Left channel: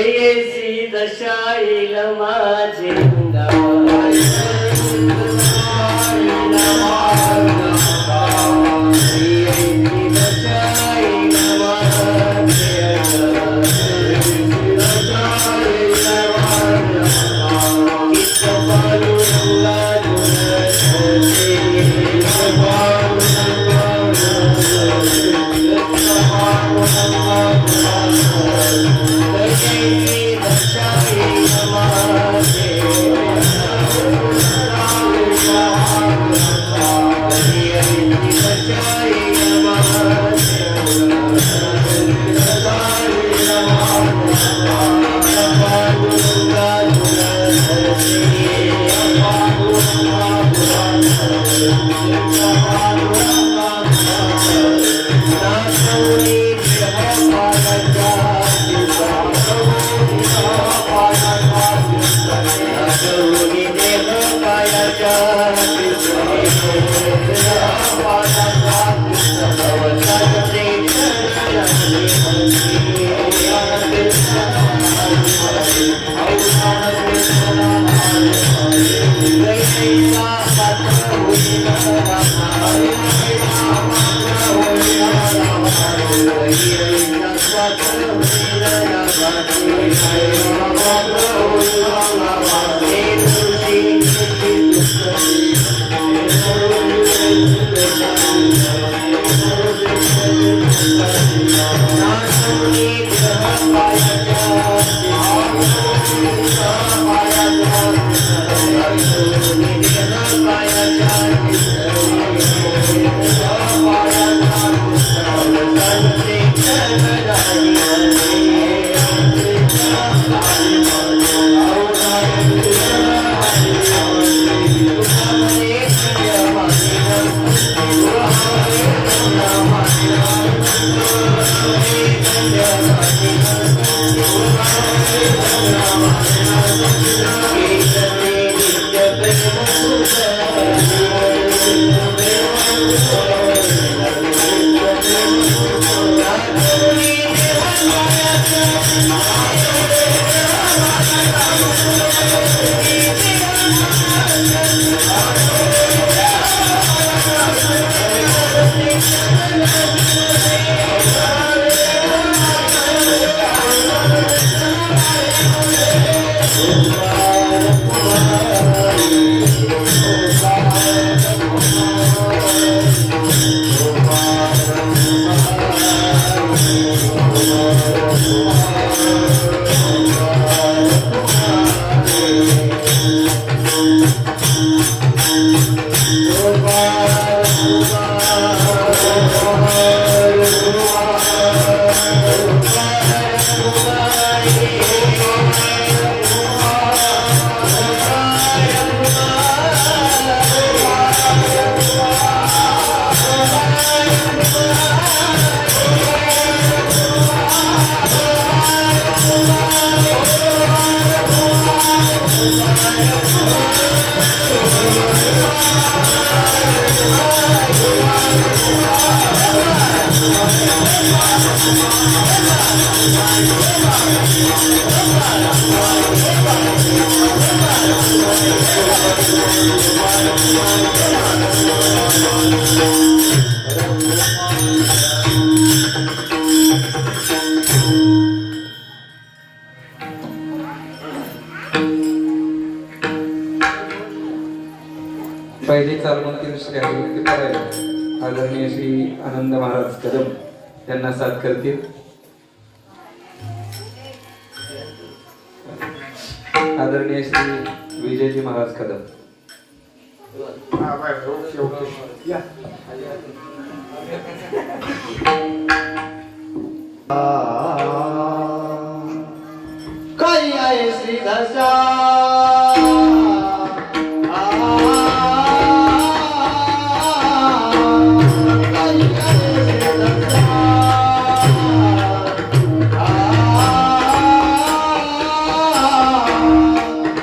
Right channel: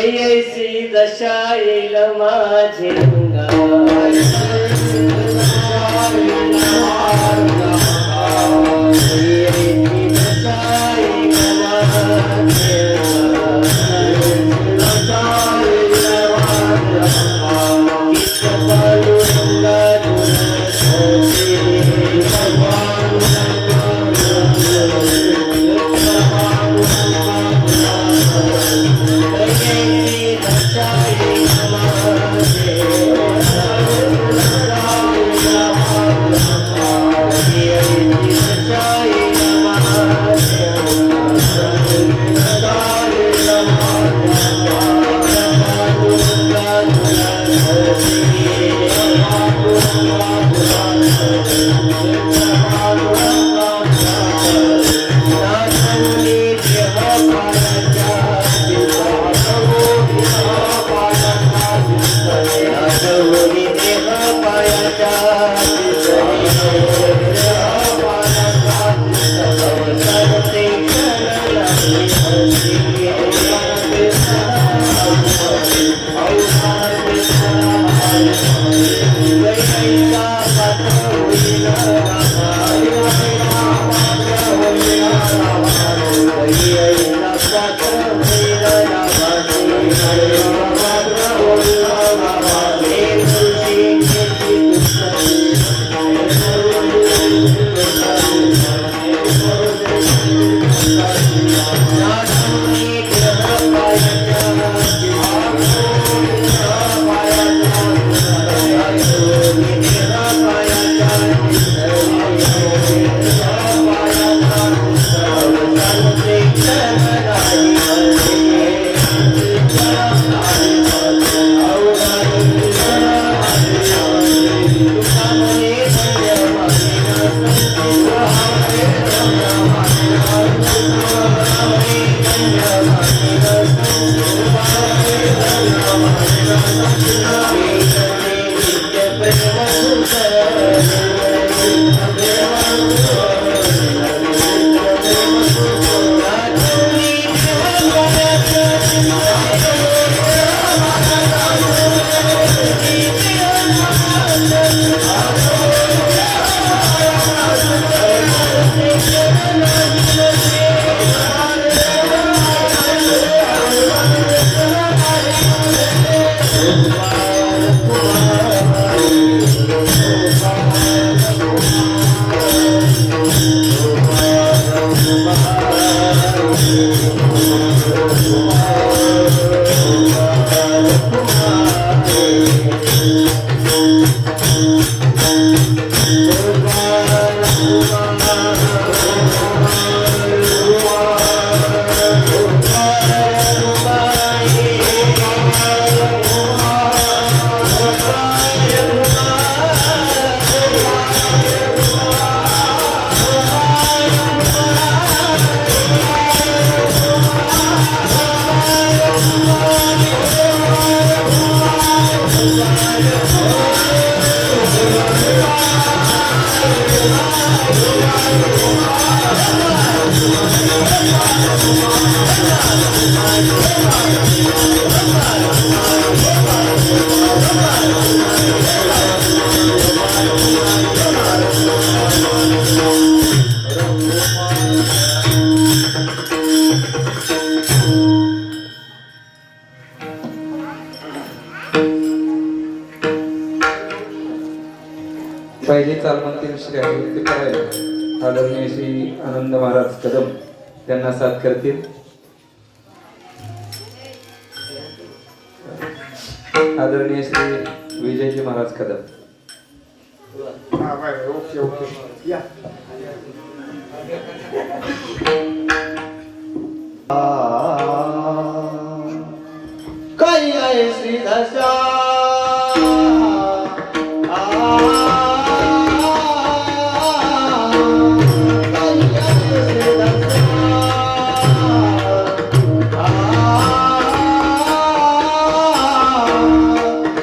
JC दशा येईल माझे अंगावर पहिले चालवून श्री हरिभक्ती करायला आदरणीय श्री आनंद महाराज कदम त्यांना साथ करतील. आदरणीय श्री विजयजी महाराज कदम. काय आहे श्री दशा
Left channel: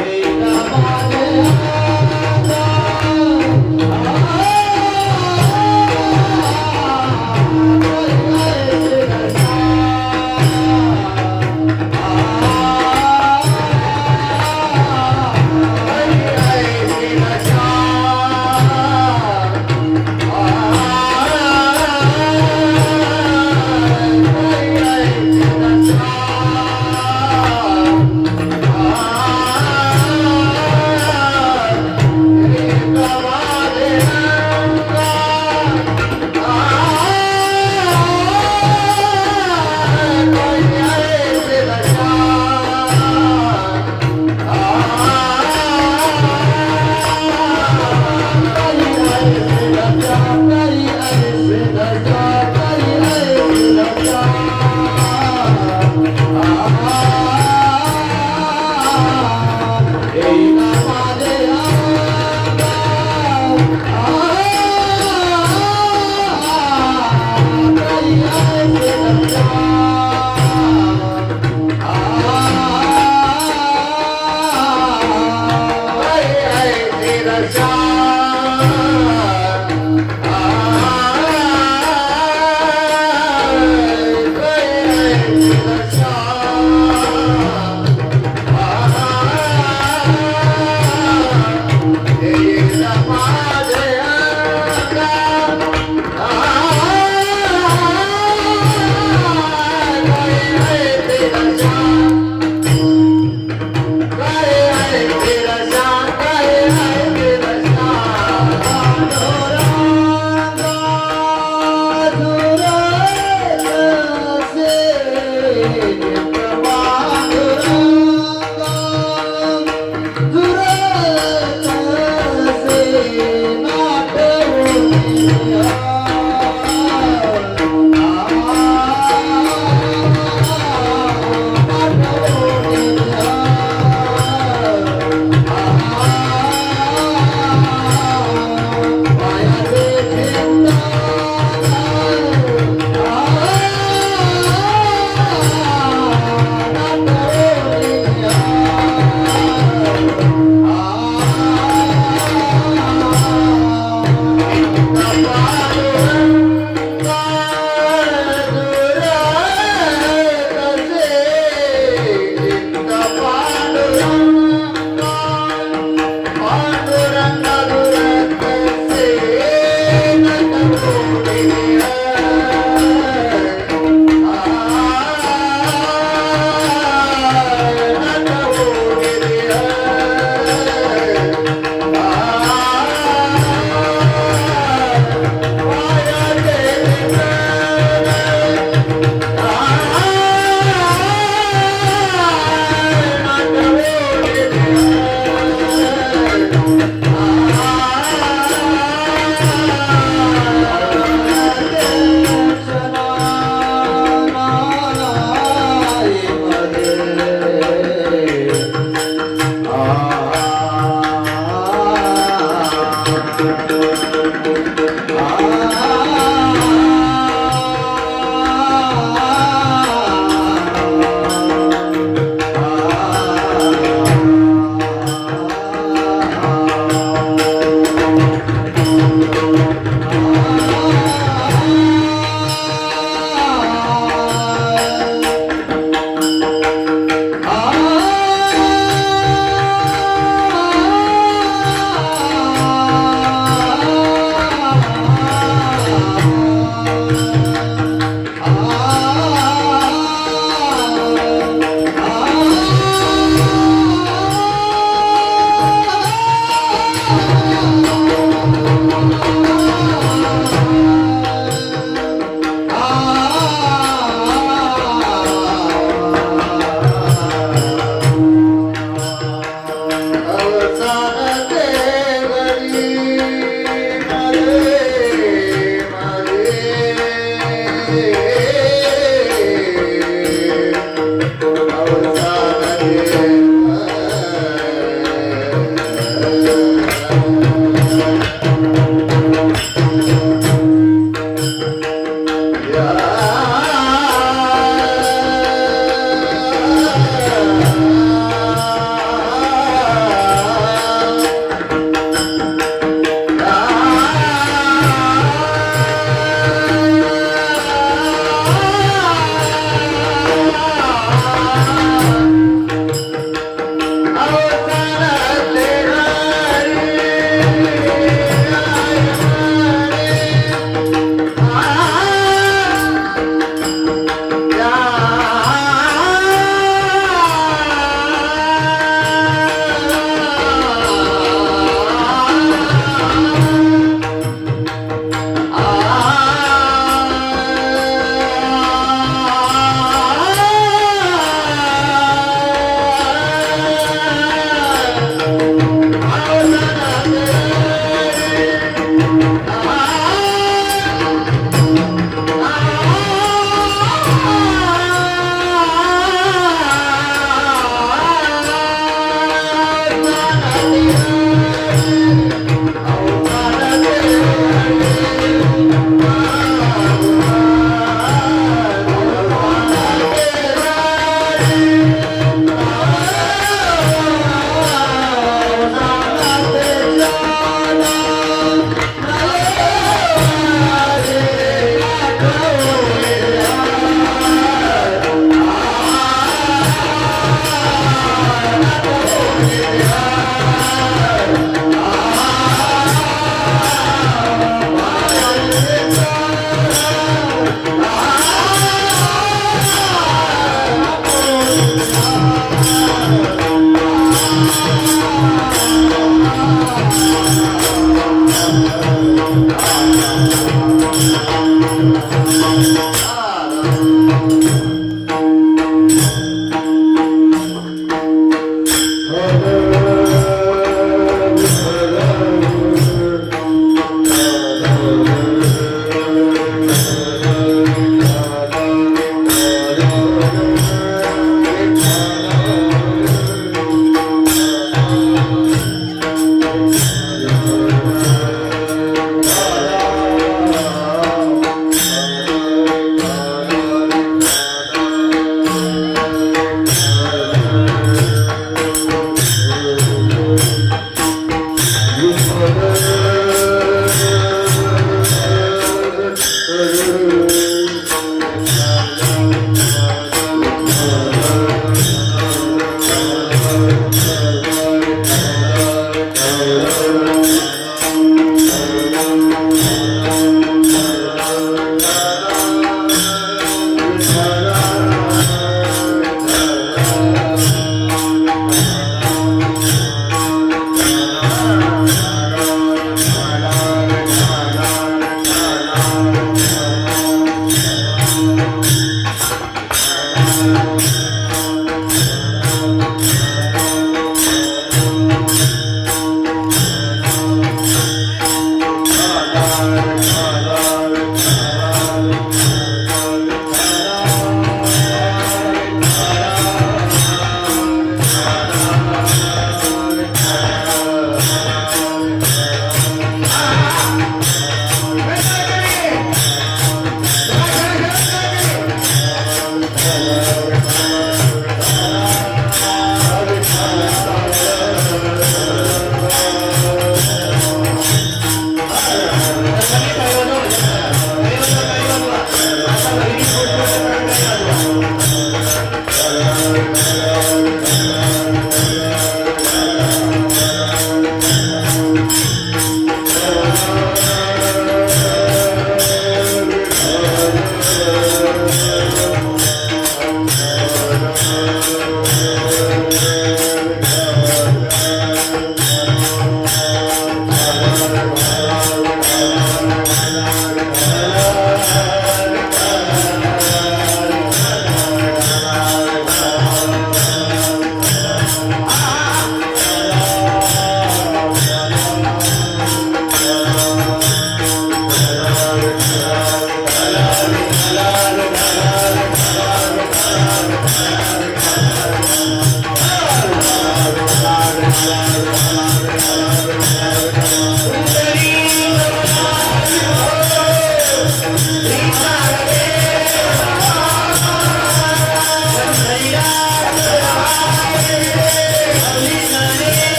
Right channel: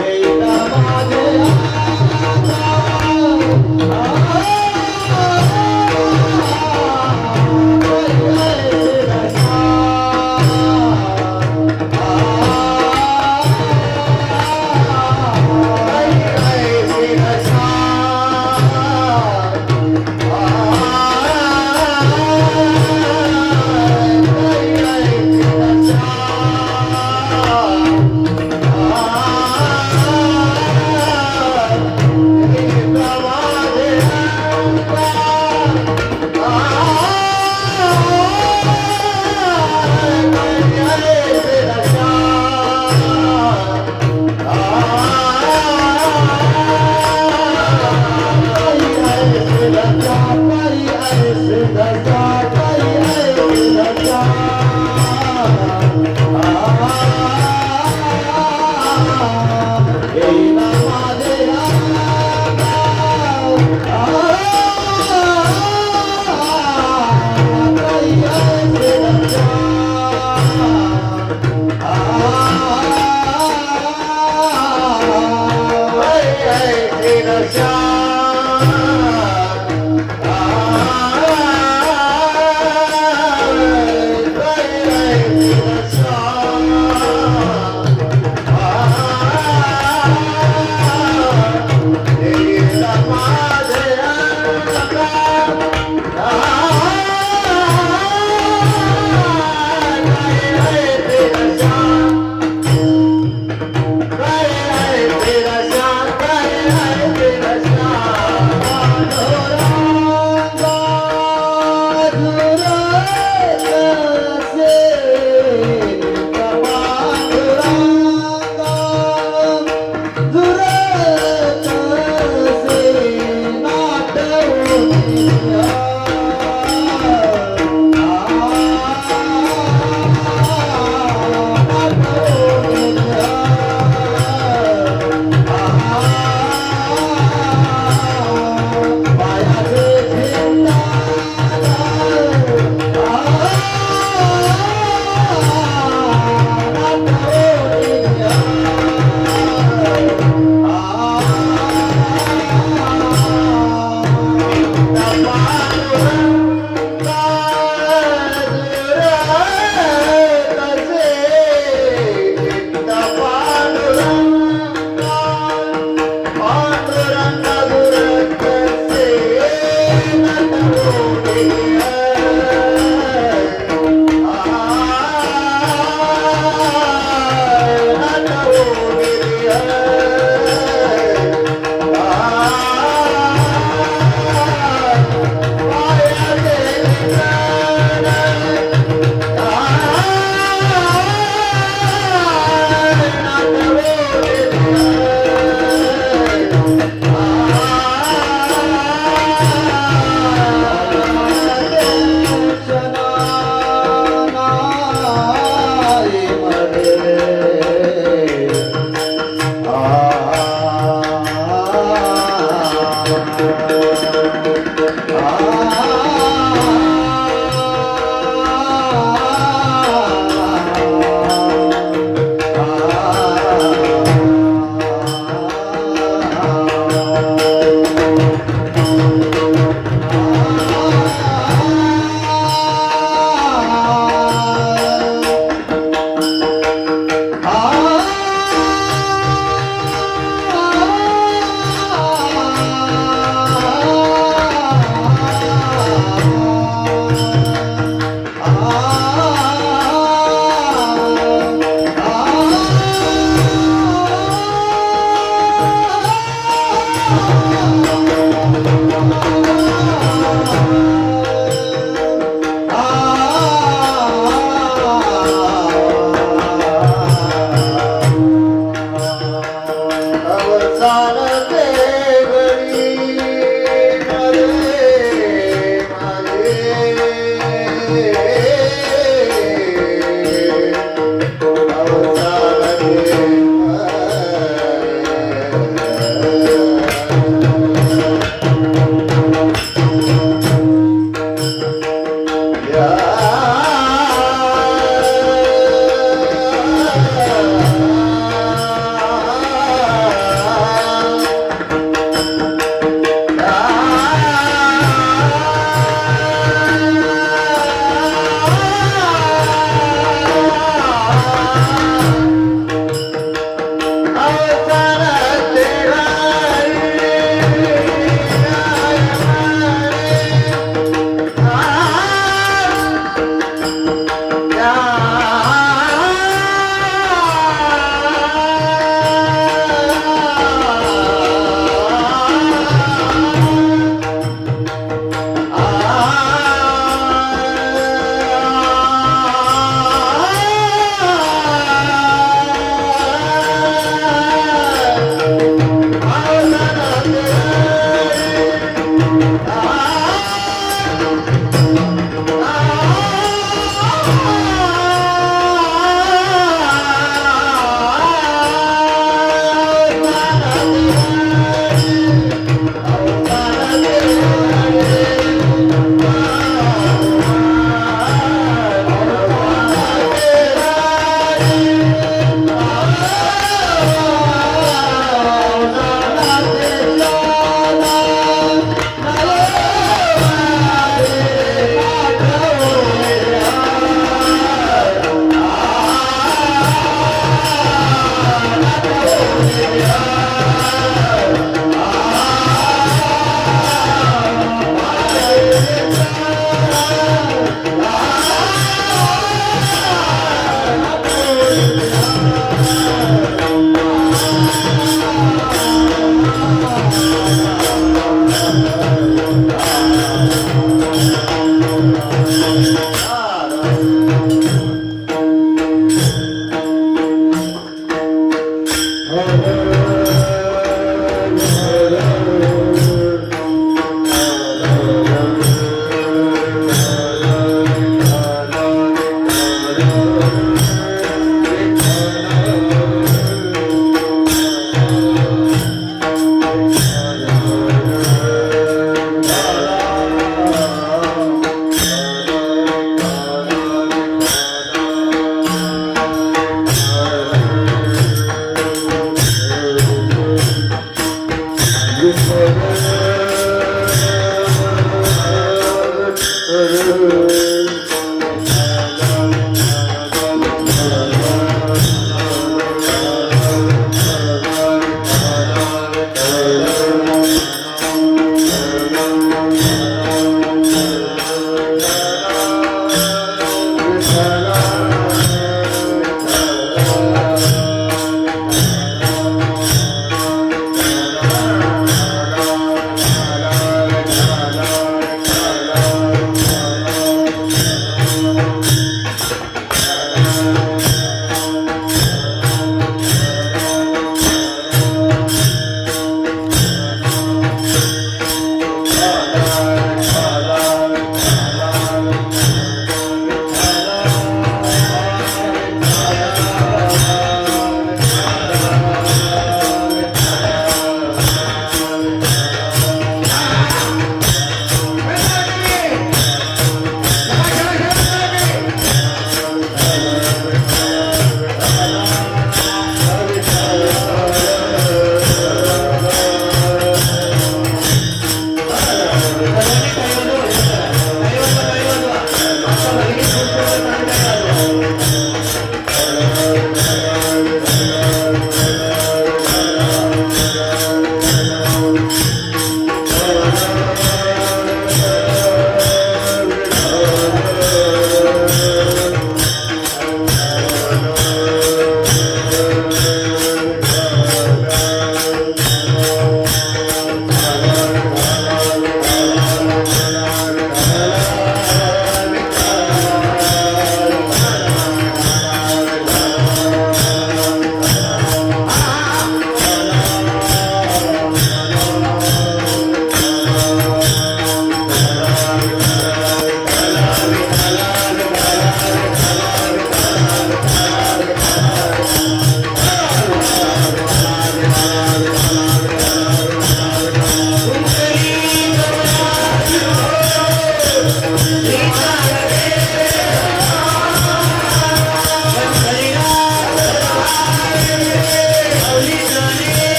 Ah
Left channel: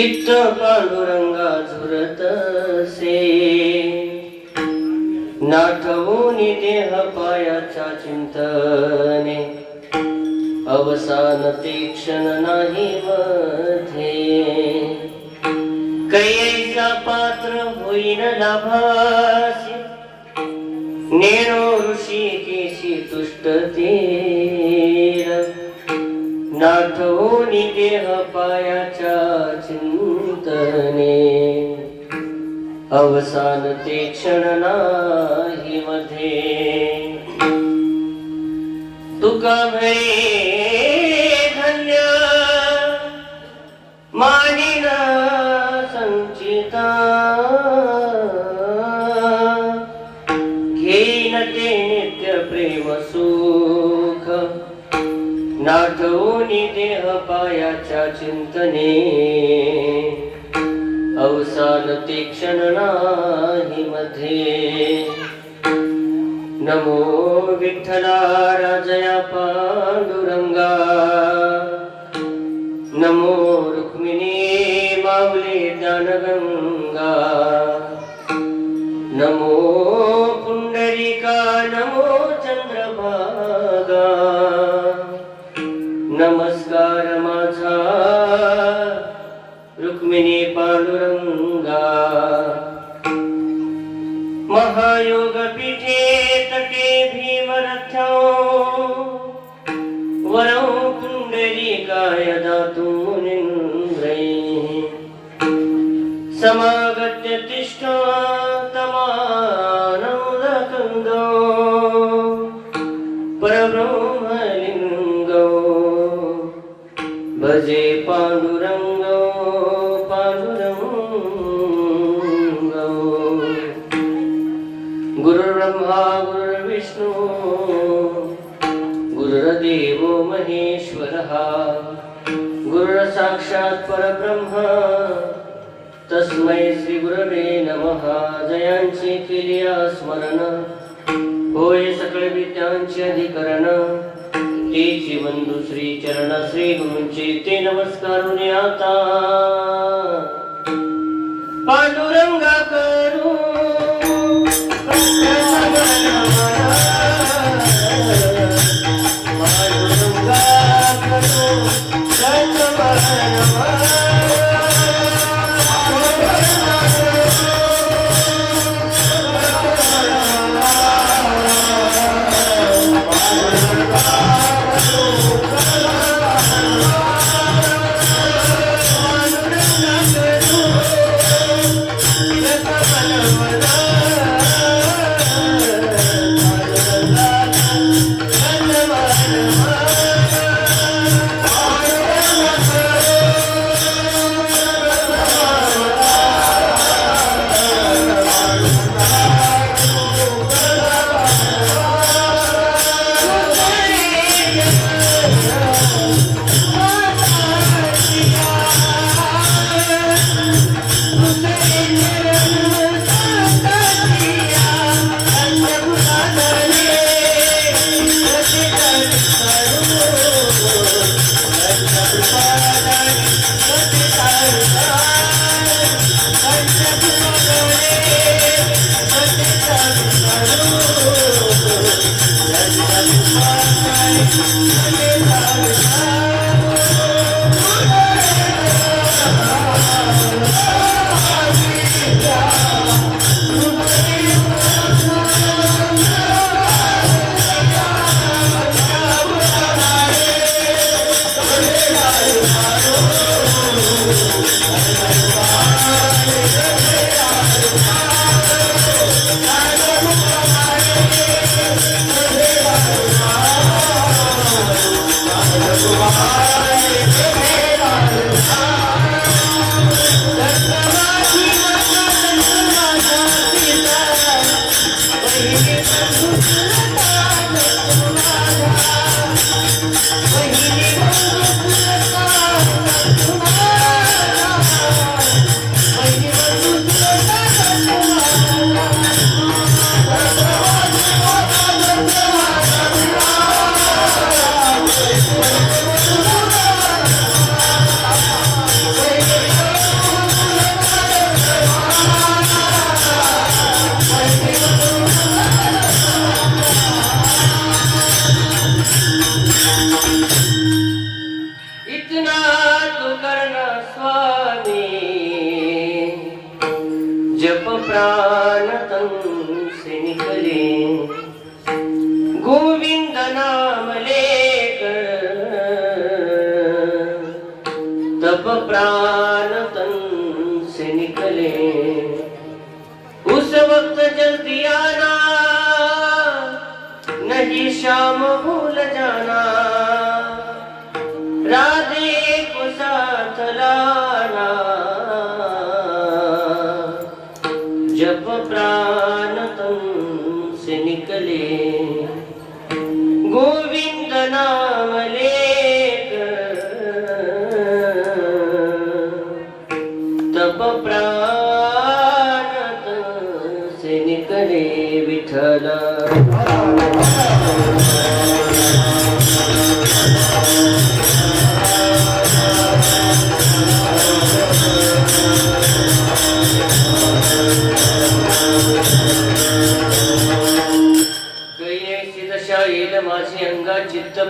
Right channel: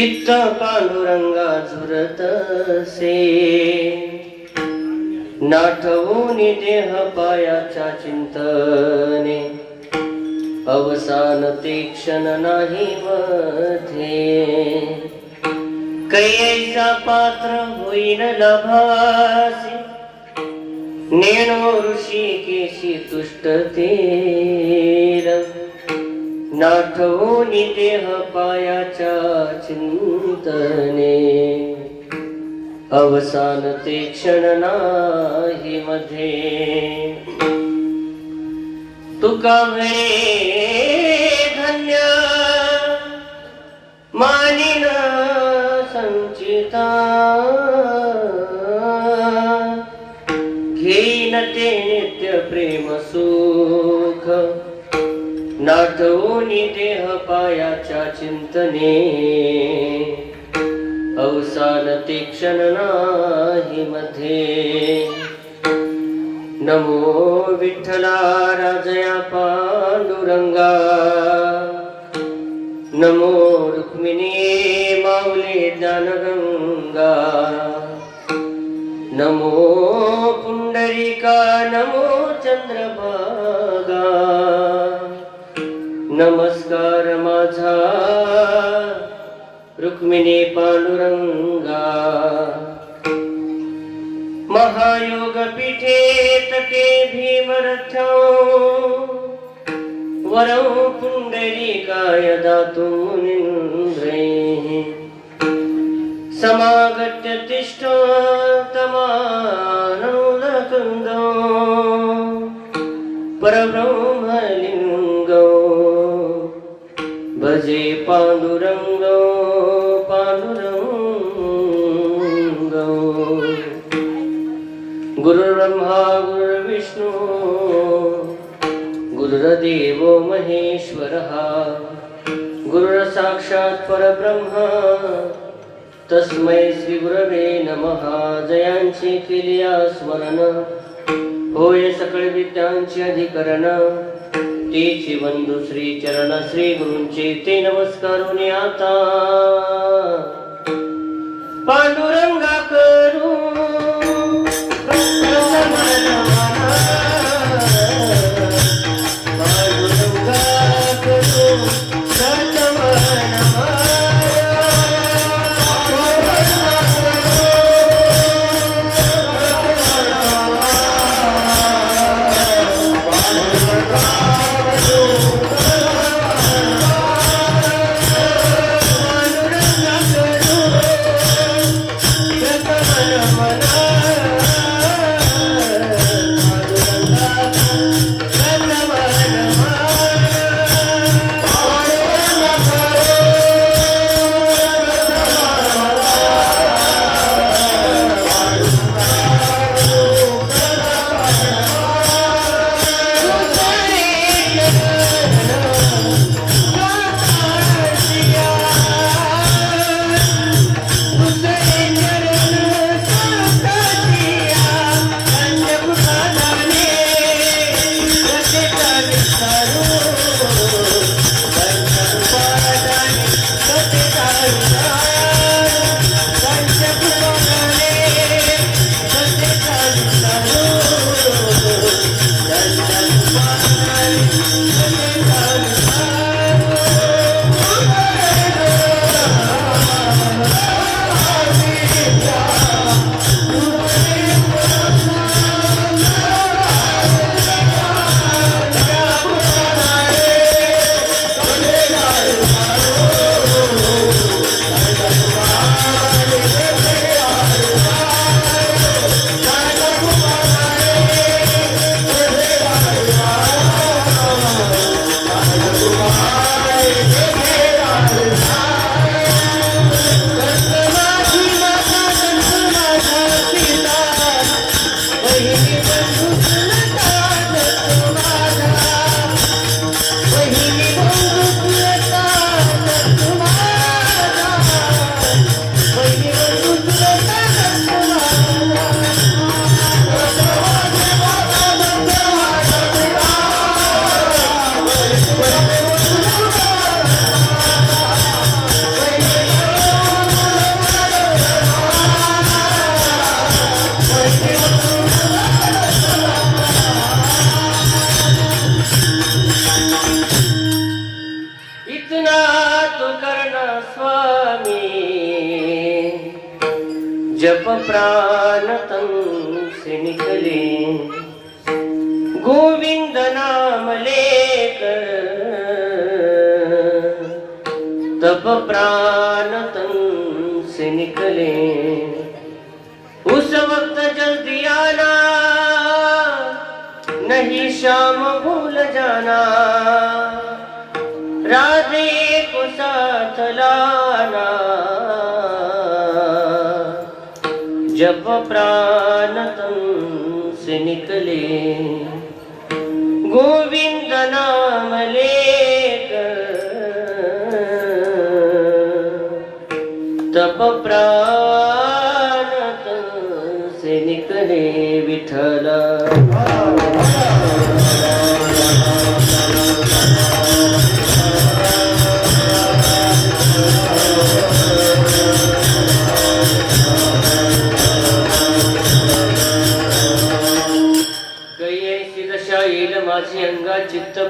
चित्त पांडुरंगा झुरतसे नाठवूनी देह पायाच्या चिंतने अवसान ते क्षण नाही मध्ये कैसा पात्र होईन लाभासी नेणो ऋषी केशी तुष्टतेर नाठवूनी देह पायाच्या चिंतने अवसान ते क्षण नाही मध्ये तुका म्हणे धन्य मानिन संचिता घेईन ते नित्य प्रेम सुख नाठवूनी देह पायाच्या चिंतने अवसान ते क्षण नाही मध्ये नमो विठ्ठला राजया पांडुरंगा नमो रुक्मिणी माऊली ज्ञानगंगा नमो पुंडरीका नमो चंद्रभागा नमस्कार माझा रुक्मिणी पांडुरंगा महायोग पीठे तटे भीमरथ्यो वरं पुंडरीकाय दातुं मुनीन्द्रे समागत्य तिष्ठ तमानन्दकन्दो परब्रह्मलिङ्गो भजे पांडुरंगो गुरुर्ब्रह्मा गुरुर्विष्णु गुरुर्देवो महेश्वरः गुरुर्साक्षात् परब्रह्म तस्मै श्री गुरवे नमः जयांची केलिया स्मरण होय सकळ विद्यांचे अधिकरण तेची बंधू श्री चरण श्री गुरूंचे ते नमस्कारुने आता पांडुरंगा करू जप प्राण तन से निकले, गोविंद नाम लेकर तप प्राण तन से निकले। उस वक्त जल्दी आना, नहीं शाम भूल जाना, राधे को साथ लाना। जब प्राण तन से निकले, गोविंद नाम लेकर तब प्राण तन से निकले विठ्ठल।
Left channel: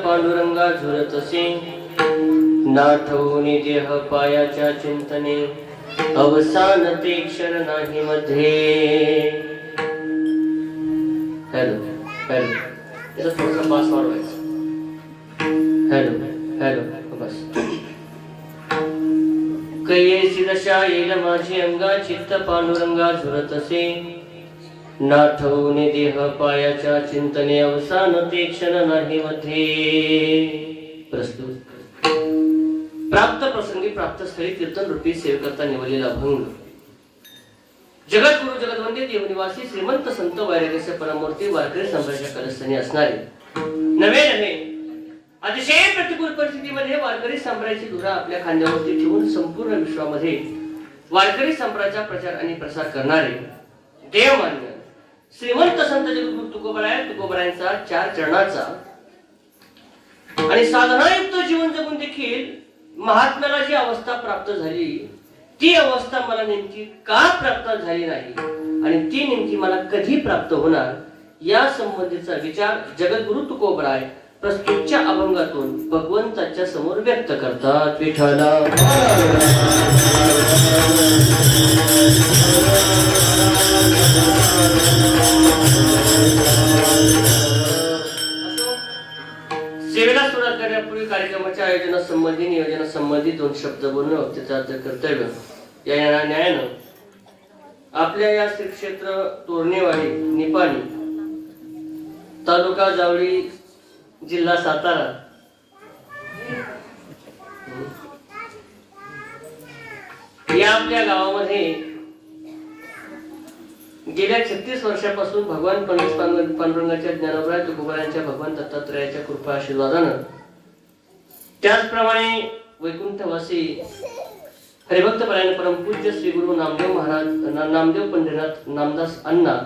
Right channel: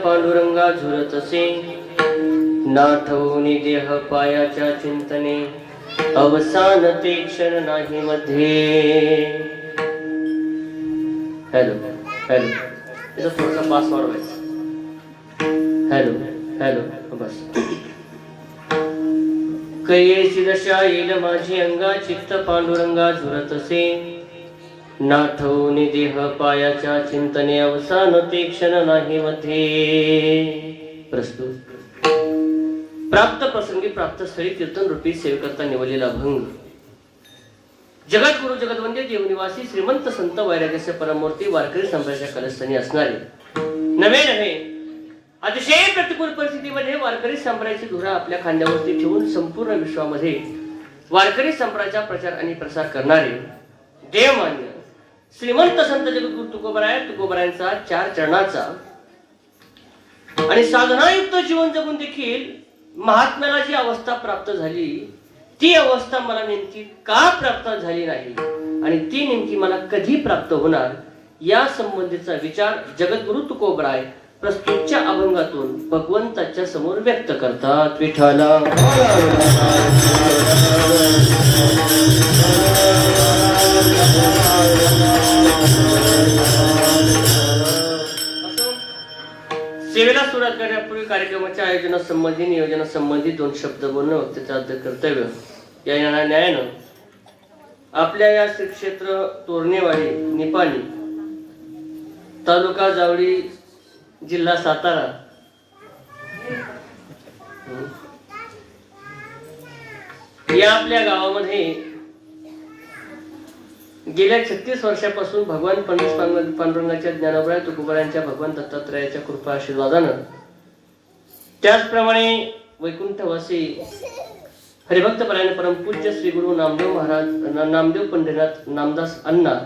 पांडुरंगा झुरत असे, नाठवणी देह पायाच्या चिंतने, अवसान ते क्षण नाही मध्ये। हॅलो हॅलो, त्याचा थोडासा बास वाढवायचा। हॅलो हॅलो बस। कैसी दशा येईल माझी अंगा, चित्त पांडुरंगा झुरत असे, नाठवणे देह पायाच्या चिंतने, अवसान ते क्षण नाही मध्ये। प्रस्तुत प्राप्त प्रसंगी प्राप्त स्थळी कीर्तन रूपी सेवकर्ता निवडलेला भंग। जगद्गुरु जगदवंद्य देवनिवासी श्रीमंत संत वैराग्याचे परमूर्ती वारकरी संप्रदायाच्या कलस्थानी असणारे नवे नव्हे अतिशय प्रतिकूल परिस्थितीमध्ये वारकरी संप्रदायाची धुरा आपल्या खांद्यावरती ठेवून संपूर्ण विश्वामध्ये वारकरी संप्रदायाचा प्रचार आणि प्रसार करणारे देवमान्य श्रीमंत संत जगद्गुरु तुकोबरायांचा 4 चरणाचा आणि साधनायुक्त जीवन जगून देखील महात्म्याला जी अवस्था प्राप्त झाली, ती अवस्था मला नेमकी का प्राप्त झाली नाही आणि ती नेमकी मला कधी प्राप्त होणार, या संबंधीचा विचार जगद्गुरु तुकोबराय प्रस्तुतच्या अभंगातून भगवंताच्या समोर व्यक्त करतात। विठ्ठला सेवेला सुरुवात करण्यापूर्वी कार्यक्रमाच्या आयोजनासंबंधी नियोजनासंबंधी 2 शब्द बोलणं वक्त्याचं आद्य कर्तव्य। या न्यायानं आपल्या या श्री क्षेत्र तोरणेवाडी निपाणी तालुका जावळी जिल्हा सातारा या आपल्या गावामध्ये गेल्या 36 वर्षापासून भगवान पांडुरंगाच्या ज्ञानोबराय तुकोबरायांच्या भगवान दत्तात्रयाच्या कृपा आशीर्वादानं, त्याचप्रमाणे वैकुंठवासी हरिभक्तपरायण परमपूज्य श्री गुरु नामदेव महाराज नामदेव पंडितनाथ नामदास अण्णा,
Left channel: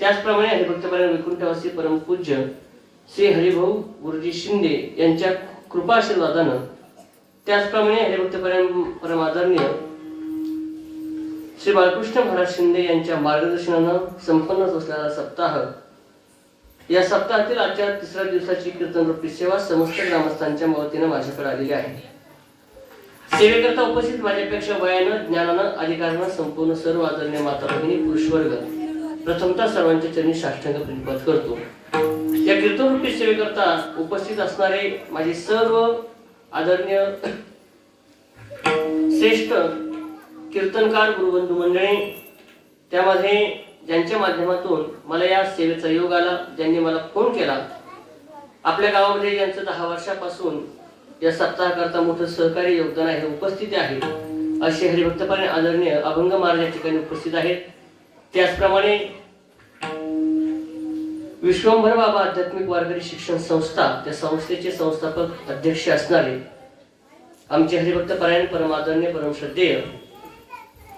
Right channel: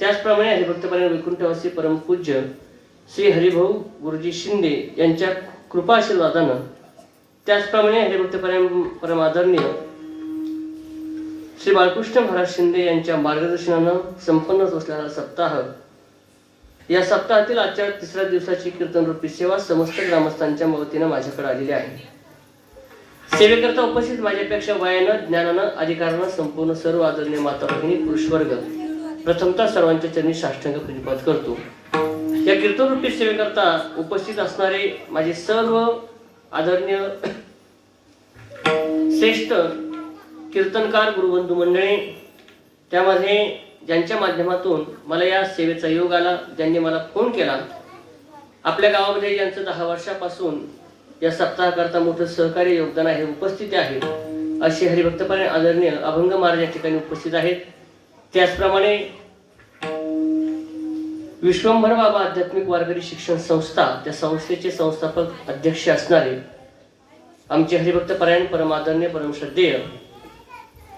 त्याचप्रमाणे हरिभक्तपरायण वैकुंठवासी परमपूज्य श्री हरिभाऊ गुरुजी शिंदे यांच्या कृपा आशीर्वादानं, त्याचप्रमाणे हरिभक्तपरायण परमादरणीय श्री बाळकृष्ण महाराज शिंदे यांच्या मार्गदर्शनानं संपन्न असलेला सप्ताह, या सप्ताहातील आजच्या 3ऱ्या दिवसाची कीर्तन रूपी सेवा समस्त ग्रामस्थांच्या वतीनं माझ्याकडे आलेली आहे। सेवेकरता उपस्थित माझ्यापेक्षा वयानं ज्ञानानं अधिकारानं संपूर्ण सर्व आदरणीय माता भगिनी पुरुषवर्ग प्रथमतः सर्वांच्या चरणी साष्टांग प्रणिपात करतो। या कीर्तन रूपी सेवेकरता उपस्थित असणारे माझे सर्व आदरणीय श्रेष्ठ कीर्तनकार गुरुबंधू मंडळी, त्यामध्ये ज्यांच्या माध्यमातून मला या सेवेचा योग आला, ज्यांनी मला फोन केला, आपल्या गावामध्ये यांचं 10 वर्षापासून या सप्ताहाकरता मोठं सहकार्य योगदान आहे, उपस्थिती आहे, असे हरिभक्तपरायण आदरणीय अभंग महाराज या ठिकाणी उपस्थित आहेत। त्याचप्रमाणे विश्वंभर बाबा आध्यात्मिक वारकरी शिक्षण संस्था, त्या संस्थेचे संस्थापक अध्यक्ष असणारे आमचे हरिभक्तपरायण परमादरणीय परमश्रद्धेय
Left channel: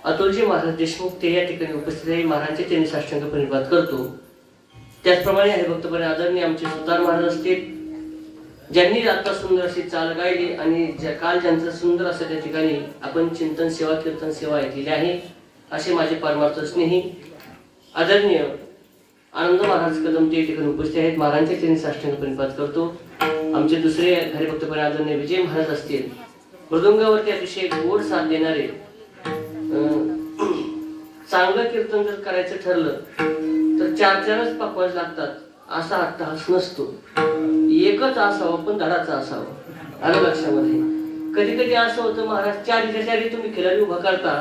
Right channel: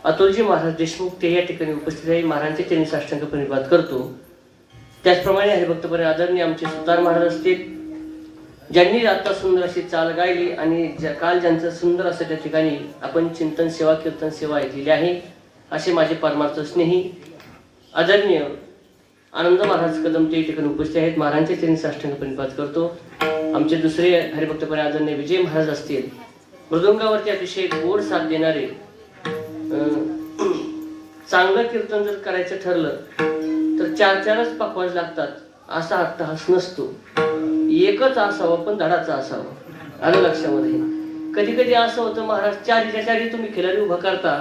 अतुलजी महाराज देशमुख ते या ठिकाणी उपस्थित आहे। महाराजांचे त्यांनी साष्टांग प्रणिपात करतो। त्याचप्रमाणे हरिभक्तपरायण आदरणीय आमचे सुतार महाराज असतील, ज्यांनी आता सुंदर अशी चाल गायली आणि काल ज्यांचं सुंदर असं त्या ठिकाणी आपण चिंतन सेवा कीर्तन सेवा ऐकलेली आहे, असे माझे परमार्थ स्नेही आदरणीय आनंद महाराज कदम ते ठिकाणी उपस्थित आहेत। महाराजांचे त्यांनी साष्टांग प्रणिपात करतो। आमचे दुसरे हरिभक्तपरायण आदरणीय विजय महाराज असतील, मृदुंगावरती अतिशय गोड साथ देणारे चांगलं कीर्तन जर करायचं ठरलं तर 4-4च पकवाज लागतात असा अट्टहास नसतो. एकच असावं पण धडाचा असावा. आणि लक्षामध्ये कधी कधी असं होतं महाराज 4च्या तुम्ही खिलारी उभा करता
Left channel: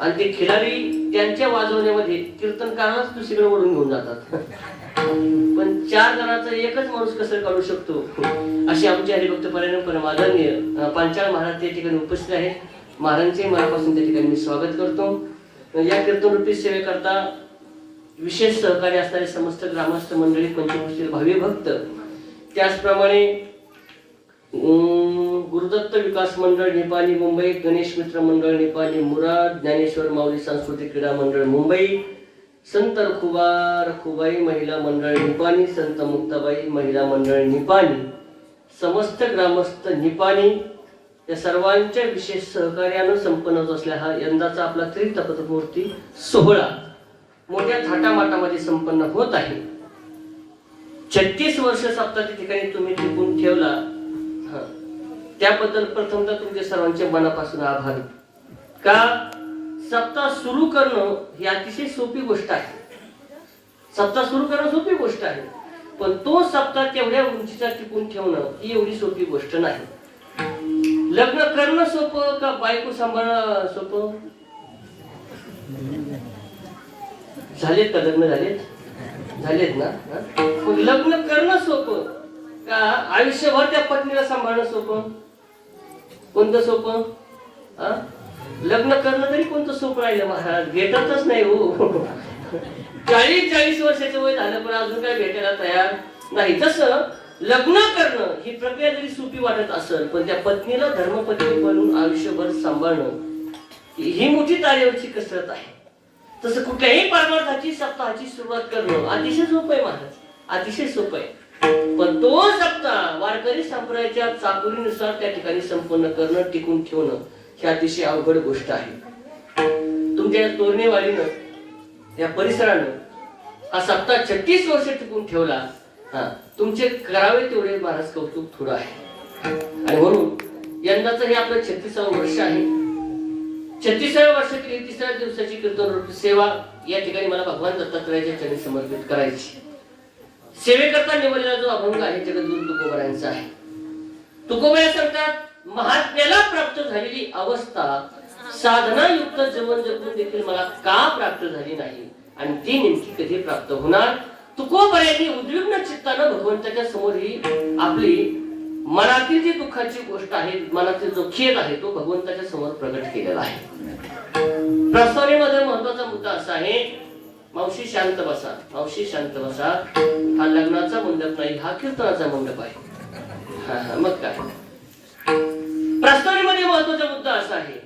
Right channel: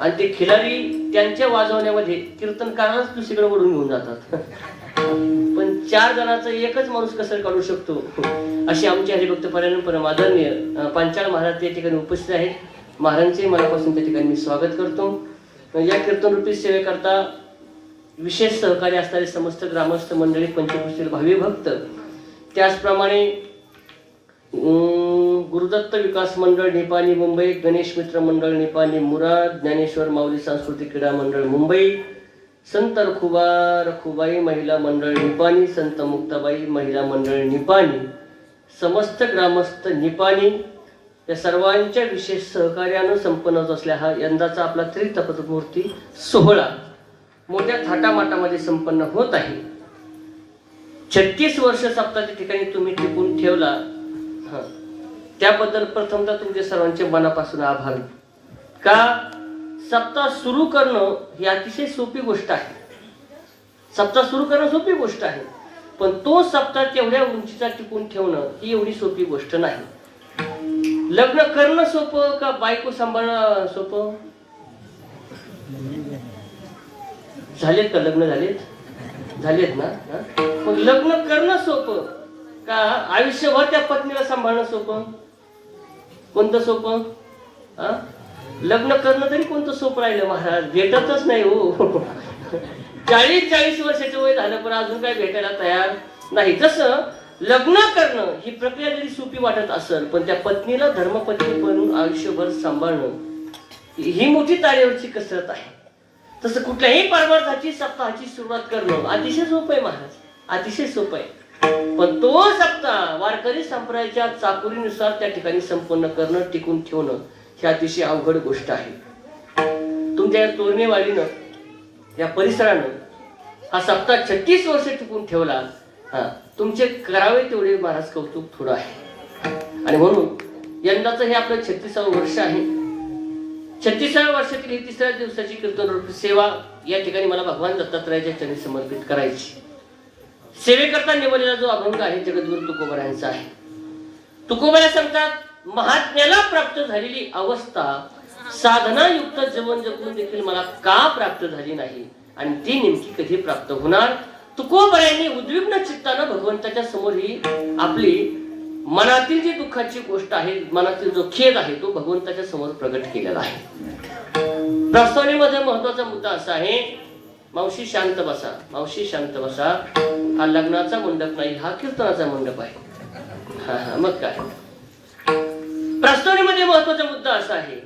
आणि ते खिलारी त्यांच्या वाजवण्यामध्ये कीर्तनकारालाच दुसरीकडे ओढून घेऊन जातात. पण 4 जणांचा एकच माणूस कसं काढू शकतो अशी आमची हरिभक्त परायण परमादरणीय पांचाळ महाराज त्या ठिकाणी उपस्थित आहेत. महाराजांचे मनापासून त्या ठिकाणी मी स्वागत करतो. या कीर्तनरूपी सेवेकरता विशेष सहकार्य असणारे समस्त ग्रामस्थ मंडळी, पंचक्रोशीतील भावी भक्त, त्याचप्रमाणे गुरुदत्त विकास मंडळ निपाणी मुंबई, गणेश मित्र मंडळ निपाणी मुराद, ज्ञानेश्वर माऊली सांस्कृतिक क्रीडा मंडळ मुंबई, संत रखुबाई महिला मंडळ निपाणी, संत मुक्ताबाई महिला मंडळ निपाणी, समस्त ग्रामस्थ निपाणी या सर्वांच्या विशेष सहकार्यानं संपन्न होत असल्या हा यंदाचा आपला त्रितपमूर्ती सोहळा मोठ्या थाटामाटामध्ये संपन्न होत आहे. 36 वर्ष सप्ताहाच्या ठिकाणी तुम्ही टिकून ठेवला, त्याबद्दल प्रथमतः तुमच्या सर्वांच्या मनापासून आभार. का सप्ताह सुरू करणं ही अतिशय सोपी गोष्ट आहे. सप्ताह सुरू करणं सोपी गोष्ट आहे, पण तो सप्ताह तेवढ्या उंचीचा टिकून ठेवणं ही एवढी सोपी गोष्ट नाही. लग्न करणं सोपं का बायको सांभाळणं सोपं? झालेत का लग्न? झालेत ना? पण लग्न करणं सोपं का आयुष्यभर त्या पत्नीला सांभाळणं सोपं? कोणतं सोपं? लग्न करणं तरी कोणतं सोपं राहिलं महाराज? भेटतच नाही हो. 40 वर्षाचं वय झालं पण अजून काही भेटायला तयार नाही. जसं लग्न करणं ही प्रक्रिया जरी सोपी वाटत असेल पण त्या पत्नीला धर्मपत्नी बनून आयुष्यभर सांभाळणं ही मोठी तारेवरची कसरत आहे. तसं कुठल्याही परमार्थाची सप्ताहाची सुरुवात करणं अतिशय सोपं आहे महाराज, अतिशय सोपं आहे. पण तो सप्ताह वारकरी संप्रदायाच्या चाकोरीनुसार त्या ठिकाणी संपन्न करणं, टिकून ठेवणं ही अतिशय अवघड गोष्ट आहे. तुमच्या तोरणेवाडीनं या परिसरानं हा सप्ताह 36 वर्ष टिकून ठेवला. तुमचे करावे तेवढे महाराज कौतुक थोडं आहे. आणि म्हणून यंदाचं हे आपलं 36वं वर्ष आहे. 36व्या वर्षातील 33व्या दिवसाची कीर्तन सेवा या ठिकाणी मला भगवान दत्तात्रयाच्या चरणी समर्पित करायची. सेवेकरता निवडलेला जो अभंग आहे जगद्गुरु तुकोबारायांचा आहे. तुकोबारा सांगतात, महात्म्याला प्राप्त झालेली अवस्था साधनायुक्त जीवन जगून देखील मला का प्राप्त झाली नाही आणि ती नेमकी कधी प्राप्त होणार? तुकोबारायांनी उद्विग्न चित्तानं भगवंताच्या समोर ही आपली मनातील जी दुःखाची गोष्ट आहे, मनातील जो खेद आहे तो भगवंताच्या समोर प्रगट केलेला आहे. प्रस्तावनेमध्ये महत्वाचा मुद्दा असा आहे, मावशी शांत बसा, मावशी शांत बसा. हा लग्नाचा मंडप नाही, हा कीर्तनाचा मंडप आहे. मग काय? प्रस्तावनेमध्ये महत्वाचा मुद्दा असा आहे,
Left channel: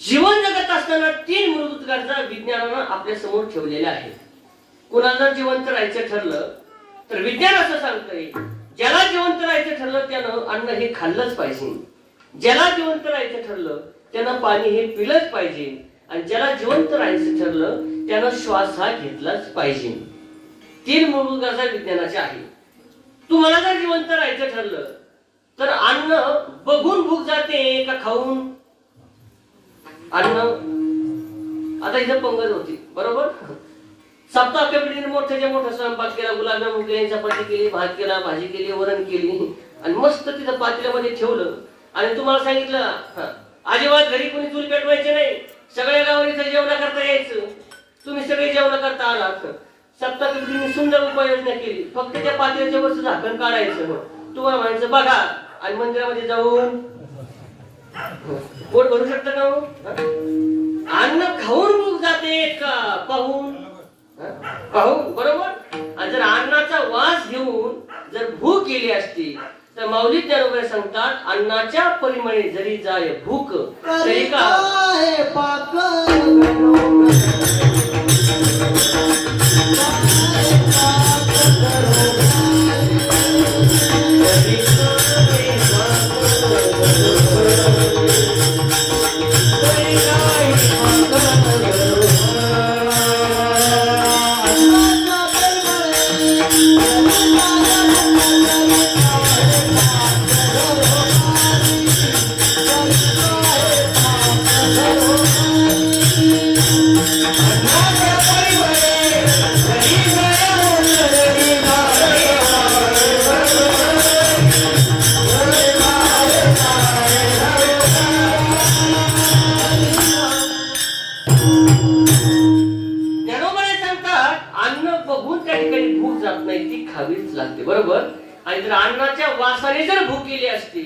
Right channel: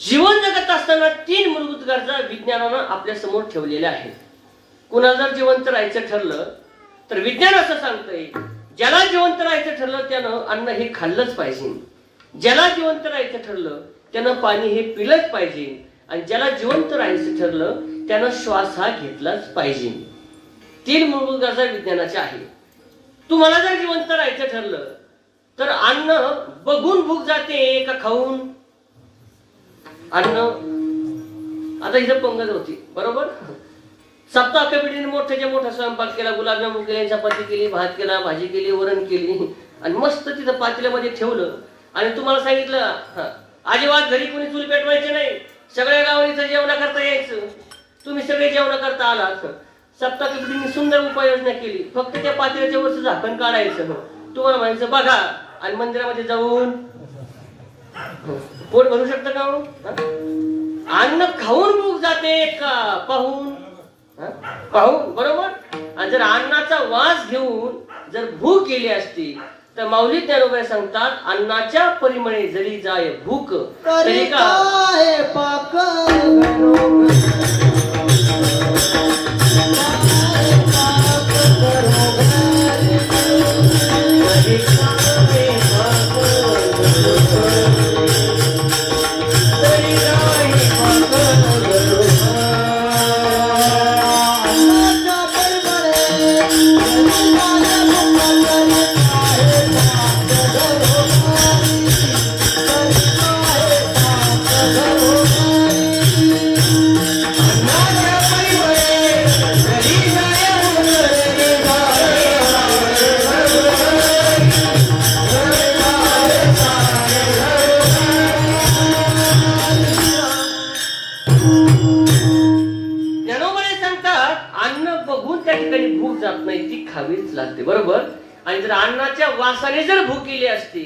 जीवन जगत असताना 3 मूलभूत गरजा विज्ञानानं आपल्या समोर ठेवलेल्या आहेत. कुणाला जर जिवंत राहायचं ठरलं तर विज्ञान असं सांगतंय, ज्याला जिवंत राहायचं ठरलं त्यानं अन्न हे खाल्लंच पाहिजे, ज्याला जिवंत राहायचं ठरलं त्यानं पाणी हे पिलंच पाहिजे, आणि ज्याला जिवंत राहायचं ठरलं त्यानं श्वास हा घेतलाच पाहिजे. 3 मूलभूत गरजा विज्ञानाच्या आहेत. तुम्हाला जर जिवंत राहायचं ठरलं तर अन्न बघून भूक जाते का खाऊन? अन्न आता इथं पंगत होती बरोबर. सप्ताह कमिटीने मोठ्याच्या मोठा स्वयंपाक केला, गुलाबजामुन केले, चपाती केली, भात केला, भाजी केली, वरण केली आणि मस्त तिथं पातेल्यामध्ये ठेवलं आणि तुम्हाला सांगितलं अजिबात घरी कुणी चूल पेटवायचे नाही, सगळ्या गावाला जेवण करता यायचं, तुम्ही सगळे जेवण करता आलात. सप्ताह कमिटीने सुंदर उपाययोजना केली. फक्त त्या पातेल्याच्या वरचं झाकण काढायचं, तुम्हाला म्हणायचं बघा, आणि मंदिरामध्ये जाऊन पोट भरू शकता का? अन्न खाऊन भूक जाते का पाहून? पाहून बरोबर. आणि जर अन्नाचा वास घेऊन जर भूक गेली असती तर माऊली ज्ञानोबा सांगतात, अन्नाच्या परिमळे जरी जाय भूक तरी का जर अन्नाच्या वासाने जर भूक गेली असती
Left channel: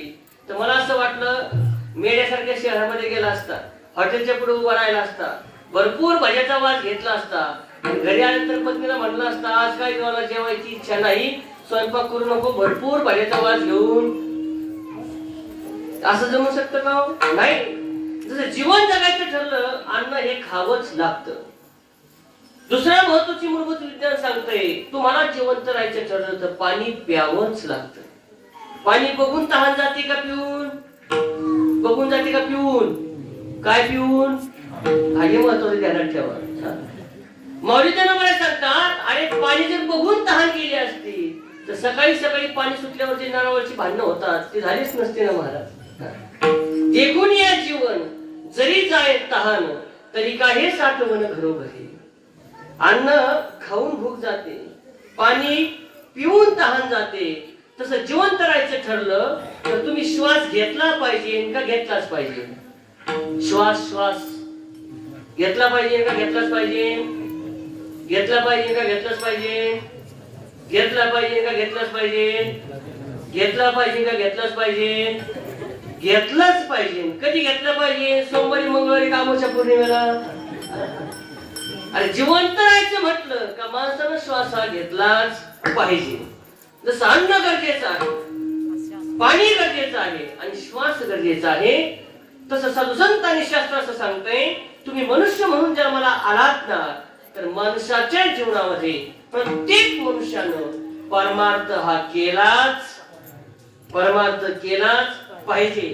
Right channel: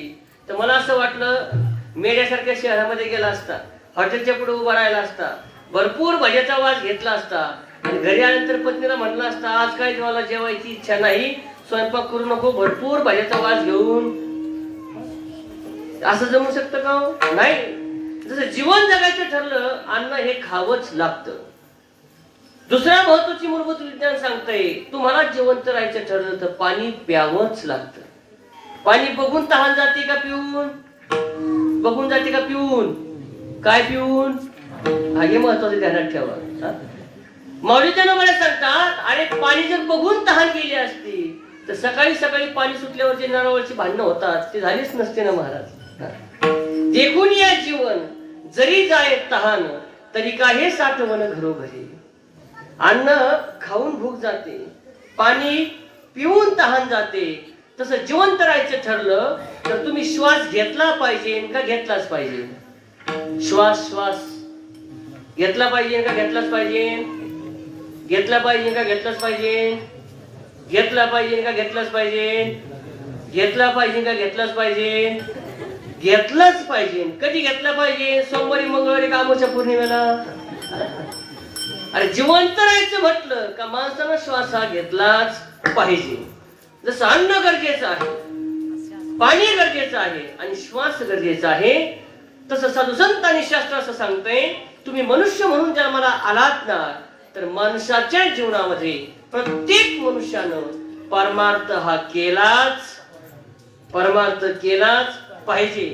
तर मला असं वाटलं मेड्यासारख्या शहरामध्ये गेला असता, हॉटेलच्या पुढे उभा राहिला असता, भरपूर भज्याचा वास घेतला असता, घरी आल्यानंतर पत्नीला म्हटलं असतं आज काय जेवायला जेवायची इच्छा नाही, स्वयंपाक करू नको, भरपूर भज्याचा वास घेऊन. असं जमू शकतं का हो? नाही. जसं जीवन जगायचं ठरलं अन्न हे खावंच लागतं. दुसऱ्या महत्वाची मूलभूत विज्ञान सांगतंय तुम्हाला जिवंत राहायचं ठरलं तर पाणी प्यावंच लागतं. पाणी बघून तहान जाते का पिऊन? बघून जाते का पिऊन? काय पिऊन? हे महत्वाचं ध्यानात ठेवा. माऊलीच्या मला सांगतात अरे पाणी जर बघून तहान गेली असती तर सकाळी सकाळी पाणी सुटल्यावर जे नळावरची भांडणं होतात ते झालीच नसते ना महाराज. देखून या जीवन जरी जाय तहान तरी काही साठवण घरोघरी. अन्न खाऊन भूक जाते, पाणी पिऊन तहान जाते. तसं जिवंत राहायचं ठरलं तर तुम्ही श्वास घेतला पाहिजे का घेतलाच पाहिजे? श्वास घेतला पाहिजे का घेतलाच पाहिजे? घेतला पाहिजे का घेतलाच पाहिजे? घेतला पाहिजे का घेतलाच पाहिजे? घेतला पाहिजे का घेतलाच पाहिजे? घेतलाच पाहिजे. कधी घेतला पाहिजे? सोमवारी, मंगळवारी, अमावस्या, पौर्णिमेला. अरे जिवंत राहायचं म्हटलं का माणसानं श्वास हा घेतलाच पाहिजे. जसं अन्न गरजेचं आहे, पाणी गरजेचं आहे आणि श्वास गरजेचा आहे, तसं साधू संत आणि शास्त्र असं सांगतंय तुम्ही मनुष्य म्हणून जन्माला आलात ना तर माणसाच्या जीवनामध्ये प्रत्येक मनुष्यानं परमार्थ हा परमार्थ केलाच पाहिजे.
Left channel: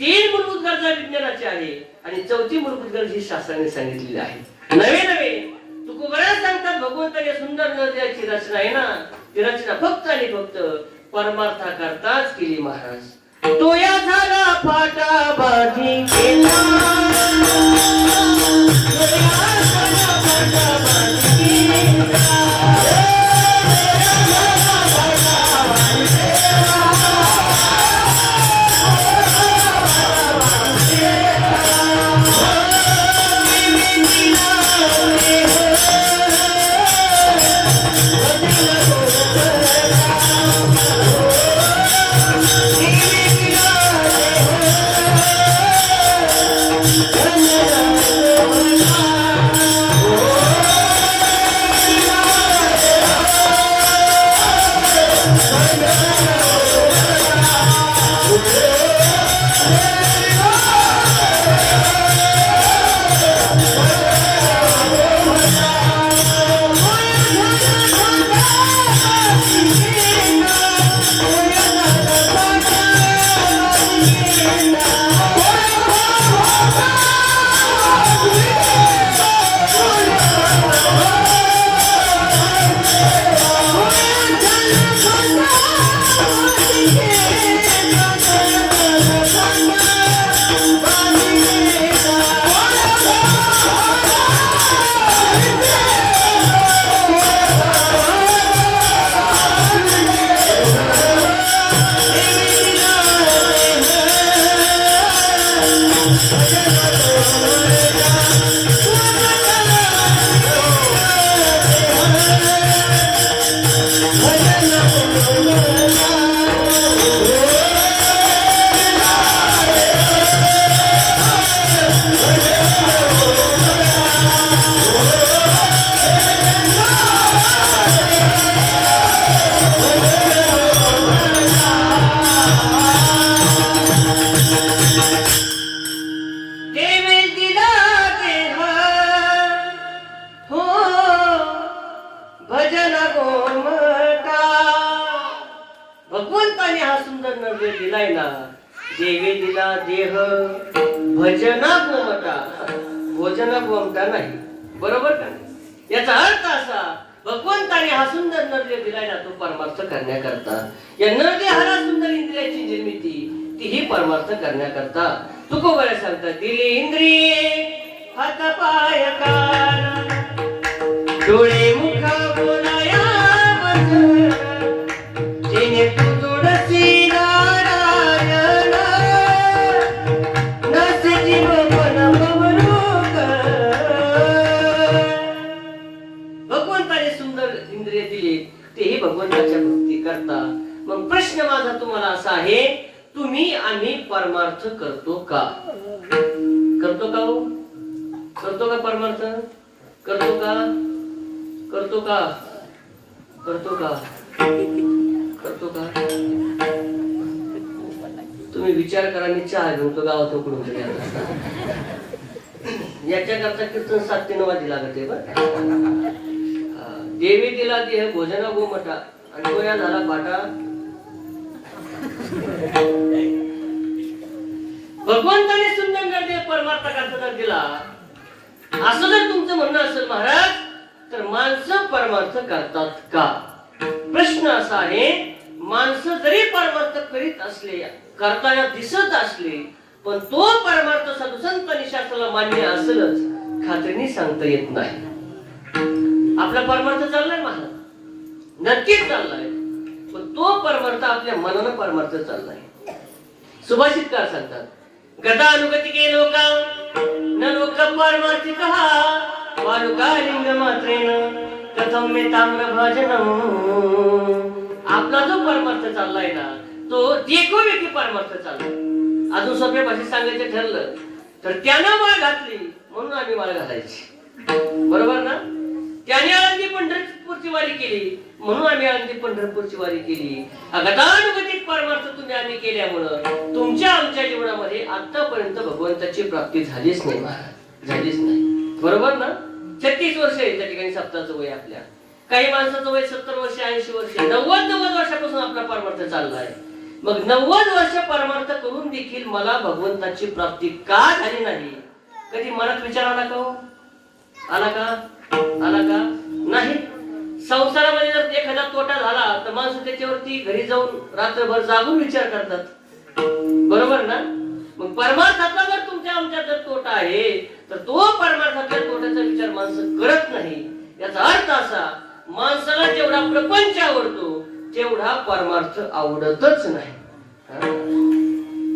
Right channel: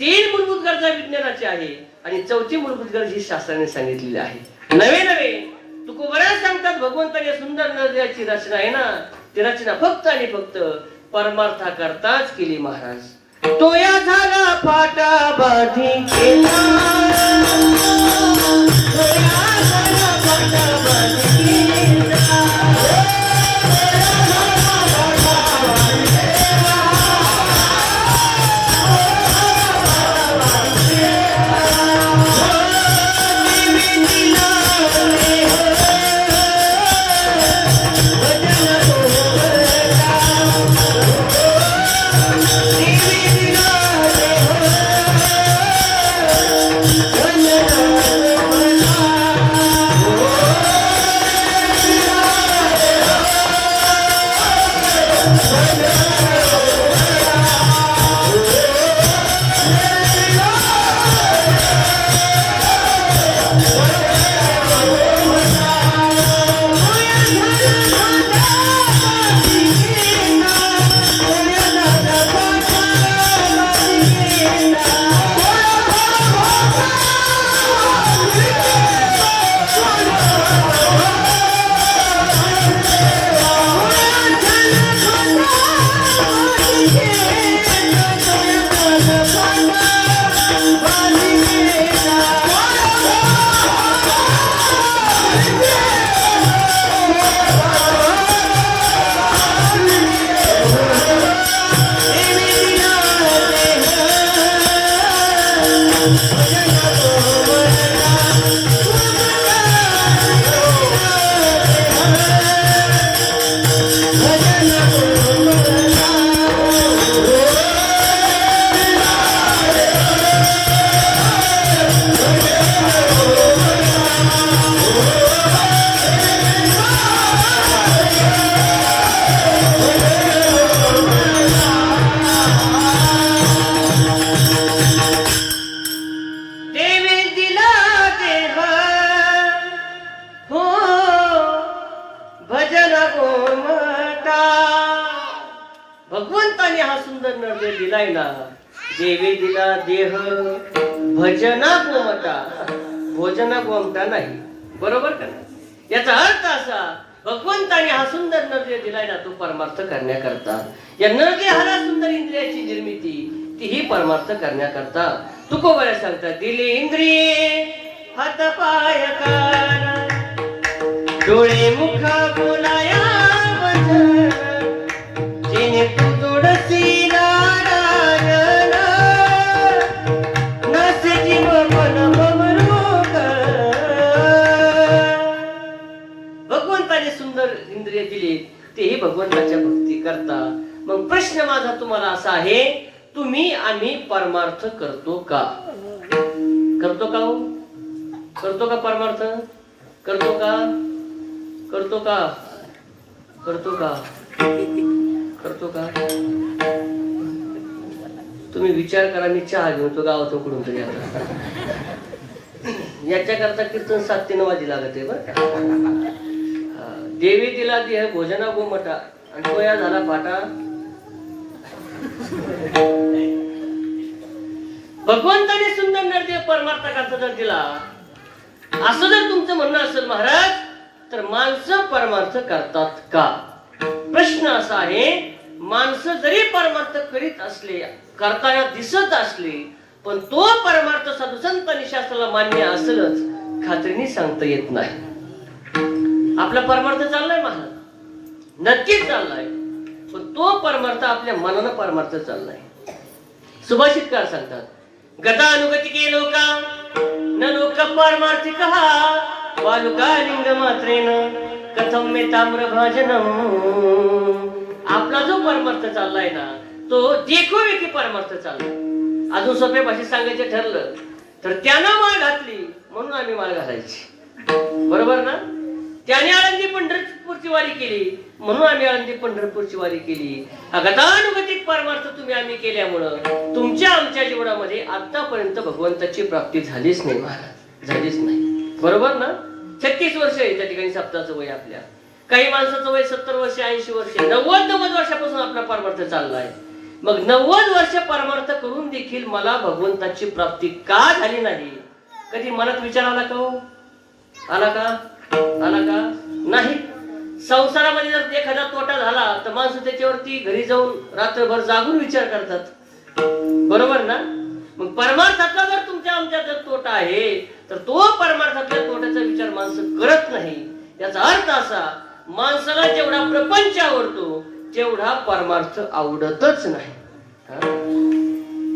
3 मूलभूत गरजा विज्ञानाची आहे आणि 4थी मूलभूत गरज ही शास्त्राने सांगितलेली आहे. नवे तुकोबराज सांगतात भगवंताने सुंदर नद्याची रचना आहे ना ती रचना फक्त आणि फक्त परमार्था करताच केली महाराज. तो या झाला फाटा बाधी केला, भगवंताने हा सुंदर नर्दे दिलाय ना. देवी दिला देह भजना गोमटा, भोजना गोमटा नाही. बरोबर का? याचा अर्थ असा भगवंताने हा सुंदर नर्दे दिलाय ना तो परमार्थ करण्याकरता. या नर्दे हा सुंदर इंद्रियाची निर्मिती ती ही परमार्थ करण्याकरता. तुकोबऱ्या सांगतात दिले इंद्रिये हात पाय कान डोळे मुख बोलाया वचन जिने तू जोडसी नारायण नसती बबन बबरूक. भगवंताने सुंदर इंद्रिय दिली तेही भगवंताच्या भक्ती करता. मग प्रश्न करतो का हो? करतो का परमार्थ? करतो का? करतो का? करतो का? करतो का? तुम्ही विचार करा. मी चहा घेऊन तो गावातून कुठून तरी आला. याच्याकरता कीर्तन 7 ते 9 वाजे लागत आहे बरं. देवी दिला देह भोजना गोमटा आणि तो या झाला फाटा. भगवंताने सुंदर नरदेव परमार्थाचा जर दिला असं जर तुमचं म्हणणं असेल महाराज, तर माणसं परमार्थ करतात का? प्रश्न असा आहे, माणसं जरी परमार्थ करीत असले, करताना दिसत असले, पण तो परमार्थ साधुसंत आणि शास्त्राला मान्य असेलच खात्रीने सांगता येत नाही. आपला परमार्थ चाललाय महाराज, नक्कीच चाललाय, पण तो परमार्थ आपल्या मनानं परमार्थ चाललाय. सुभाषितकार सांगतात, गता अनुगती के लोका न लोक परमार्थी कहा वालुका लिंग मात्रेन कथम मे ताम्र भाजनम. आपला जो परमार्थ चाललाय ना, तो देखोवेकी परमार्थ चाललाय. अजून सोप्या भाषेत सांगायचं ठरलं तर त्यानं माळ घातली म्हणून आम्ही माळ घालायची, बरोबर ना? त्याने आळंदी पंढरपूरची वारी केली म्हणून आम्ही आळंदी पंढरपूरची वारी केली. गतानुगतिक परमार्थ तुम्ही आम्ही केल्यामुळं तुमच्या आमच्या जीवनामध्ये आतापर्यंत भगवंताची प्राप्ती झालीच नाही महाराज, झालीच नाही, बरोबर ना? 36 वर्ष आहे त्या ठिकाणी सप्ताहाचं वय आपल्या. काही माणसाचं वय 70 वर्ष, 80 वर्ष, 90 वर्षापासून आपला परमार्थ चाललाय. मग 90 वर्ष परमार्थ करून देखील मला भगवंताची प्राप्ती का झाली नाही? कधी मनात विचार आला का हो? आला का? आला का? नाही. संसारामध्ये जर एखादा तोटा झाला तर माणसं त्याच्यावरती घरी जाऊन रात्रभर जागून विचार करतात, बरोबर ना? मग परमार्थातला जर तुमच्या आमच्या जर तोटा आहे तर तो परमार्थातल्या तोट्याचा विचार माणसं करत नाही. याचा अर्थ असा, माणसाला जेवढा प्रपंच आवडतो तेवढा परमार्थ आवडतच नाही.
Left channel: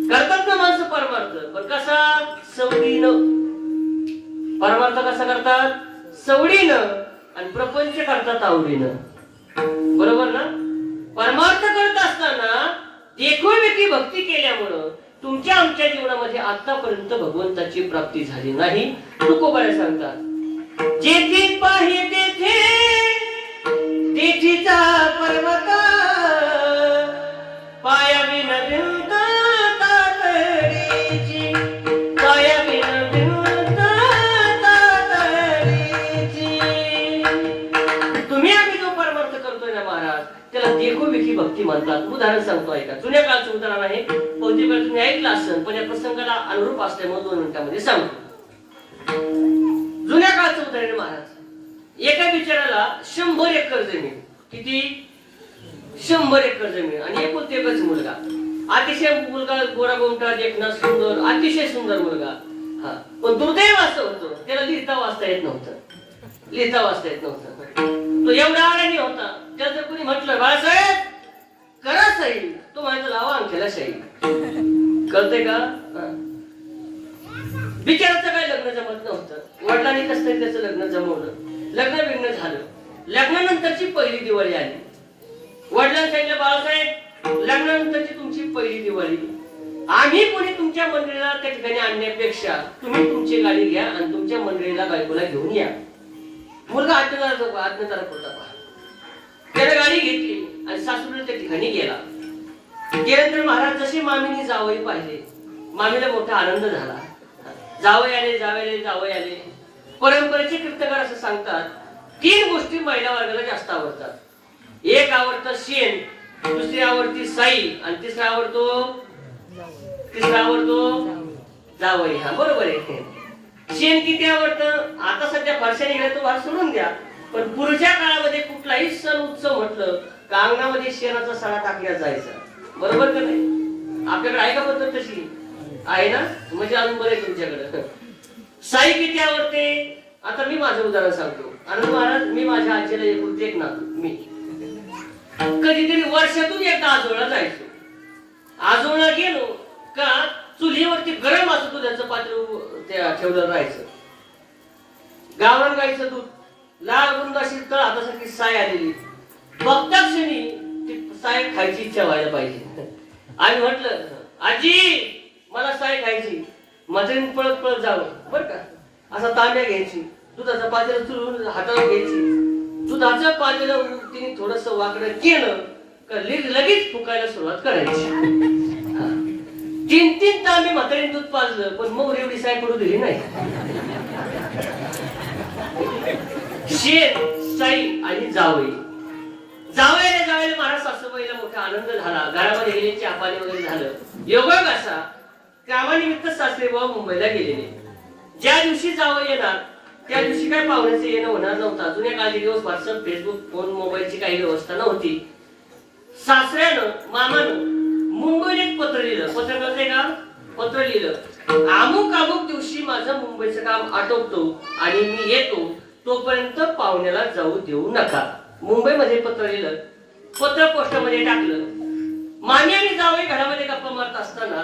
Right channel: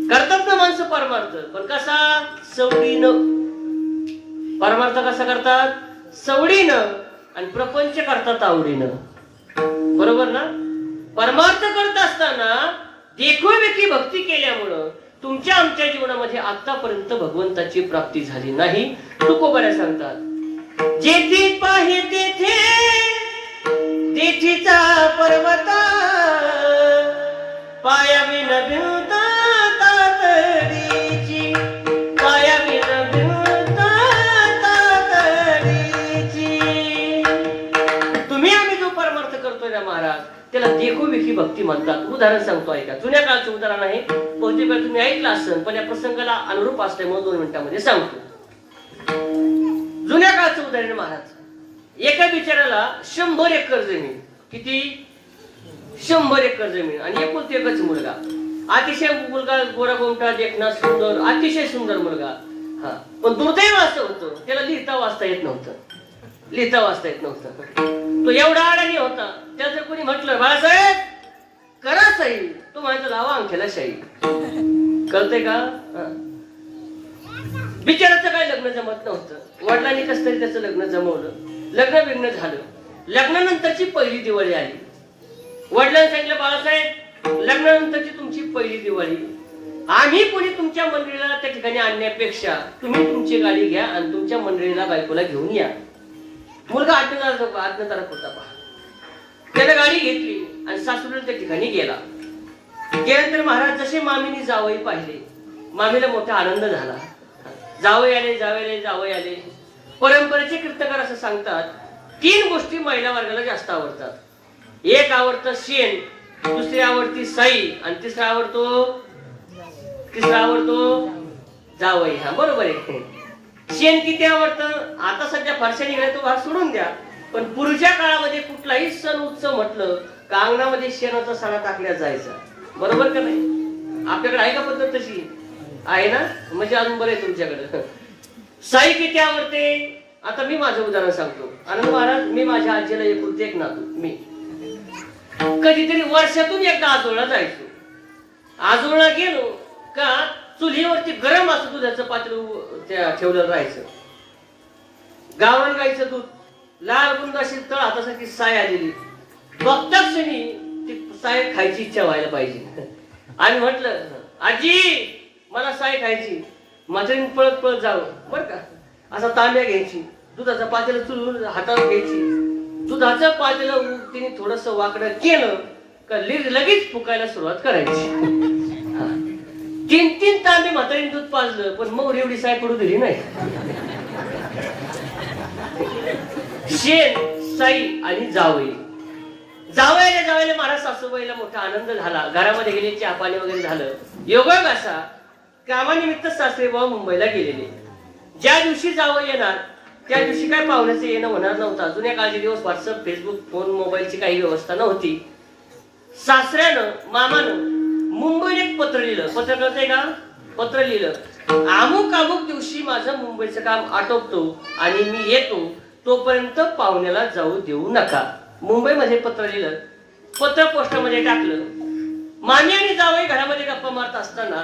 करतात ना माणसं परमार्थ, पण कसा? सवडीनं. परमार्थ कसा करतात? सवडीनं. आणि प्रपंच करतात आवडीनं, बरोबर ना? परमार्थ करत असताना देखोवेकी भक्ती केल्यामुळं तुमच्या आमच्या जीवनामध्ये आतापर्यंत भगवंताची प्राप्ती झाली नाही. तुकोबऱ्या सांगतात, जेथे पाहे तेथे तेथीचा पर्वत पायावी नभिवता तातडीची, पायावी नभिवता तातडीची. तुम्ही आम्ही जो परमार्थ करतोय ना महाराज, त्याला देखोवेकी भक्ती म्हणतात. उदाहरण सांगतो ऐका, जुन्या काळचं उदाहरण आहे, बहुतेक वेळा तुम्ही ऐकलं असेल, पण या प्रसंगाला अनुरूप असल्यामुळे 2 मिनिटांमध्ये सांगतो. जुन्या काळचं उदाहरण महाराज, एका बिचाराला 100 एकर जमीन, किती? 100 एकर जमीन, आणि एकुलता एकच मुलगा. अतिशय मुलगा गोरा गोमटा, देखणा, सुंदर, अतिशय सुंदर मुलगा. पण दुर्दैव असं होतं, त्याला लिहिता वाचता येत नव्हतं. लिहिता वाचता येत नव्हतं. तो एवढा अडाणी होता, त्याला जर कोणी म्हटलं बाळासाहेब करा सही, तो माझ्या लावा अंगठ्याला शाही. कळतंय का? बिचाराचं काय लग्न जमत नव्हतं. वडिलांनी कसं तरी त्याचं लग्न जमवलं, लग्न बिग्न झालं. लग्नानंतरची पहिली दिवाळी आली. वडिलांनी सांगितलं, बाळासाहेब लग्नानंतरची तुमची पहिली दिवाळी, आम्ही कोणी तुमच्या मंडळीला त्या ठिकाणी आणण्यापेक्षा तुम्ही तुमची गाडी घ्या आणि तुमच्या मंडळीला बायकोला घेऊन या. मुलगा आज्ञाधारक होता. त्याने गाडी घेतली आणि सासूला त्या ठिकाणी गेला. त्यानंतर महाराज जसे मामीने जावई पाहिले, मामीला मोठा आनंद झाला. जावई आले, जावई आले. परंपरेचे कीर्तकार असं सांगतात, 3 गोष्टी महिला वर्गाला जास्त आवडतात. एक आवडतं शेण, दुसरी आवडती साई, आणि तिसरा आवडतो जावई. हा बरोबर आहे. शेण किती आवडतं? आता सध्या फारशा निघाल्या, तो भाग सोडून द्या. पण पूर्वीच्या काळामध्ये कुठलाही सण उत्सव म्हटलं का अंगणामध्ये शेणाचा सडा टाकण्यात जायचा, बरोबर का नाही? आपल्याकडे आहे का पद्धत तशी? आहे ना? म्हणजे अजून बरं आहे तुमच्याकडे. साई किती आवडते? आता मी माझं उदाहरण सांगतो. आनंद महाराज, मी माझ्या आजीला एक नातू. मी कधीतरी वर्षातून एकदा आजोळा जायचो. आजोळा गेलो का चुलीवरती गरम असं दुधाचं पात्र ठेवलं राहायचं. गावरान गाईचं दूध, लाल गुंडाशी तळ हातासाठी साय आलेली. बघता क्षणी ती साय खायची इच्छा व्हायला पाहिजे. आणि म्हटलं, आजी मला साय खायची. म्हातारीने पळत पळत जावं बरं का. असा तांब्या घ्यायची, दुधाचा पातेला चुरून हातावर घ्यायची, दुधाच्या पातेला तिने थोडस वाकडं केलं का लगेच फुकायला सुरुवात करायची. 3-3 तांबे म्हातारीने दूध पाजलं, पण मग एवढी साय करू दिली नाही. शेत, साई आणि जावई. जावयाला महाराज सासूबाईला मोठा आनंद झाला. घरामध्ये गेले, चहा पाणी वगैरे झालं. योगायोग असा, कामानिमित्त सासरेबुवा मुंबईला गेलेले. ज्या दिवशी जावं येणार त्या दिवशी काय पाहुण्याचं येणं होणार नव्हतं. जुन्या काळचे दिवस व्हॉट्सअप, फेसबुक, फोन, मोबाईलची काही व्यवस्था नव्हती. सासऱ्यानं, मामानं मुंबईला एक पत्र लिहिलं. पत्र कळतंय का? पत्र लिहिलं, अमुक दिवशी माझं मुंबईचं काम आटोपतो आणि मी येतो, तोपर्यंत पाहुण्याला जाऊ देऊ नका. मुंबईमध्ये पत्र लिहिलं, पत्र पोस्टमध्ये टाकलं. मामी आणि जावई घरामध्ये गप्पा मारत असताना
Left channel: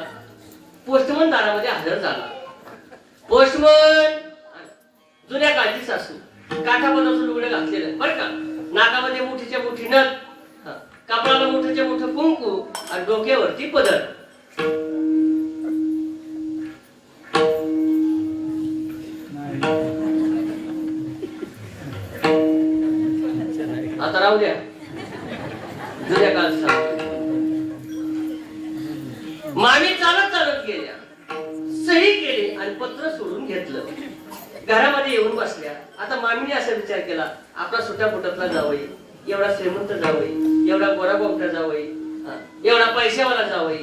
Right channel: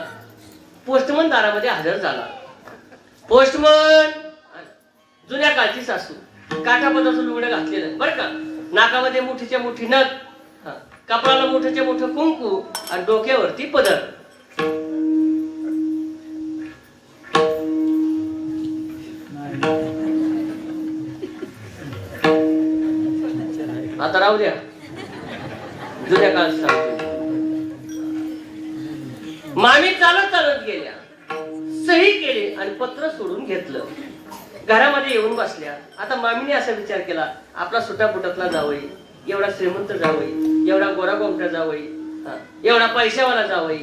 पोस्टमन दारामध्ये हजर झाला. पोस्टमन जुन्या काळची सासू, काठापदाचं लुगडं घातलेलं बरं का, नाकामध्ये मोठीच्या मोठी नथ, कपाळाला मोठ्याच्या मोठं कुंकू आणि डोक्यावरती पदर. आता राहू द्या, जुन्या काळचा. मामी चालत चालत गेल्या, सही केली आणि पत्र सोडून घेतलं. घरामध्ये येऊन बसल्या. आता मामीने असा विचार केला, आपला सुटा फुटातला जावई, एवढा श्रीमंत जावई, एवढा गोरागोमटा जावई, एवढा पैशावाला जावई,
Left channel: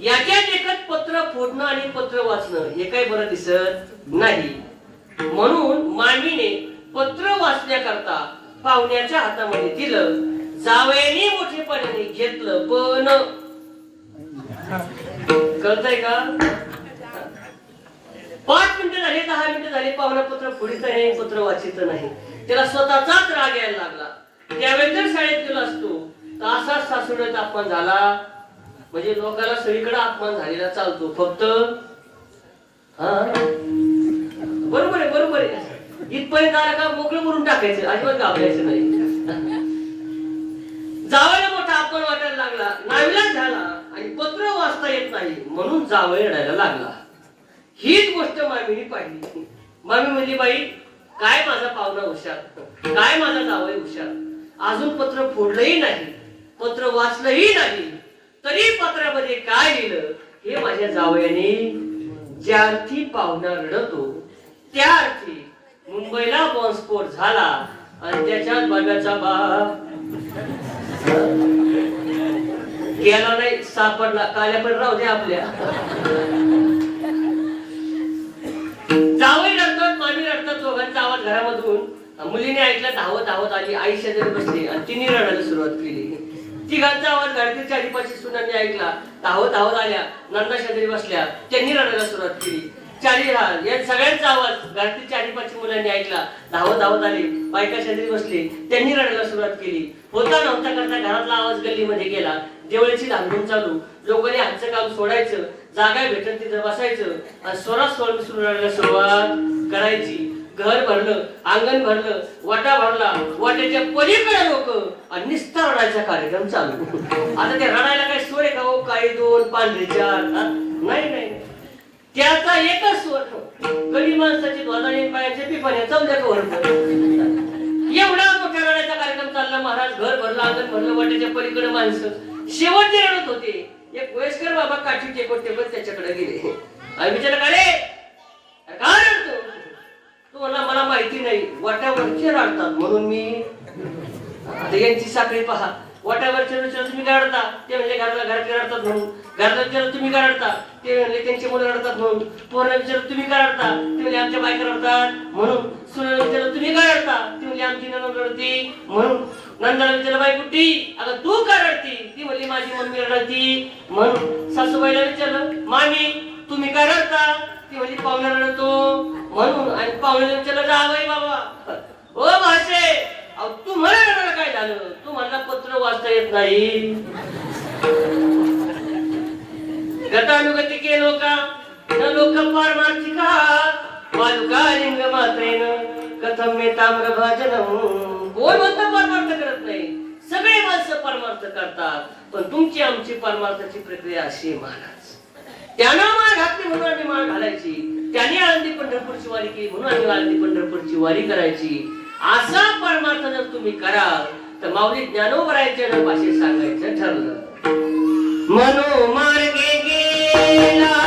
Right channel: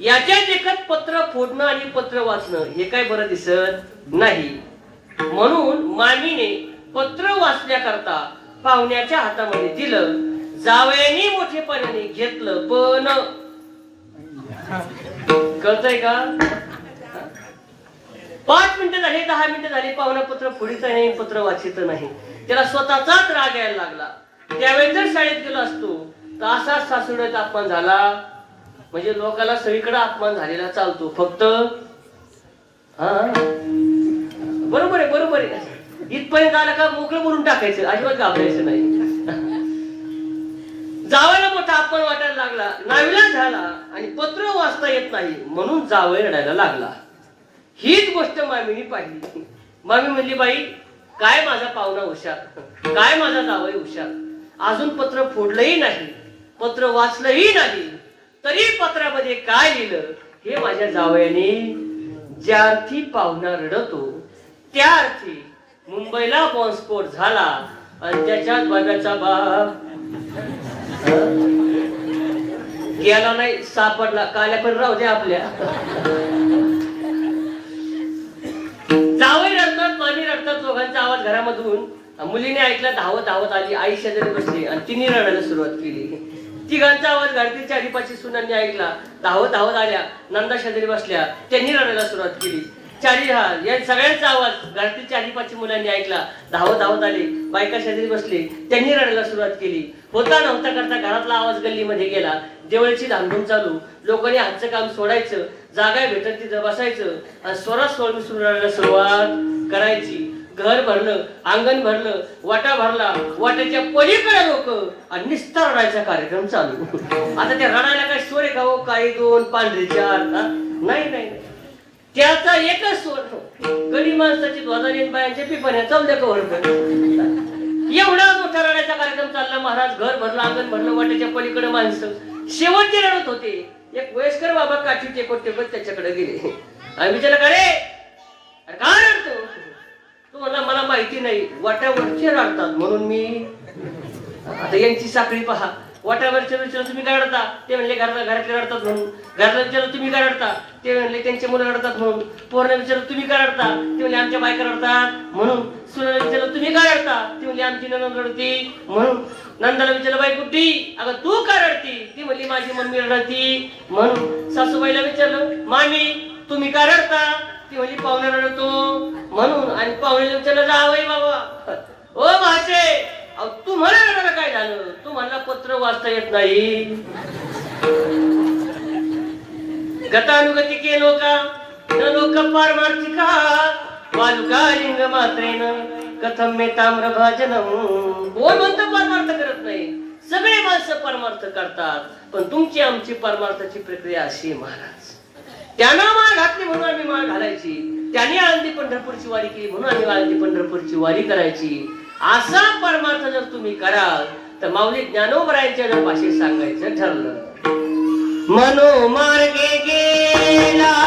याच्यात एकच पत्र फोडणं आणि पत्र वाचणं हे काय बरं दिसत नाही. म्हणून मामीने पत्र वाचण्याकरता पाहुण्याच्या हातामध्ये दिलं. जावयाने मोठेपणाने घेतलं, पण कळतंय का? 5 मिनिटं झाली, 10 मिनिटं झाली, पाहुणे पत्र फोडीत नाही, पत्र वाचित नाही. त्याला स्वतःचाच राग यायला लागला. त्यावेळेस जर शाळेत गेलो असतो तर असाच सासूचा अपमान झाला. म्हणजे लोकांना सगळीकडे अपमान झालेला चालतो. फक्त बरोबर आहे, बरोबर आहे. इथपर्यंत आला का मोकळं बोलून टाकायचं, अजिबात घाबरायचं नाही. जावयाला मोठा अपमान वाटायला लागला, नाविलाज झाला आणि पत्र वाचता येत नाही म्हणून जावई रडायला लागला. हीच गोष्ट मामीने पाहिली. मामी म्हणली, बाई काय माझा पाहुणा हुशार, काय माझा जावई हुशार, अजून पत्र फोडलंही नाही, पत्र वाचलंही नाही, तरी पत्रामध्ये काय लिहिलं हे माझ्या जावयाने. ज्या अर्थी पाहुणा रडतो त्या अर्थी मुंबईला बॉम्बस्फोट झाला आणि त्याच्यात बाब्याचा बाप गेला नाही, सापडला. काल्या पण राहू द्या आपल्या. जावई रडतात, मामी रडतात, दोघांचा आवाज घरामधून. मुलीने ऐकला, धावत धावत आली, आई शेजारी बसली आणि तिने रडायला सुरुवात केली. तिघांचा आवाज घरातील आधीपाशी सुनांनी ऐकला, धावत धावत आल्या, नंदा शेजारी बसल्या, त्यांनी रडायला सुरुवात केली. या सगळ्यांचा आवाज घरातील आधीपाशी मुलांनी ऐकला, धावत धावत आली, बायका शेजारी बसले, त्यांनी रडायला सुरुवात केली. होता नव्हता करता घरातला आवाज गल्लीमध्ये गेला. जेवळची धामधूम चालू. लोकांनी हातचं काम सोडायचं, जागा भेटत तिथं बसायचं आणि स्वरात सुरू रडायला सुरुवात करायची. घर भरलं, अंगण भरलं, वाटा भरला, वाट्याच्या पलीकडे लोक आणि निस्ता रडायचा कार्यक्रम चालू. आता त्या रडायला काय स्वर आहे का हो? काही 2 पांढरे 4 नाही, त्याचा एकच स्वर. गरीब माणसाची ध्वजारी बायांचे पिपण्या चौद्या कवडत. एवढा मोठा रडायचा कार्यक्रम चालला. महाराज घर भरलं, अंगण भरलं, वाट्याच्या पलीकडे माणसं. शेवटचे रडत होते. एक वयस्कर बाबा काठी टेकत त्याच्याकडे गेले आणि विचारलं, काय रडतो? तो मला माहिती नाही, वाट्यावरचे रडतात म्हणून मी. आता यांची साखळी पहा. वाट्यावरचे विचार तुम्ही काय रडता? ते म्हणले घरातले रडतात म्हणून. घरातला विचार तुम्ही काय रडता? ते म्हणले त्यांचे मुलं रडतात म्हणून. पोरांना विचार तुम्ही काय रडता? ते म्हणले आमच्या बायका रडतात म्हणून. सुनाला विचार तुम्ही काय रडता? ते म्हणले आमची नणंद रडती म्हणून. नंदाला विचारलं, बाई कुठे? अगं तू का रडती? ती म्हणली माझी मम्मी रडती म्हणून. सासूबाईला विचारलं, मामी तुम्ही काय रडता? ती म्हणली पाहुणा रडतो म्हणून. आणि पाहुण्याला विचारलं, जावई बाबा ओ भाषे, तुम्हाला रडायला काय झालं? तुम्हाला पत्र वाचता येत नाही. गतानुगतिके लोका न लोक पारमार्थिका पालुकालिंग मात्रेन कथम मे ताम्र भाजनम. कोण म्हणतं परमार्थ करत नाही? सगळे माणसं परमार्थ करतात, पण तुमची आमची परमार्थाची प्रक्रिया अशी महाराज. त्यानं माळ घातली म्हणून आम्ही माळ घालायची, त्याने आळंदी पंढरपूरची वारी केली म्हणून आम्ही आळंदी पंढरपूरची वारी करायची. असा परमार्थ जर तुम्ही कराल तर माऊली ज्ञानोबरायांच्या भाषेत सांगायचं ठरलं. मनोमार्गे गेला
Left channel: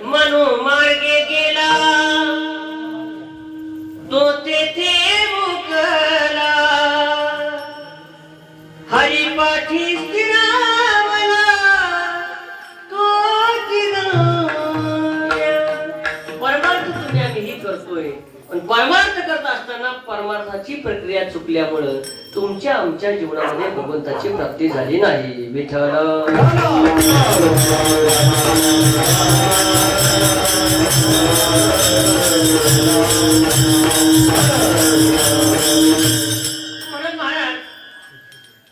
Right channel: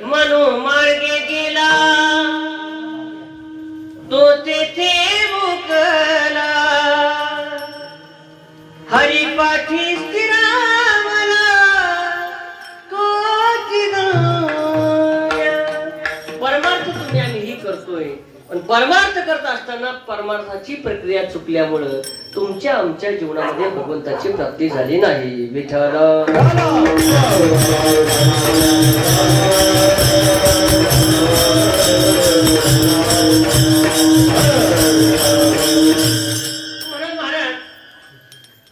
मनोमार्गे गेला तो तेथे मुकला, हरिपाठी स्थिरावला तो तिराया. परमार्थ तुम्ही आम्ही करतोय, पण परमार्थ करत असताना परमार्थाची प्रक्रिया चुकल्यामुळं तुमच्या आमच्या जीवनामध्ये भगवंताची प्राप्ती झाली नाही. विठ्ठल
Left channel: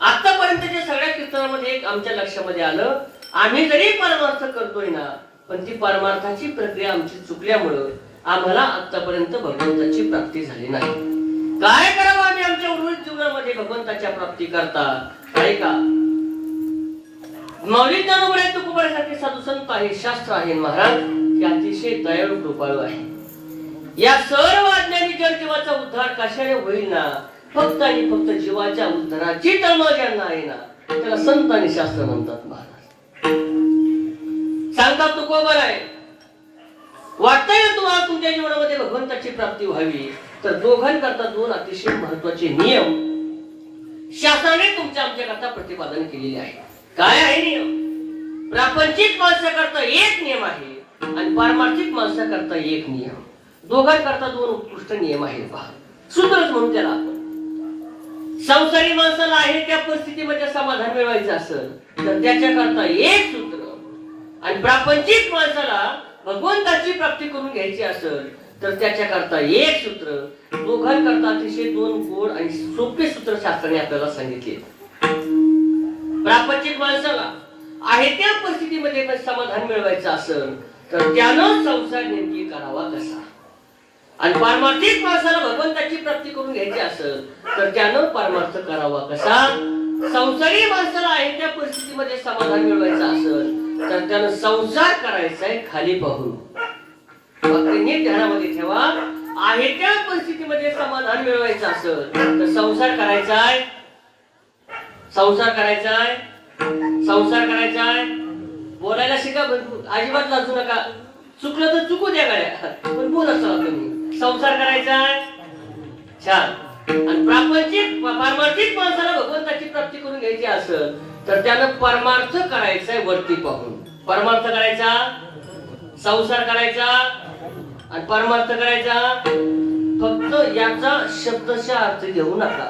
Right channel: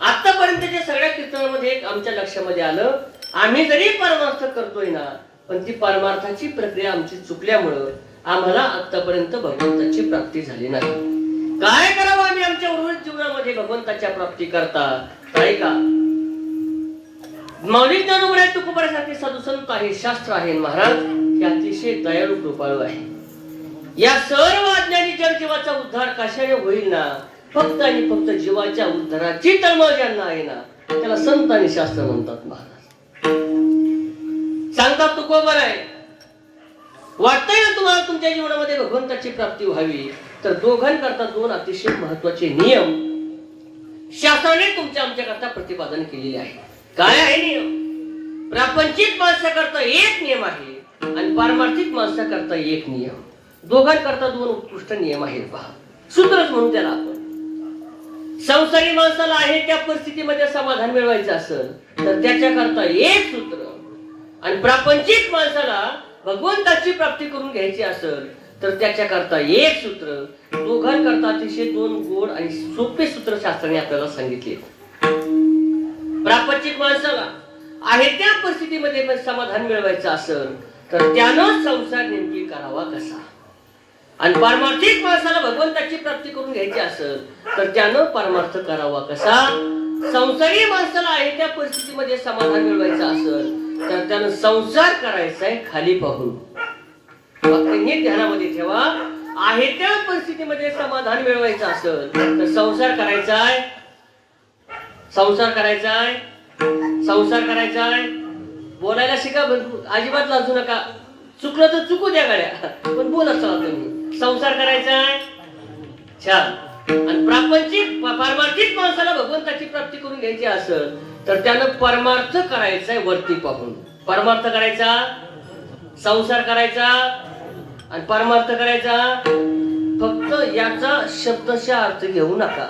आतापर्यंतच्या सगळ्या कीर्तनामध्ये एक आमच्या लक्षामध्ये आलं, आम्ही जरी परमार्थ करतोय ना, पण ती परमार्थाची प्रक्रिया आमची चुकल्यामुळं आम्हाला आतापर्यंत भगवंताची प्राप्ती झाली नाही. काय करावं आम्ही आमच्या उर्वरित जीवनामध्ये भगवंताच्या प्राप्ती करता? काय का मौलिक ज्ञानोबराय तुकोबासारखे साधू संत आहे, शास्त्र आहे, महाराज हे अतिशय दयाळू कृपाळू आहे. या सर्व अज्ञानी जीवाचा उद्धार कशाने होईल ना, फक्त आणि फक्त जीवाच्या उद्धाराची तळमळ ज्यांना आहे ना, त्याला संत आणि शास्त्र म्हणतात. महाराज सांगतात तुकोबाराय, वाटतंय ना तुम्हाला तुमच्या जीवनामध्ये भगवंताची प्राप्ती व्हावी, तर दोघांकरता दोन अतिशय महत्वाचे नियम शास्त्राने तुमच्या आमच्याकरता प्रतिपादन केलेले आहे. काय आहे नियम? प्रापंचिक माणसाकरता एक नियम आहे आणि पारमार्थिक माणसाकरता एक नियम. दोघांकरता दोन उत्कृष्ट नियम आहेत. पहा, सूत्रच म्हणून त्याला आपण. संसारी माणसाला आहे त्या परिस्थितीमध्ये समाधान मिळवायचं असेल तर त्याच्याकरता एक सूत्र, आणि प्रापंचिक माणसाला भगवंताची प्राप्ती करून घ्यायची असेल तर त्याच्याकरता एक सूत्र. दोघांकरता अतिशय दोन गोड आणि सोपे सूत्र शास्त्राने आपल्याला सांगितले. प्रापंचिक माणसाला आहे त्या परिस्थितीमध्ये समाधान मिळवायचं असेल तर त्यानं संसार नेमकी करावा कसा, आणि पारमार्थिक माणसाला भगवंताची प्राप्ती करून घ्यायची असेल तर त्यानं परमार्थ करावा कसा. संसारी माणसाला आहे त्या परिस्थितीमध्ये समाधान मिळवायचं असेल तर त्यानं संसार करायचा आहे खाली पाहून. फक्त नीट ध्यानामध्ये ठेवा, आहे त्या परिस्थितीमध्ये समाधान मिळवायचं असेल तर संसार करायचा आहे, संसार करायचा आहे, संसार करायचा आहे. बोलायला शिका, अजिबात लाजू नका. चुकलं तर चुकू द्या गाड्या, पण बोला चला तुम्ही. संसार करायचा छान. आणि प्रापंचिक पारमार्थिक माणसाला भगवंताची प्राप्ती करून घ्यायची असेल तर त्यानं परमार्थ करायचा वरती पाहून. परमार्थ करायचा, संसार करायचा आणि परमार्थ करायचा. फक्त याचा शब्दशः अर्थ घेऊ नका.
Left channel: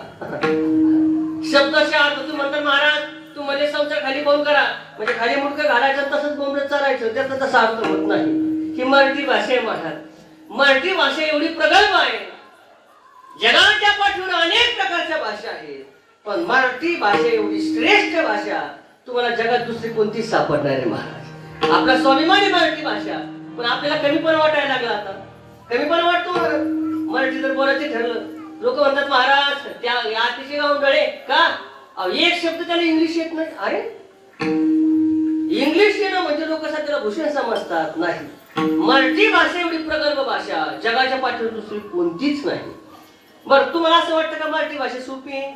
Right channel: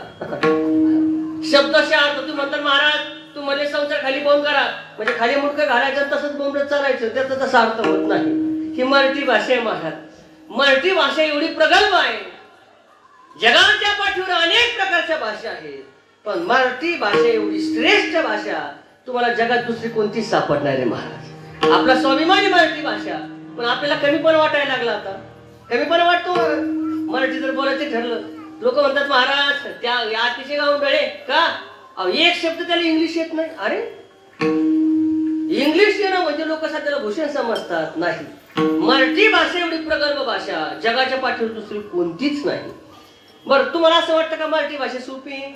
शब्दशः अर्थ तुम्ही म्हणता महाराज तू म्हणजे संसार खाली पाहून करा म्हणजे खाली मुंडकं घालायचं तसंच बोंबलत चालायचं, त्याचा तसा अर्थ होत नाही. ही मराठी भाषा आहे महाराज. मराठी भाषा एवढी प्रगल्भ आहे. जगाच्या पाठीवर अनेक प्रकारच्या भाषा आहेत पण मराठी भाषा एवढी श्रेष्ठ भाषा तुम्हाला जगात दुसरी कोणतीच सापडणार आहे महाराज. आपला स्वाभिमानी मराठी भाषा पण आपल्याला कमीपणा वाटायला लागला. आता कमीपणा वाटतो मराठी जर बोलायचं ठरलं. लोक म्हणतात महाराज त्या अतिशय गावंडळे का, एक शब्द त्याला इंग्लिश येत नाही. अरे इंग्लिश येणं म्हणजे लोक त्याला भूषण समजतात. नाही, मराठी भाषा एवढी प्रगल्भ भाषा जगाच्या पाठीवर दुसरी कोणतीच नाही. बरं तुम्हाला असं वाटतं का मराठी भाषा सोपी आहे?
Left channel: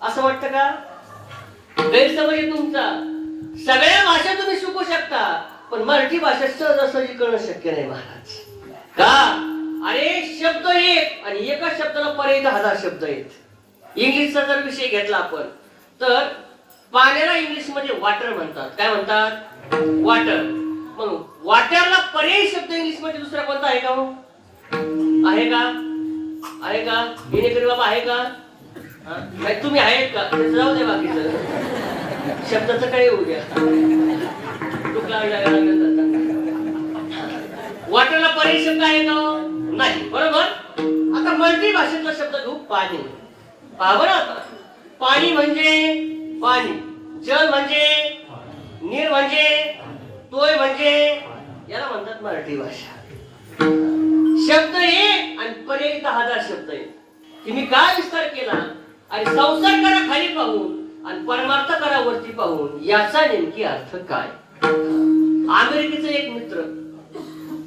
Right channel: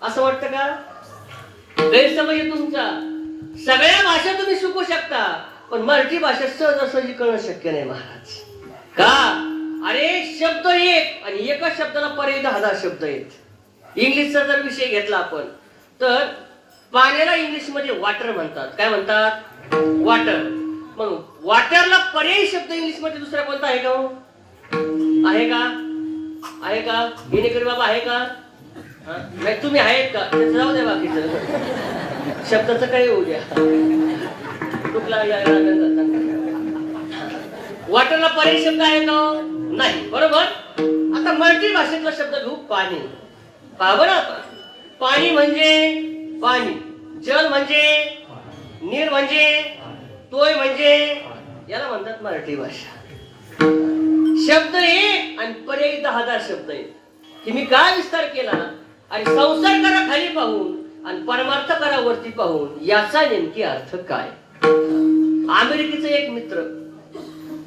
असं वाटतं का? गैरसमज तुमचा. सगळ्या भाषा तुम्ही शिकू शकता पण मराठी भाषा सहजासहजी कळणं शक्य नाही महाराज. का? अरे शब्द एक आणि एका शब्दाला पर्याय 10,000 शब्द आहेत. इंग्लिशचा जर विषय घेतला आपण तर पाण्याला इंग्लिश मध्ये वॉटर म्हणतात. काय म्हणतात? वॉटर. मग वॉटरला पर्यायी शब्द इंग्लिश मध्ये दुसरा कोणता आहे का? आहे का? आहे का? हिनेकर बाबा आहे का? नाही तुम्ही आहेत का? जाऊ दे बाकीचं शब्दाचं काही होऊ द्या. कुठला वॉटरला पर्यायी शब्द आहे का? नाही. बरोबर. आता मराठी भाषेतला शब्द घेऊ पाणी. बरं पाणी म्हणजे पाणी, जल म्हणजे नीर म्हणजे तोय म्हणजे याला म्हणतात मराठी भाषा. शब्द एक आणि पर्याय 10,000 शब्द आहेत. की मी काय विस्तार केला आणि संसार करा खाली पाहून आणि परमार्थ करा वरती पाहून याचा नेमकी अर्थ काय. अमेरिकेचा एक मित्र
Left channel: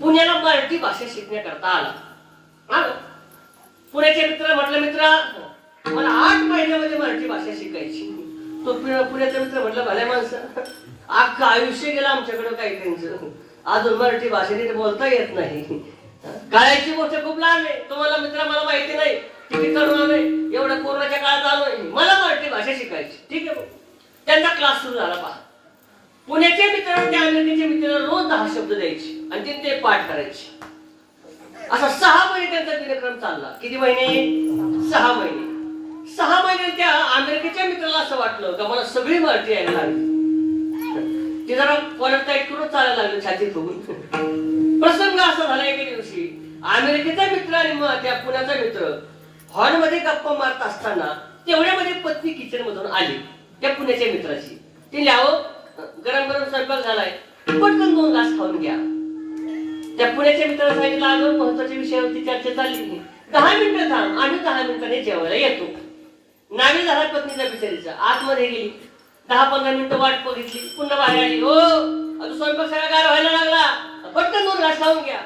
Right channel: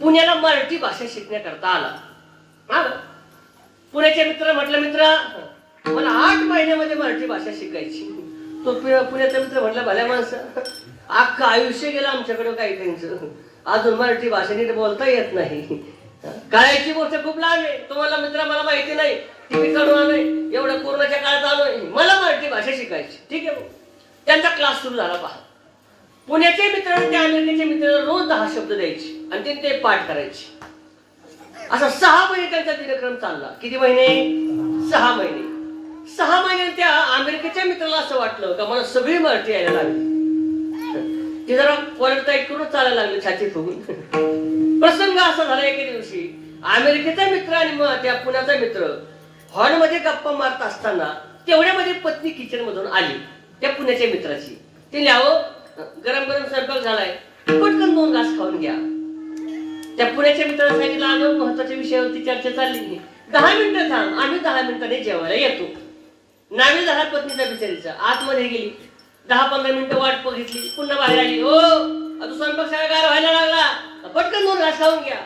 पुण्याला मराठी भाषा शिकण्याकरता आला. पुण्याच्या मित्राला म्हटलं मित्र मला 8 महिन्यामध्ये मराठी भाषा शिकायची. तो पुण्याचा मित्र म्हटलं भल्या माणसं अख्खं आयुष्य गेलं आमच्याकडे काही त्यांचं अजून मराठी भाषेने बोलता येत नाही. काळाची गोष्ट खूप लांब आहे. तुम्हाला मित्र मला माहिती नाही किती तरुण आहे एवढ्या कोरोनाच्या काळात आलोय मला मराठी भाषा शिकायची. ठीक आहे. त्यांचा क्लास सुरू झाला. पहा पुण्याचे मित्र त्या अमेरिकेचे मित्रांना रोज 10 शब्द द्यायचे आणि ते पाठ करायचे. असा 6 महिने त्यांचा दिनक्रम चालला. किती महिने? 6 महिने. 6 महिने त्या अमेरिकेच्या मित्राला असं वाटलं का मला सगळी मराठी यायला लागली. ते जरा परत ऐकून चालायला लागले छाती तुम्ही. प्रसंग असा झाला एके दिवशी अमेरिकेचा मित्र आणि त्या पुण्याचा मित्र हॉलमध्ये गप्पा मारत असताना तेवढ्यामध्ये पत्नी किचन मधून आली त्या पुण्याच्या मित्राची. ती ल्यावं गरम गरम स्वयंपाक झालाय पटकन 2 घास खाऊन घ्या. त्या पुण्याच्या मित्राला सांगितलं अजून महत्वाच्या विषयावरती चर्चा चालली. 10 मिनिटं थांब आम्ही 10 मिनिटांनी जेवायला येतो. नावी झाला पत्नीचा बिचारीचा. आतमध्ये गेली 10-15 मिनिटं वाट बघितली पुन्हा बाहेर आली. हो अजून स्वयंपाक सगळा गार व्हायला लागला पटकन 2 घास खाऊन घ्या.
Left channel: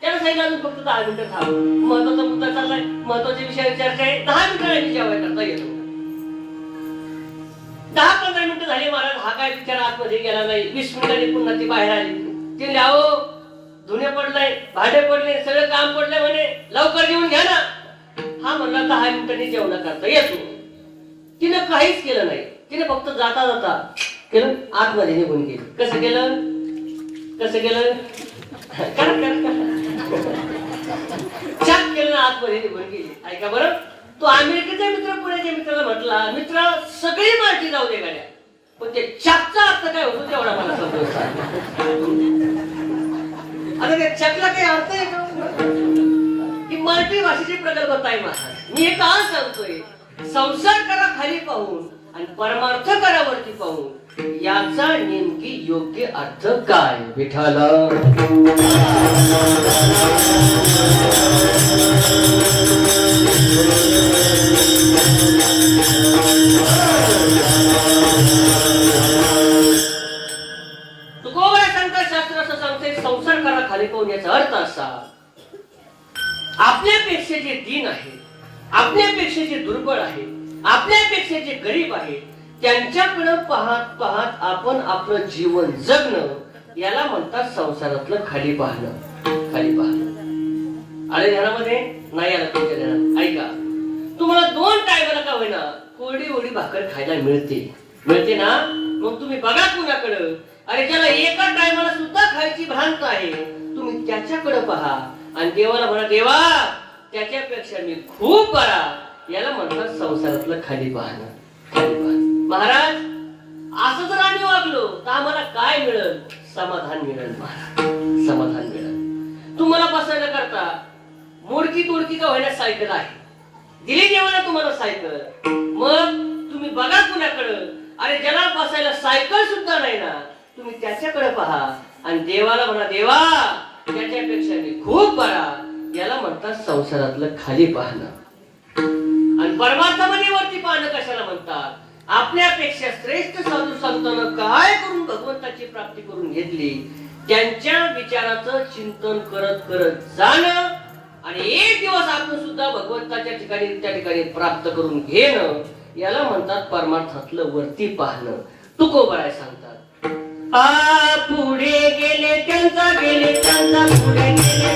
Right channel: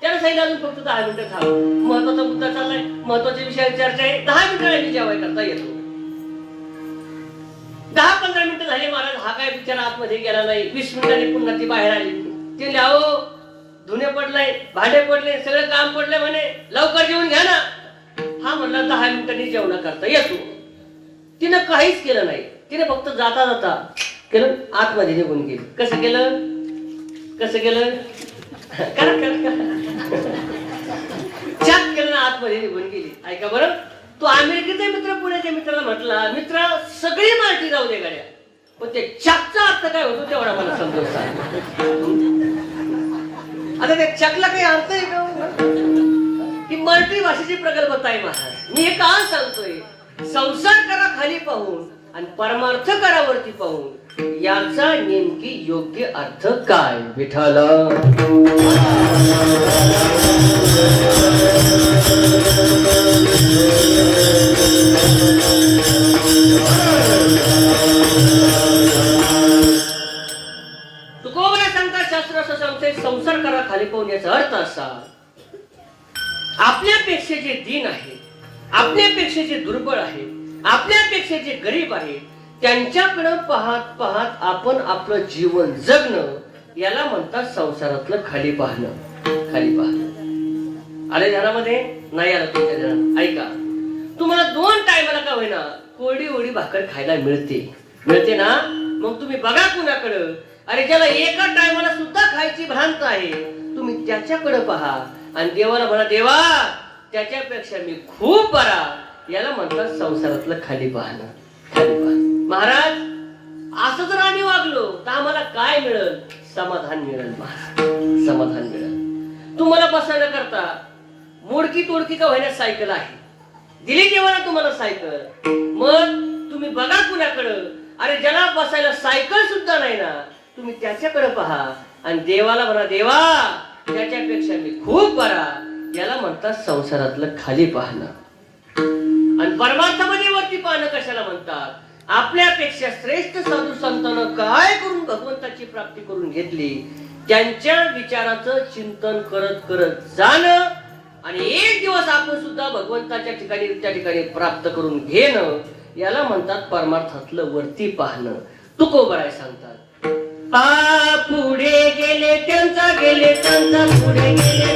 त्याला सांगितलं अजून फक्त 10 मिनिटं थांब महत्वाचा मुद्दा चाललाय महत्वाच्या विषयावर चर्चा आहे 10 मिनिटांनी जेवायला करता येतो. 10-15 मिनिटं झाली महाराज हा काय बिचारा आतमध्ये गेला नाही. 20 मिनिटांनी पुन्हा ती बाहेर आली. ती ल्यावो धुणे पडलंय भांडे पडले सगळं काम पडलंय म्हणे लवकर जेवून घ्या ना. हा म्हणला 10 मिनिटांनी जेवण करता येतो. तिनं काहीच केलं नाही. तिने फक्त जाता जाता केलं आतमध्ये निघून गेली. कसं केलं? कसं केलं? छान केलं ना आतमध्ये निघून गेली. ऐका बरं तो अमेरिकेचा मित्र पुण्याच्या मित्राला म्हटला मित्रा सगळी मराठी जाऊ दे गाड्या पण ते छापचा अर्थ काय होतो तेवढा मला समजून. आता त्या छापला काही अर्थ आहे का? की मराठी भाषेची प्रगल्भता आहे महाराज. मी हे का सांगतोय संसार करा खाली पाहून आणि परमार्थ करा वरती पाहून याचा नेमकी योग्य अर्थ काय. विठ्ठल तुकोबाई सांगतात शास्त्र असं सांगते संसार करा खाली पाहून याचा अर्थ असा आपल्यापेक्षा जे दीन आहे आपल्यापेक्षा जे दुर्बळ आहे आपल्यापेक्षा जे गरीब आहे त्यांच्याकडे पाहत पाहत आपण आपलं जीवन जगणं याला म्हणतात संसारातलं खाली पाहणं. खाली पाहणं आले ध्यानामध्ये नाही आला तुमच्या ध्यानात ऐका, तुम्हाला 2 टायमाला का होईना कोरडी ओढी भाकर खायला मिळते ना, मग तुम्ही बघा कुणाकडं. अरे ज्याला एका टायमाला सुद्धा खायची भ्रांत आहे, तुम्ही त्याच्याकडे पहा आणि देवाला म्हणा, देवा त्याच्यापेक्षा मी खूप बरा. याला म्हणतात संसारातलं खाली पाहणं. महाराज असं जर आम्ही वागलो तर आम्हाला काय मिळेल? समाधान मिळेल महाराज, समाधान मिळेल. तुम्हाला बसायला करता मोडकी तोडकी का होईना सायकल आहे, दिली देवाला तुम्हाला सायकल. मग तुम्ही बघा कुणाकडं. अरे ज्याला बसायला सायकल सुद्धा नाही ना, तुम्ही त्याच्याकडे पहा आणि देवाला म्हणा, देवा त्याच्यापेक्षा मी खूप बरा. याला म्हणतात संसारातलं खाली पाहणं. आणि परमार्थामध्ये वरती पाहणं कशाला म्हणतात? आपल्यापेक्षा श्रेष्ठ साधू संतांना काय करून भगवंताची प्राप्ती करून घेतली, त्यांच्या विचाराचं चिंतन करत करत जाणं आणि एक दिवस आपण सुद्धा भगवंताच्या ठिकाणी त्या ठिकाणी प्राप्त करून घेणं, याला म्हणतात परमार्थातलं वरती पाहणं. तुकोबाराय सांगतात, पुढे गेले त्यांचा पुढे गेले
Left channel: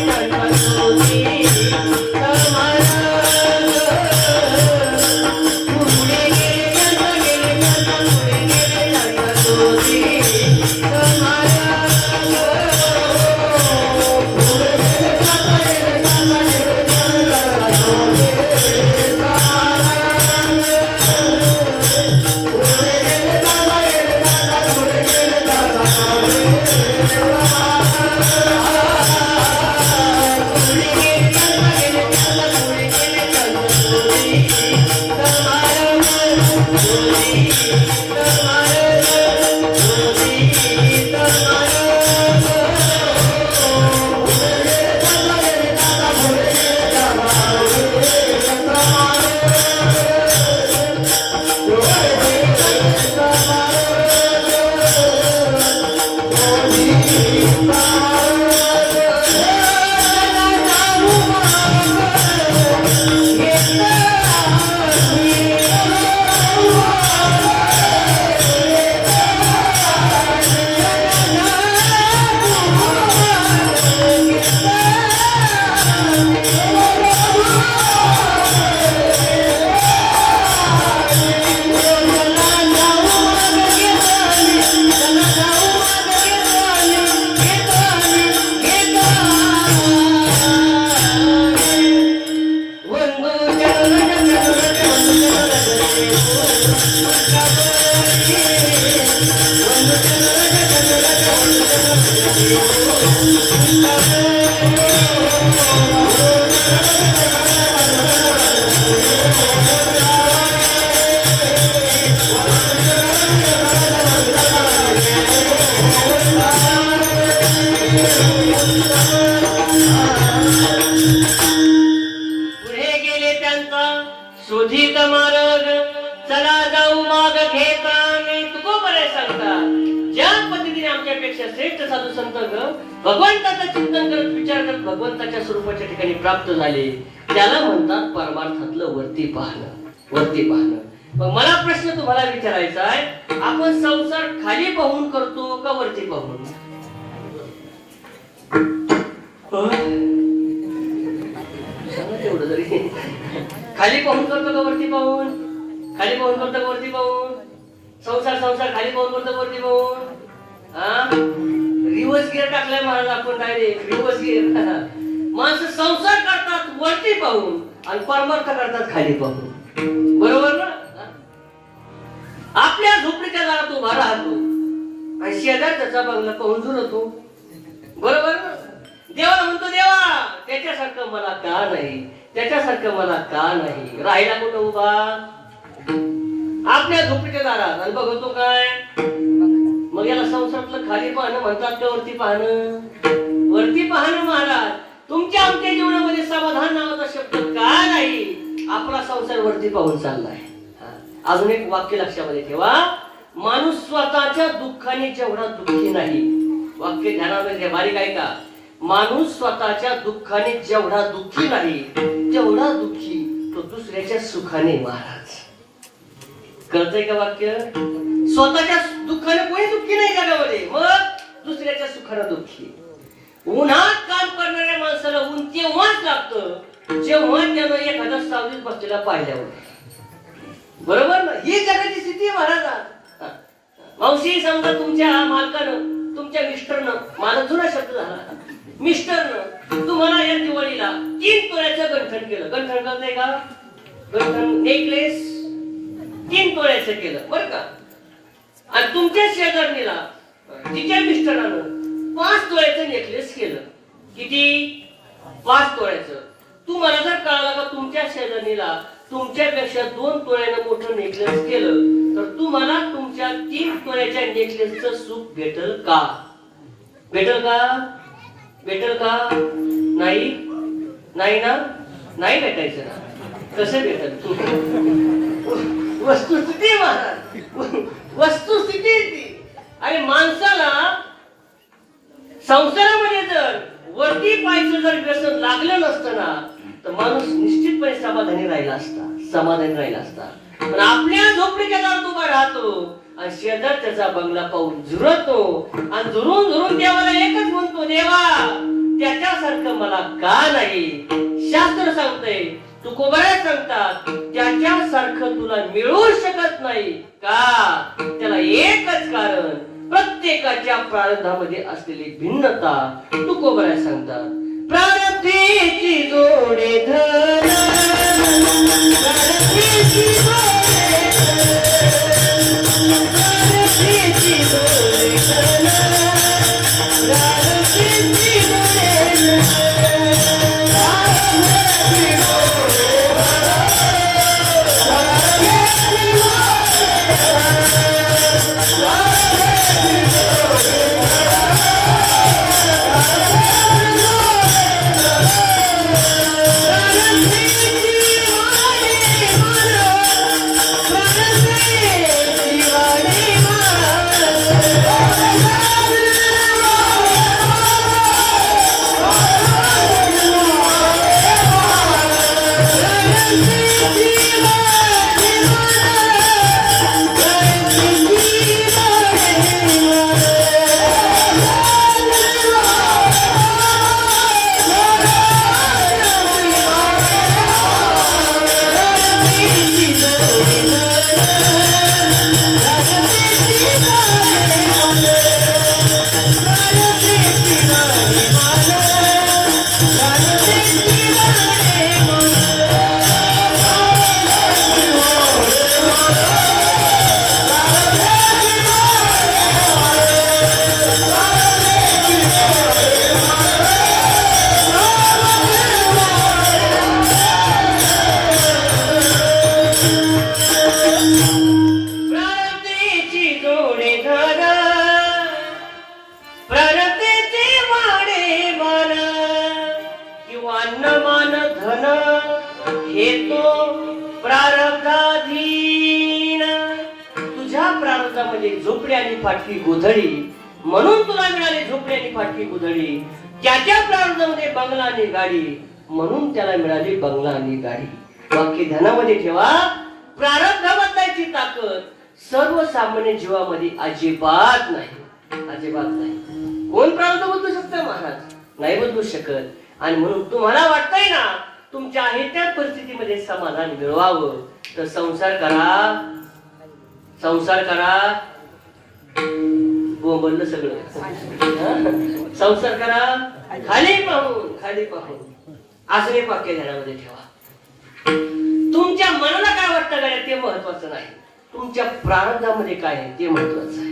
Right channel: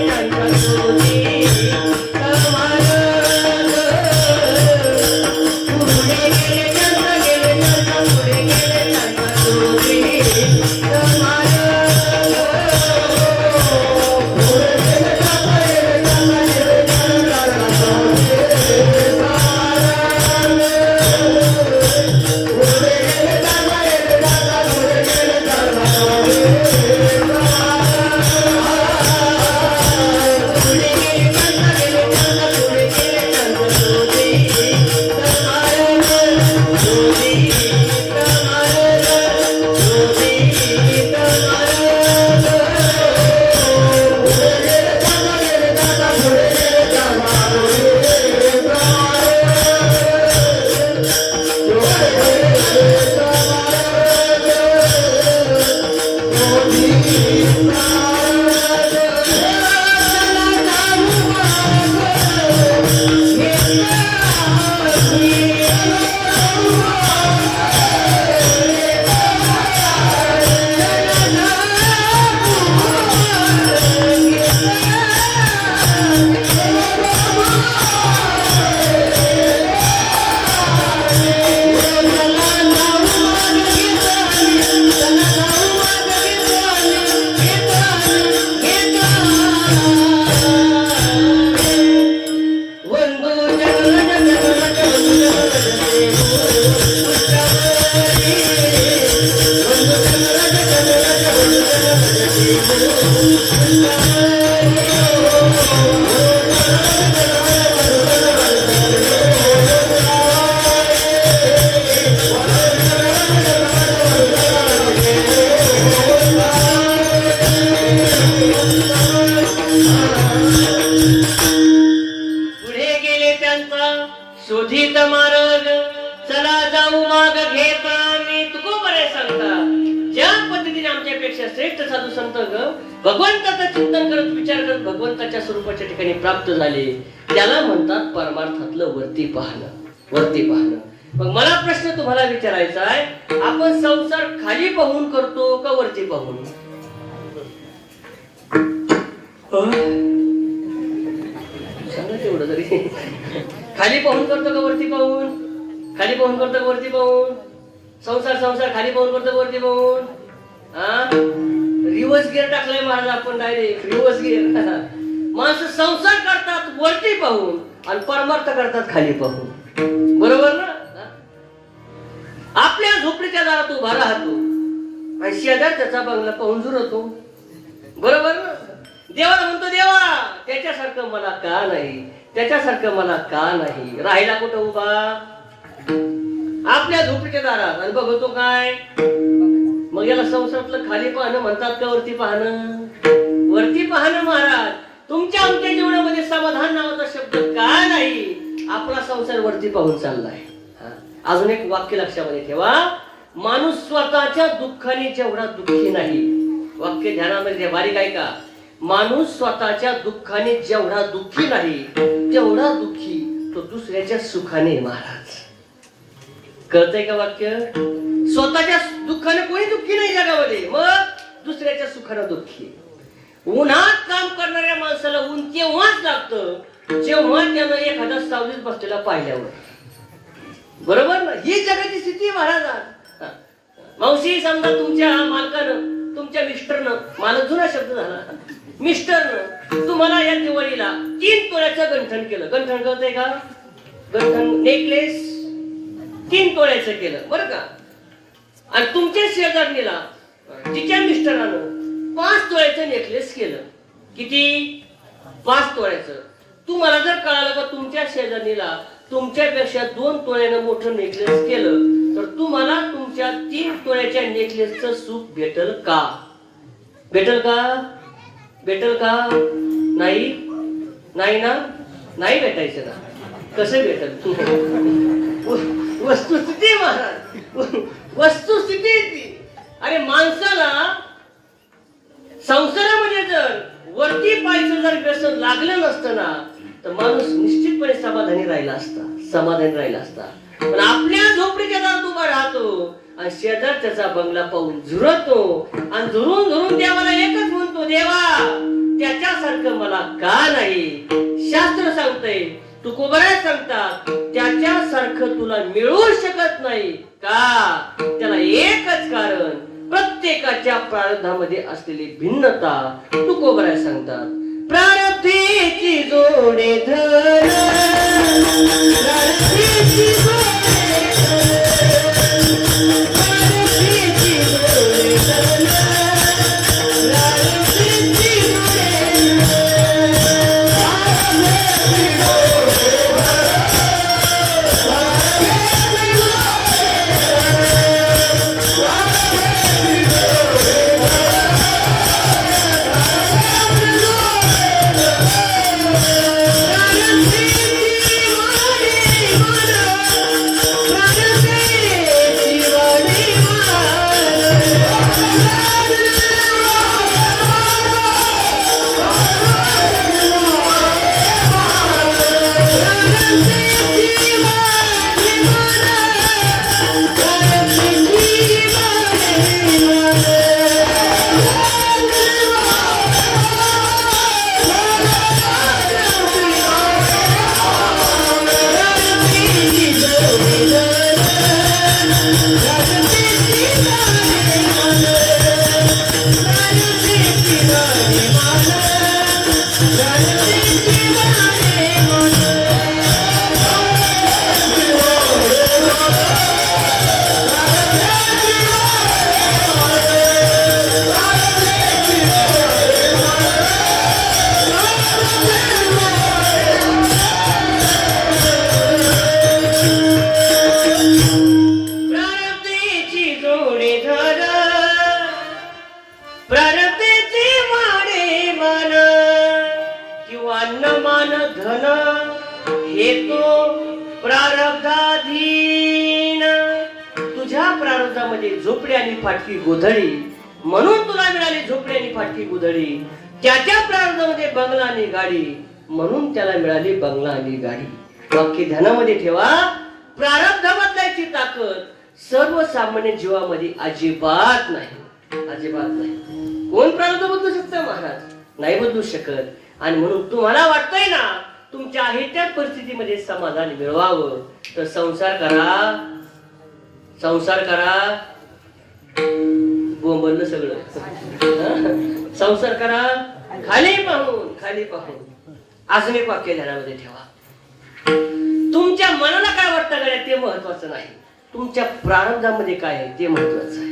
शोधित मार्ग चला जाऊ माग घेता. मी तुकोबाराय सांगतात, ज्या पद्धतीने आमच्यापेक्षा श्रेष्ठ साधू संत भगवंताचं चिंतन करत विचार करत भगवंताच्या स्वरूपाच्या ठिकाणी प्राप्त झाले, त्याला म्हणतात परमार्थातलं वरती पाहणं, वरती पाहणं. मग मला प्रश्न तुम्हाला विचारायचा आहे, आपण संसार खाली पाहून करतो का वरती पाहून? तेवढं जरी खाली पाहून करतो का वरती पाहून? खाली पाहून करतो का वरती पाहून? संसार खाली पाहून करतो का वरती पाहून? रिवर्स गिअर टाकलाय महाराज आपण, डायरेक्ट रिवर्स गिअर. माणसं संसार करतात वरती पाहून आणि परमार्थ करतात खाली पाहून. बरोबर ना? आपल्या झोपडीच्या दारात उभा राहतो आणि शेजार त्याचा बंगला पाहून जुळतो. बरोबर ना? देवाला म्हणतो, देवा त्याच्यासारखं मला का नाही, त्याच्यासारखं मला का नाही. राहिला कुठं उभा? आपल्या झोपडीच्या दारात. आणि बघतो काय? मग याला संसारातलं खाली पाहणं म्हणतात का वरती पाहणं? वरती पाहणं महाराज. तुमच्या आमच्या जीवनामध्ये समाधान नावाचा शब्द का नाही? आपला संसार वरती पाहून चाललाय. अजून एक वाक्य लक्षामध्ये ठेवा, माणूस स्वतःच्या दुःखाने जेवढा दुःखी नाही. वाक्य ध्यानामध्ये घ्या, बारीक ऐका. माणूस स्वतःच्या दुःखाने जेवढा दुःखी नाही, तेवढा दुःखी तो दुसऱ्याच्या सुखाने महाराज. कळतंय का वाक्य? स्वतःच्या दुःखाने कोणी दुःखी नाही जगामध्ये, मग दुसऱ्याच्या सुखाने दुःखी. उन्हात काम करणाऱ्या माणसाला ऊन तेव्हाच लागतं जेव्हा त्यानं एखादा सावलीत बसलेला पाहिल्यावर. बरोबर ना? ही जगाची स्थिती आहे महाराज. मावशी समजा तुमच्या मालकानं, तुमच्या मिस्टरनं, मालक जुना शब्द झाला, मिस्टरनं तुम्हाला या दिवाळीला 3 तोळ्याचं गंठण केलं. गंठण करताय का? गंठण नेकलेस 3 तोळ्याचं केलं बरं का. आणि तुमच्या शेजारणीला तिच्या मिस्टरानं 5 तोळ्याचं नेकलेस केलं. किती? 5 तोळ्याचं. तुम्हाला जर कळालं का तुमच्या शेजारणीला तुमच्यापेक्षा 2 तोळ्यानं मोठं नेकलेस केलं तर तुम्हाला तुमच्या 3 तोळ्याच्या नेकलेसचं सुख भेटल का? भेटल का? भेटल का? नाही, नाही ना? नाही भेटायचं ना. कसं भेटल? वस्तुस्थिती महाराज, वस्तुस्थिती ती. आणि माणसाला संसारामध्ये जर वरती पायचं जर व्यसन लागलं नसतं ना तर माणूस निश्चितपणे समाधानी राहिला असता, समाधानी राहिला असता. पण आपल्या झोपडीच्या दारात उभा राहतो आणि शेजार त्याचा बंगला पाहून झुरतो आणि झुरून झुरून देवाला एकच म्हणतो, देवा त्याच्यासारखं मला का नाही? शास्त्र सांगतंय, तुकोबारा सांगतात, त्याच्यासारखं तुला मिळू शकत नाही का? त्याला एकच कारण, प्रत्येकाच्या प्रारब्धामध्ये असलेली भिन्नता. तुकोबारा सांगतात, प्रारब्धीची जोडे धर, प्रारब्धीची जोडे धर, प्रारब्धीची जोडे धर, प्रारब्धीची जोडे झोपडी आणि फाटकी गोधडी. म्हणून तुला मिळाली झोपडी आणि फाटकी गोधडी. त्याच्या प्रारब्धामध्ये बंगला आणि गाडी, म्हणून त्याला मिळाली बंगला आणि गाडी. वाक्य ध्यानामध्ये ठेवा, प्रारब्ध बदलायची ताकद सर्वसामान्य जीवामध्ये अजिबात नाही, अजिबात नाही. कोण प्रारब्ध बदलू शकतं महाराज? नाही बदलू शकत. आणि म्हणून तुम्हाला वाटतंय ना तुमच्या आहे त्या परिस्थितीमध्ये समाधान मिळवावं तर संसार करा, संसार करा. बोंबललं सगळं. संसार करा खाली पाहून, खाली पाहून. असं एक वाक्य ध्यानामध्ये ठेवा. तुमच्या मनाला काय वाटतं का ते महत्वाचं नाही, तुमच्या प्रारब्धामध्ये काय आहे ते महत्वाचं आहे.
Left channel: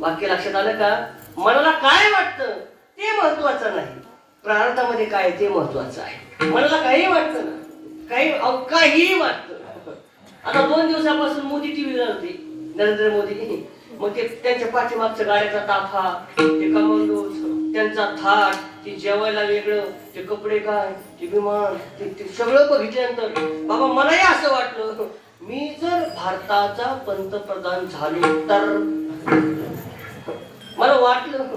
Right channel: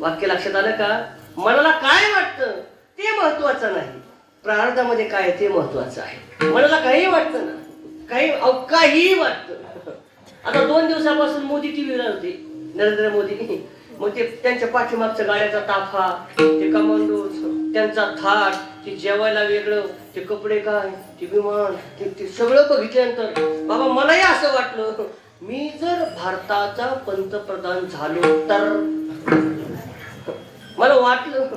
वाक्य लक्षात आलं का? मनाला काय वाटतं ते महत्वाचं नाही, प्रारब्धामध्ये काय आहे ते महत्वाचं आहे. मनाला काही वाटतं ना, काही वाटतं. आता 2 दिवसापासून मोदी टीव्ही लावते, नरेंद्र मोदी. मग ते त्यांच्या पाठीमागच्या गाड्याचा ताफा, ते कमांडो, त्यांचा थाट, ते जेवायला वेगळं, ते कपडे काय, ते विमान, ते सगळं बघितल्यानंतर बाबा मलाही असं वाटलं, मी जर भारताचा पंतप्रधान झालो तर. मला वाटलं,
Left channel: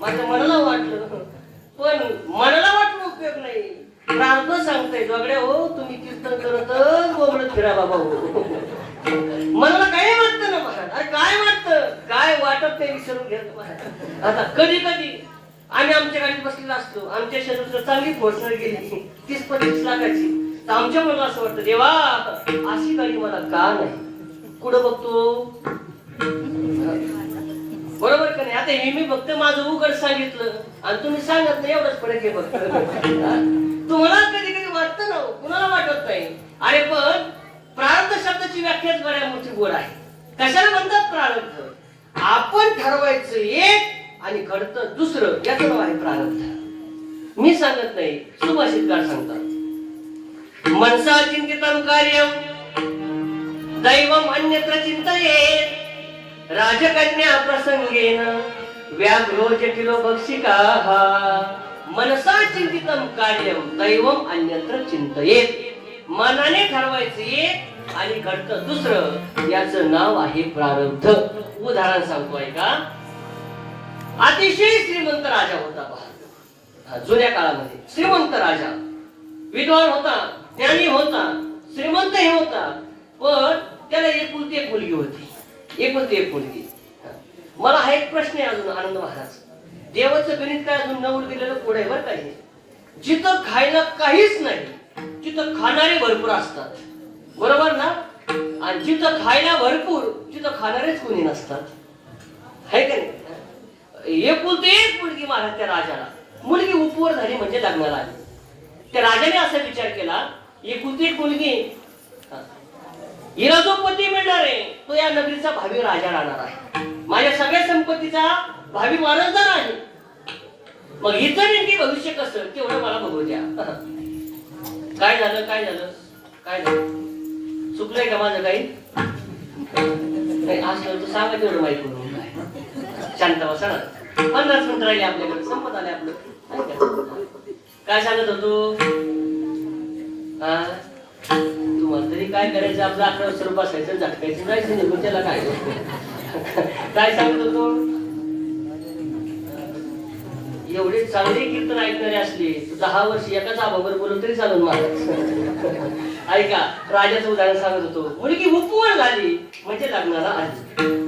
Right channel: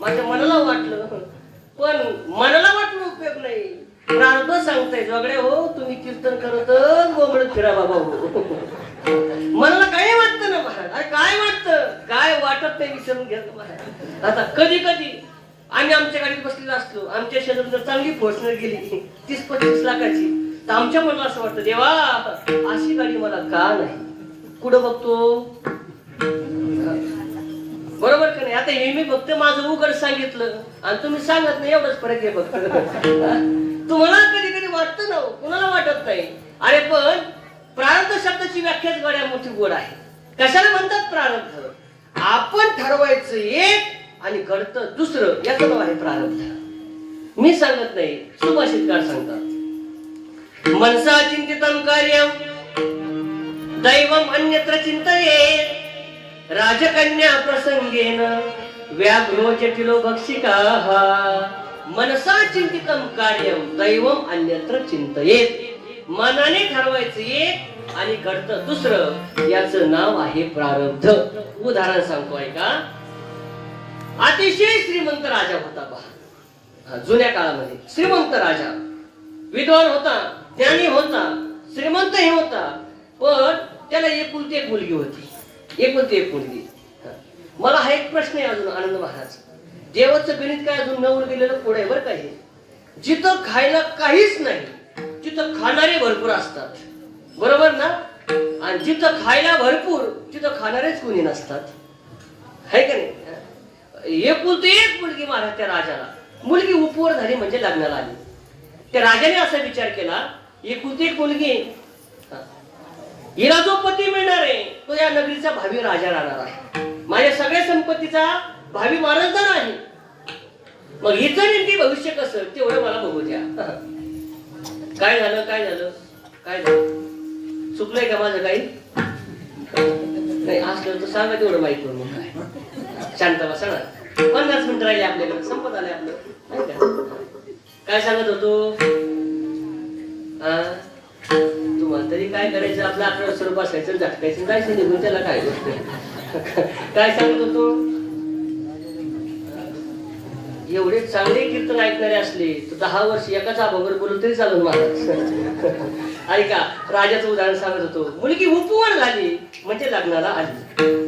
माझ्या मनाला वाटलं, पण मनाला वाटलं उपयोग नाही. प्रार्थ सांगताय जोगडे हो, तुम्ही कीर्तन करतच गोमडत फिरा बाबा. मनाला काही वाटतं ना, काय वाटतं, काय वाटत ते विसरून घ्या. आता कधी कधी आम्ही आम्ही आमच्या गाडीत बसलेलो असलो, आमच्या शेतात चांगली घोषणा गेली 30-35 लाखाची, तर आमच्या मनाला असं वाटतं देवा अशी गाडी मला का नाही. कुठं बघतो बरोबर का नाही. आता हे मी फक्त माझं उघड सांगितलं आणि तुम्ही सांगत नाही, एवढंच फरक आहे फक्त. तुम्हाला कधी कधी वाटतं ना, कुणाला वाटत नाही. आणि पण प्रारब्ध शब्दाची व्याख्याच गाड्या मोठी गोड आहे. कशाला म्हणतात प्रारब्ध? आपण ठरवायचं एक आणि घडतं दुसरं, याचं नाव आहे प्रारब्ध. मी सांगत नाही, सुभाषितकार सांगतात. मनसा चिंतितं कार्यं दैवम अन्यत्र चिंतयेत् राजकन्या प्रसंगेन व्याघ्रो जटिलो भक्षिकाः. मनसा चिंतितं कार्यं दैवम अन्यत्र चिंतयेत्. मनाने ठरवायचं एक आणि घडतं दुसरं, याचं नाव आहे प्रारब्ध. उदाहरण सांगतो ऐका. अतिशय श्रीमंत राजा होता पहा, जुन्या काळामध्ये श्रीमंत राजा, विद्वान होता, ज्ञानी होता, श्रीमंतही होता, पण त्याला एकुलती एक मुलगी होती. एकुलती एक मुलगी. मला हा एक प्रश्न आहे अजून आनंद महाराज. देवाचं गणित काय अजून नवर गेलेलं पुढे बरं काही. जिथं खायला काहीच नाही तिथं खाणारे भरपूर असतात, बरोबर ना. आणि जिथं खायला भरपूर तिथं खाणारेच कोणी नसतात, है का नाही. एकुलती एक मुलगी महाराज त्या राजाला. मुलगी उपवर झाली म्हणजे लग्नाला आली. त्या राजाने असा विचार केला, एकुलती एक मुलगी, हिला जो पती मिळणार आहे तो या नगरीचा भावी राजा राहणार आहे, माझ्या सगळ्या संपत्तीचा भावी वारसदार आहे. मग हिचं नेमकी भविष्य कसं तेवढं मला बघू द्या. काय झालं काय झालं काय झालं, चुकलंय का माझं काही असलं तर सांगा तेवढं माहिती करून. काय शांत बसा ना, 50 मिनिटं राहिले आपल्याकडे, संपत आले आपलं. काय सांगत होतो? तुम्हाला तरी काय करायचं, आपलं 11 वाजता बसायचं, झटकायचं, जायचं निघून, त्याला काय काय सांगत होतो? एवढे चांगले कीर्तन ऐकणारे असले तर 10 वर्ष एकाच आबावर बोलून तरी चालून मला. ऐका, राजाचं उदाहरण सांगत होतो. मुलगी उपवर झाली म्हणजे लग्नाला आली.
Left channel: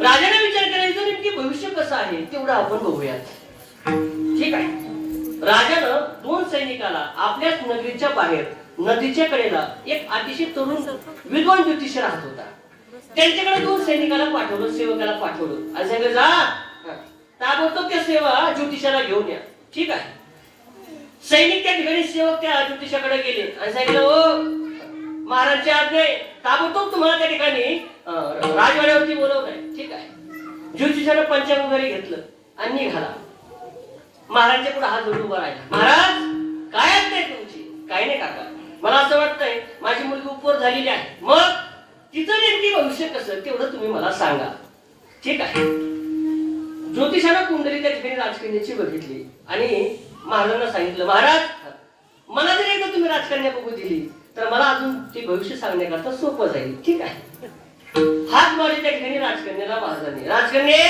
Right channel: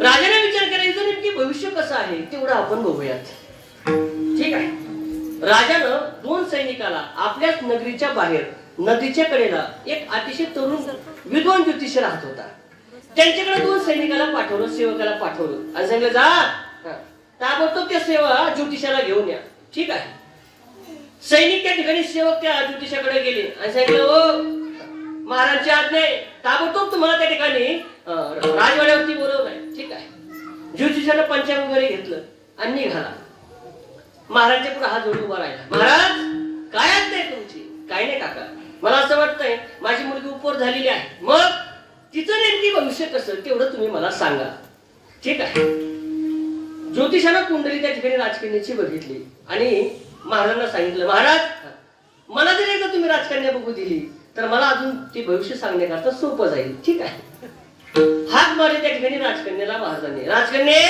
राजाने विचार करायचं नेमकी भविष्य कसं आहे तेवढं आपण बघूयात, ठीक आहे. राजानं 2 सैनिकाला आपल्याच नगरीच्या बाहेर नदीच्या कडेला एक अतिशय तरुण विद्वान ज्योतिष राहत होता. त्यांच्याकडे 2 सैनिकाला पाठवलं, सेवकाला पाठवलं आणि सांगितलं जा ताबडतोब त्या सेवा ज्योतिषाला घेऊन या, ठीक आहे. सैनिक त्या ठिकाणी सेवक त्या ज्योतिषाकडे गेले आणि सांगितलं, ओ महाराजच्या आज्ञे ताबडतोब तुम्हाला त्या ठिकाणी राजवाड्यावरती बोलवलंय, ठीक आहे. ज्योतिषानं पंचांग वगैरे घेतलं आणि निघाला. महाराजच्या पुढे हात जोडून उभा राहिला. महाराज काय आज्ञा आहे तुमची? काय नाही काका, मला असं वाटतंय माझी मुलगी उपवर झालेली आहे, मग तिचं नेमकी भविष्य कसं तेवढं तुम्ही मला सांगा, ठीक आहे. ज्योतिषानं कुंडली त्या ठिकाणी राजकन्याची बघितली आणि महाराजांना सांगितलं, महाराज मला जर एकदा तुम्ही राजकन्या बघू दिली तर मला अजून ते भविष्य सांगण्याकरता सोपं जाईल, ठीक आहे. हात मारले त्या ठिकाणी राजकन्याला महाराजांनी. राजकन्या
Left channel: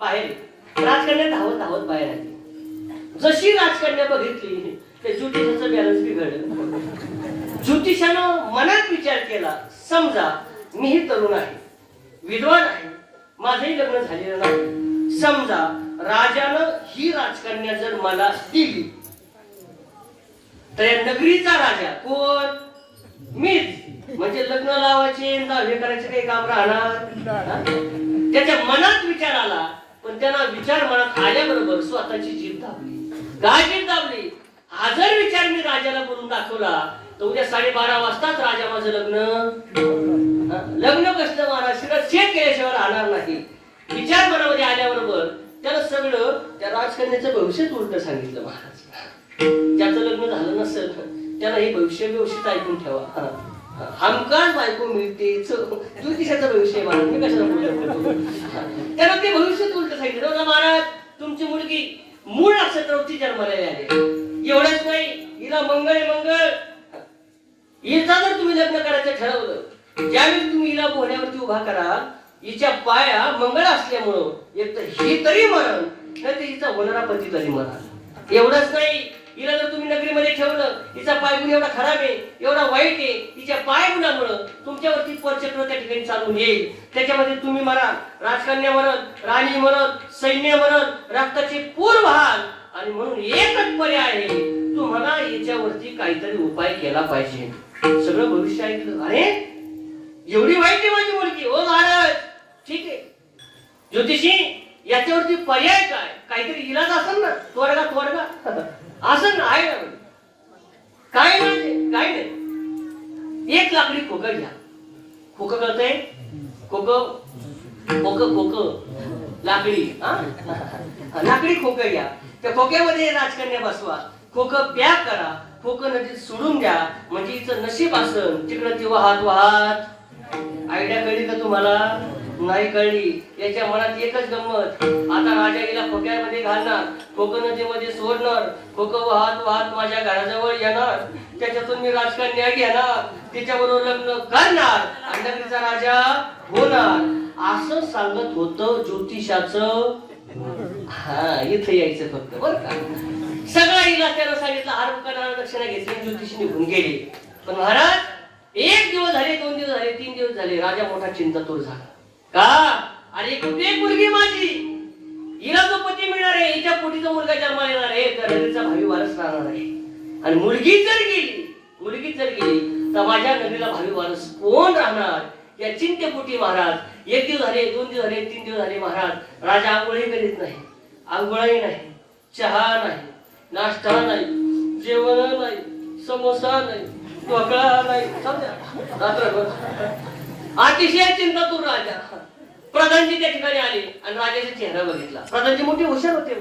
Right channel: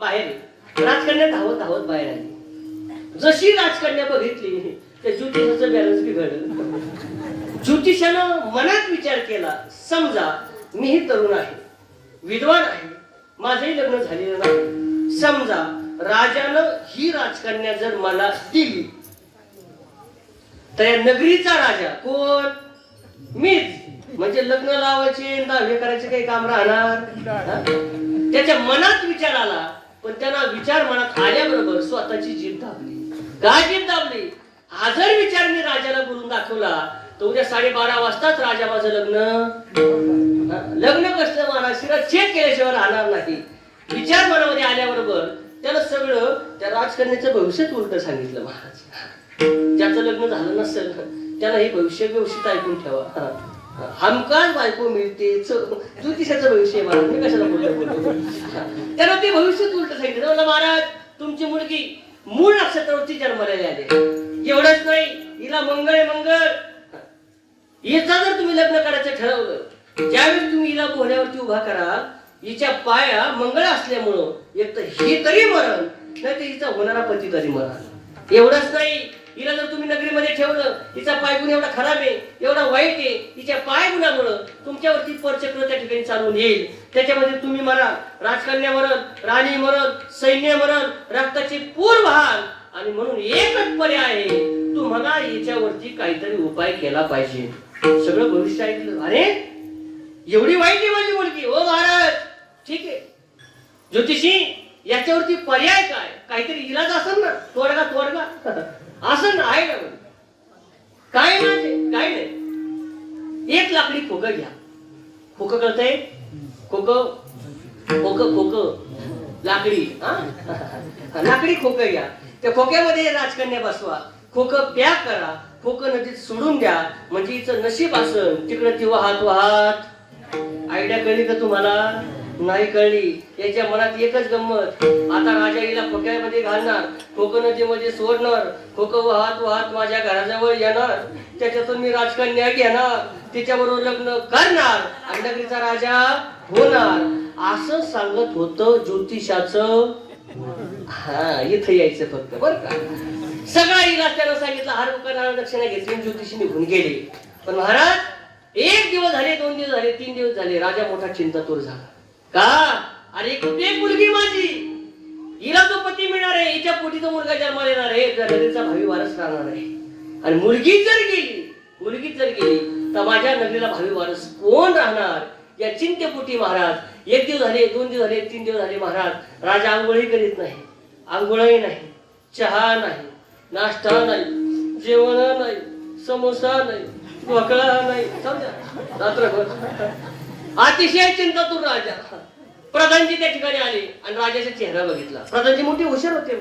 बाहेर. राजकन्या धावत धावत बाहेर आली. जशी राजकन्या बघितली त्या ज्योतिषाचं बॅलन्स बिघडलं. ज्योतिषानं मनात विचार केला, समजा मी ही तरुण आहे, विद्वान आहे, माझंही लग्न झालेलं नाही, समजा राजानं ही राजकन्या जर मला दिली तर या नगरीचा राजा कोण? मीच. म्हणजे लग्न लावायचे, दावे करायचे काही काम राहणार? त्याच्या मनात विचार आला, पण त्यांना विचार मनात आल्याबरोबर स्वतःची जीभ दाबली. काय जीभ दाबली? हा जर विचार मी राजाला बोलून दाखवला तर उद्या 12:30 वाजताच राजा माझं लग्न बसलं महाराज, चेक केल्याशिवाय राहणार नाही. विचार मनामध्ये आल्याबरोबर त्याला सगळं त्या राजकन्याचं भविष्यच उलट सांगितलं महाराज. ज्याचं लग्न झालं नसेल त्याला हे भविष्य व्यवस्थित ऐकून ठेवा. हमखास बायको मिळते ज्योतिषाचं भविष्य महाराज, मी कशाला बोलतो? त्याला ते भविष्यच उलट सांगितलं. महाराज तुमची मुलगी मूळ नक्षत्रावरती जन्माला आली, एवढंच नाही हिला मंगळ हिचा जर तुम्ही लग्न करायचं ठरवलं, ज्यावेळी तुम्ही हिला घोड्यावरती उभा करा, हिच्या पाया मंगळ असल्यामुळं एक तर ही तरी मरण, नाही तर हिचा होणारा पती तरी मरण. एवढंच नाही हिला जर तुम्ही नगरीमध्ये ठेवलं, हिचा पायगुण एवढा खराब आहे, एवढा वाईट आहे, हिच्या पायगुणामुळं तुमच्यावरती परचक्र त्या ठिकाणी चालून येईल. त्याच्यामध्ये तुम्ही म्हणा राजकन्या म्हणत, राणी म्हणत, सैन्य म्हणत, रक्ताची पूर व्हाल. आणि म्हणून एकच पर्याय आहे, तू म्हणा याच्यावरती काहीतरी उपाय केला पाहिजे. सगळं भविष्य ऐकलं. अरे एवढी वाईट आहे माझी मुलगी. हो महाराज, ठीक आहे ज्योतिषी, याच्यावरती पर्याय काय? काहीतरी इलाज असेल ना, तोडगा असेल ना, आहे ना? काय नाही, एक लाकडी खोकं घ्या. खोकं कळतंय? खोकं लाकडी, लाकडी खोकं घ्या. त्या खोक्यामध्ये राजकन्या बसवा, खोकं पॅक करा, खोकं नदीत सोडून द्या. म्हणजे हिचं नशीब असेल तिकडे ती वाहत. आयडिया कळली का तुम्हाला? नाही कळली. याच्या मनात एकच गंमत, आता राजा गेला खोक्यामध्ये घालणार, खोकं नदीमध्ये सोडणार, खोकं वाहत माझ्या घराजवळ येणार, त्याच्यातून मी राजकन्या घेणार, तिच्याबरोबर लग्न करणार आणि नगरीचा राजा होणार. असं सांगत होतं ज्योतिषाचं. इथे यायचं फक्त बरं का. सगळं हिला त्याला सांगितलं, हार करणारा दक्षिणा घेतली, ज्योतिषी निघून गेले. पण महाराज 1 दिवस झाले, 2 दिवस झाले, 3 दिवस झाले, राजा मोठा चिंतातूर झाला. का? अरे कुठे मुलगी माझी, हिला जो पती मिळणार आहे, हिच्या पोटीचा मुलगा जन्माला येणार आहे, नगरीचा भावी वारस राहणार आहे. आणि मुलगी जर गेली तर माझ्या नगरीला भावी वारस कोण राहणार? या चिंतेपोटी महाराज 1 दिवस झाले, 2 दिवस झाले, 3 दिवस झाले, महाराज राजा आंघोळी करीत नाही. आंघोळही नाही, चहा नाही, नाश्ता नाही, जेवण नाही, समोसा नाही, ढोकळा नाही. अतिशय चिंतातूर राजा. प्रधानजी त्या ठिकाणी आले आणि राजाचा चेहरा बघितला. प्रधानजी मोठे हुशार होते.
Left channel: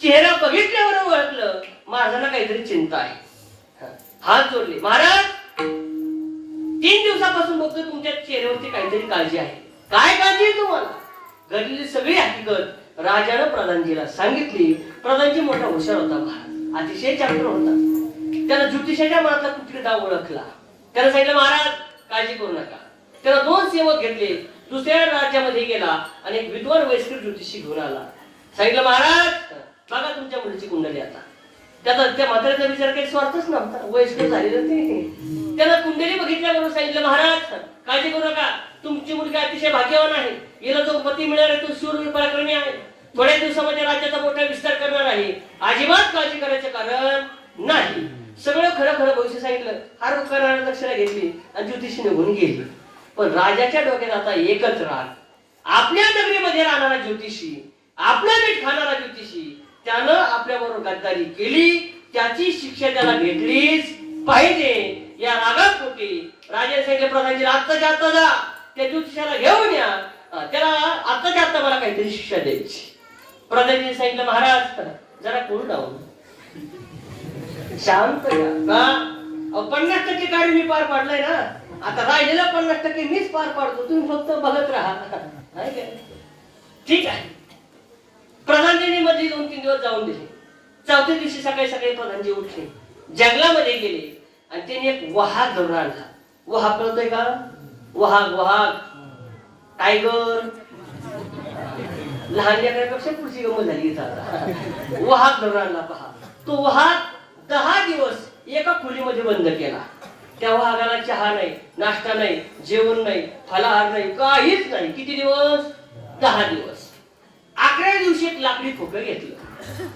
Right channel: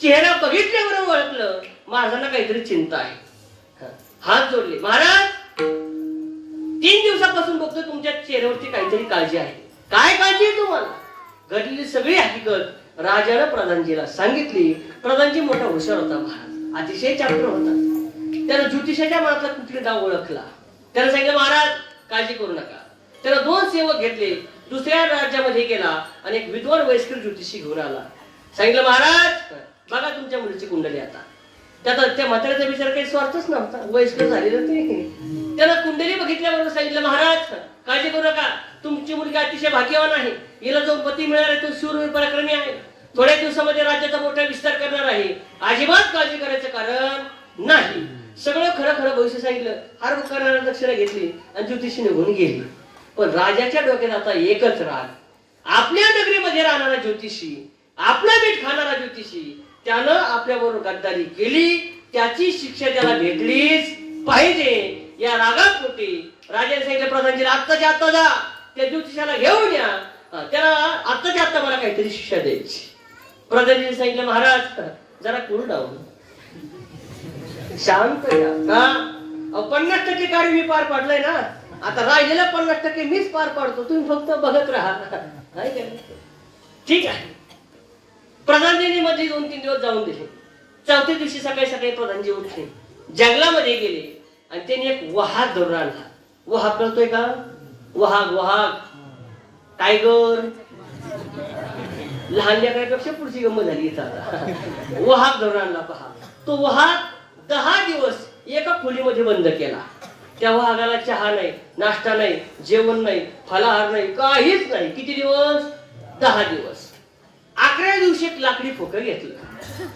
चेहरा बघितल्यावर ओळखलं महाराजांना काहीतरी चिंता आहे. हात जोडले. महाराज 3 दिवसापासून बघतो तुमच्या चेहऱ्यावरती काहीतरी काळजी आहे. काय काळजी आहे तुम्हाला? घडलेली सगळी हकीकत राजानं प्रधानजीला सांगितली. प्रधानजी मोठा हुशार होता महाराज, अतिशय चापटर होता. त्याला ज्योतिषाच्या मार्फत कुठले गाव ओळखला. त्याला सांगितलं महाराज काळजी करू नका. त्याला 2 सेवक घेतले, दुसऱ्या राज्यामध्ये गेला आणि एक विद्वान वयस्कर ज्योतिषी घेऊन आला. सांगितलं महाराज बघा तुमच्या मुलीची कुंडली. आता त्या म्हाताऱ्याचा विचार काही स्वार्थच नव्हता, वयस्कर झालेलं ते. त्याला कुंडली बघितल्याबरोबर सांगितलं महाराज काळजी करू नका, तुमची मुलगी अतिशय भाग्यवान आहे, हिला जो पती मिळणार आहे तो शूरवीर पराक्रमी आहे, थोड्या दिवसामध्ये राज्याचा मोठा विस्तार करणार आहे, अजिबात काळजी करायचं कारण नाही. सगळं खरं भविष्य सांगितलं. हार करणारा दक्षिणा घेतली आणि ज्योतिषी निघून गेली. पण राजाच्या डोक्यात आता एकच राग, आपल्या नगरीमध्ये राहणारा ज्योतिषी, आपला मीठ खाणारा ज्योतिषी, त्यानं आपल्या बरोबर गद्दारी केली, त्याची शिक्षा त्याला भेटलीच पाहिजे. या रागापोटी राजाने सांगितले प्रधानजीला आत्ताच्या आत्ता जा, त्या ज्योतिषाला घेऊन या, त्याला आत्ताच्या आत्ता मला काहीतरी शिक्षा द्यायची. प्रधानजीने सांगितलं महाराज जरा करू डाऊन, शांत का 50% कार्य मी पार पाडलंय ना, आता राहिलेला 50% मीच पार पाडतो, तुम्ही फक्त बघत राहा. नाही काय? ठीक आहे. प्रधानजीने मध्ये 2-3 दिवस जाऊन दिले. 4थ्या दिवशी सकाळी प्रधानजी उठले, जंगलामध्ये गेले आणि त्यांनी एक वाघ धरून आणला. वाघ कळतोय का? वाघ टायगर. लहान लेकरापेक्षा पुढची गंमत झाली इथं. वाघ धरून आणला. पहा तो वाघ 10 दिवस एका खोलीमध्ये बंद केला. त्या वाघाला चहा नाही, नाश्ता नाही, जेवण नाही, फलाहार नाही, काहीच नाही. किती दिवस? 10 दिवस. 11व्या दिवशी एक लाकडी खोकं घेतलं.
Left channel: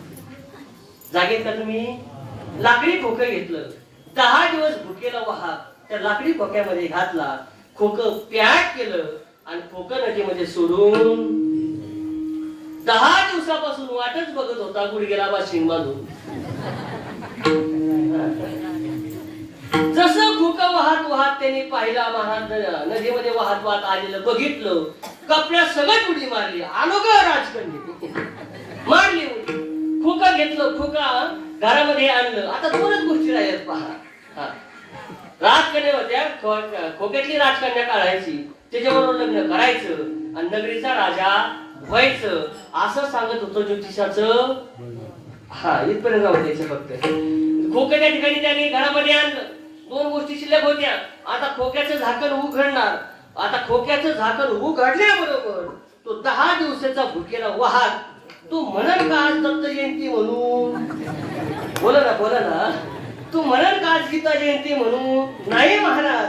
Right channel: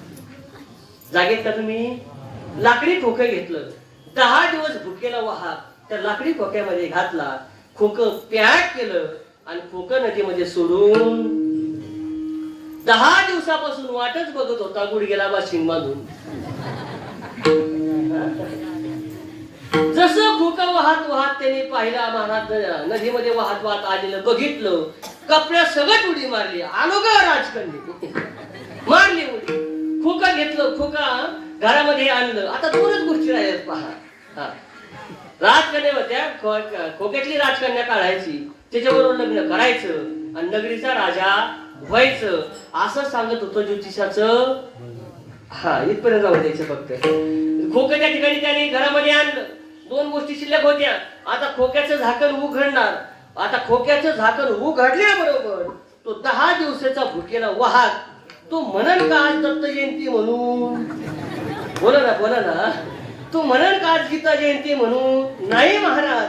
जागेत का तुम्ही? लाकडी खोकं घेतलं. 10 दिवस भुकेला वाघ त्या लाकडी खोक्यामध्ये घातला, खोकं पॅक केलं आणि खोकं नदीमध्ये सोडून 10 दिवसापासून वाटच बघत होता गुडघेला बाशिंग बांधून. जसं खोकं वाहत त्यांनी पाहिला महाराज नदीमध्ये वाहत आलेलं बघितलं, कपड्या सगळं उडी मारली. आलो का राजकन्या मारली उडी. खोकं घेतलं, खोका घरामध्ये आणलं. आता 2च गोष्टी राहिल्यात पहा. राजकन्या होत्या, खोक्यातली राजकन्या काढायची, त्याच्याबरोबर लग्न करायचं आणि नगरीचा राजा व्हायचं, असं सांगत होतं ज्योतिषाचं. इथपर्यंत राहू द्यायचं फक्त. खोकं त्या ठिकाणी त्याने घरामध्ये आणलं. 2 गोष्टी शिल्लक होत्या. आता खोक्याचं झाकण उघडणार. आता खोक्याचं झाकण उघडल्याबरोबर तो 10 दिवसाचा भुकेला वाघ तो म्हणन का आज दत्त जयंती म्हणून बोला ना. तू म्हणन का सीता जयंती म्हणून? नाही महाराज,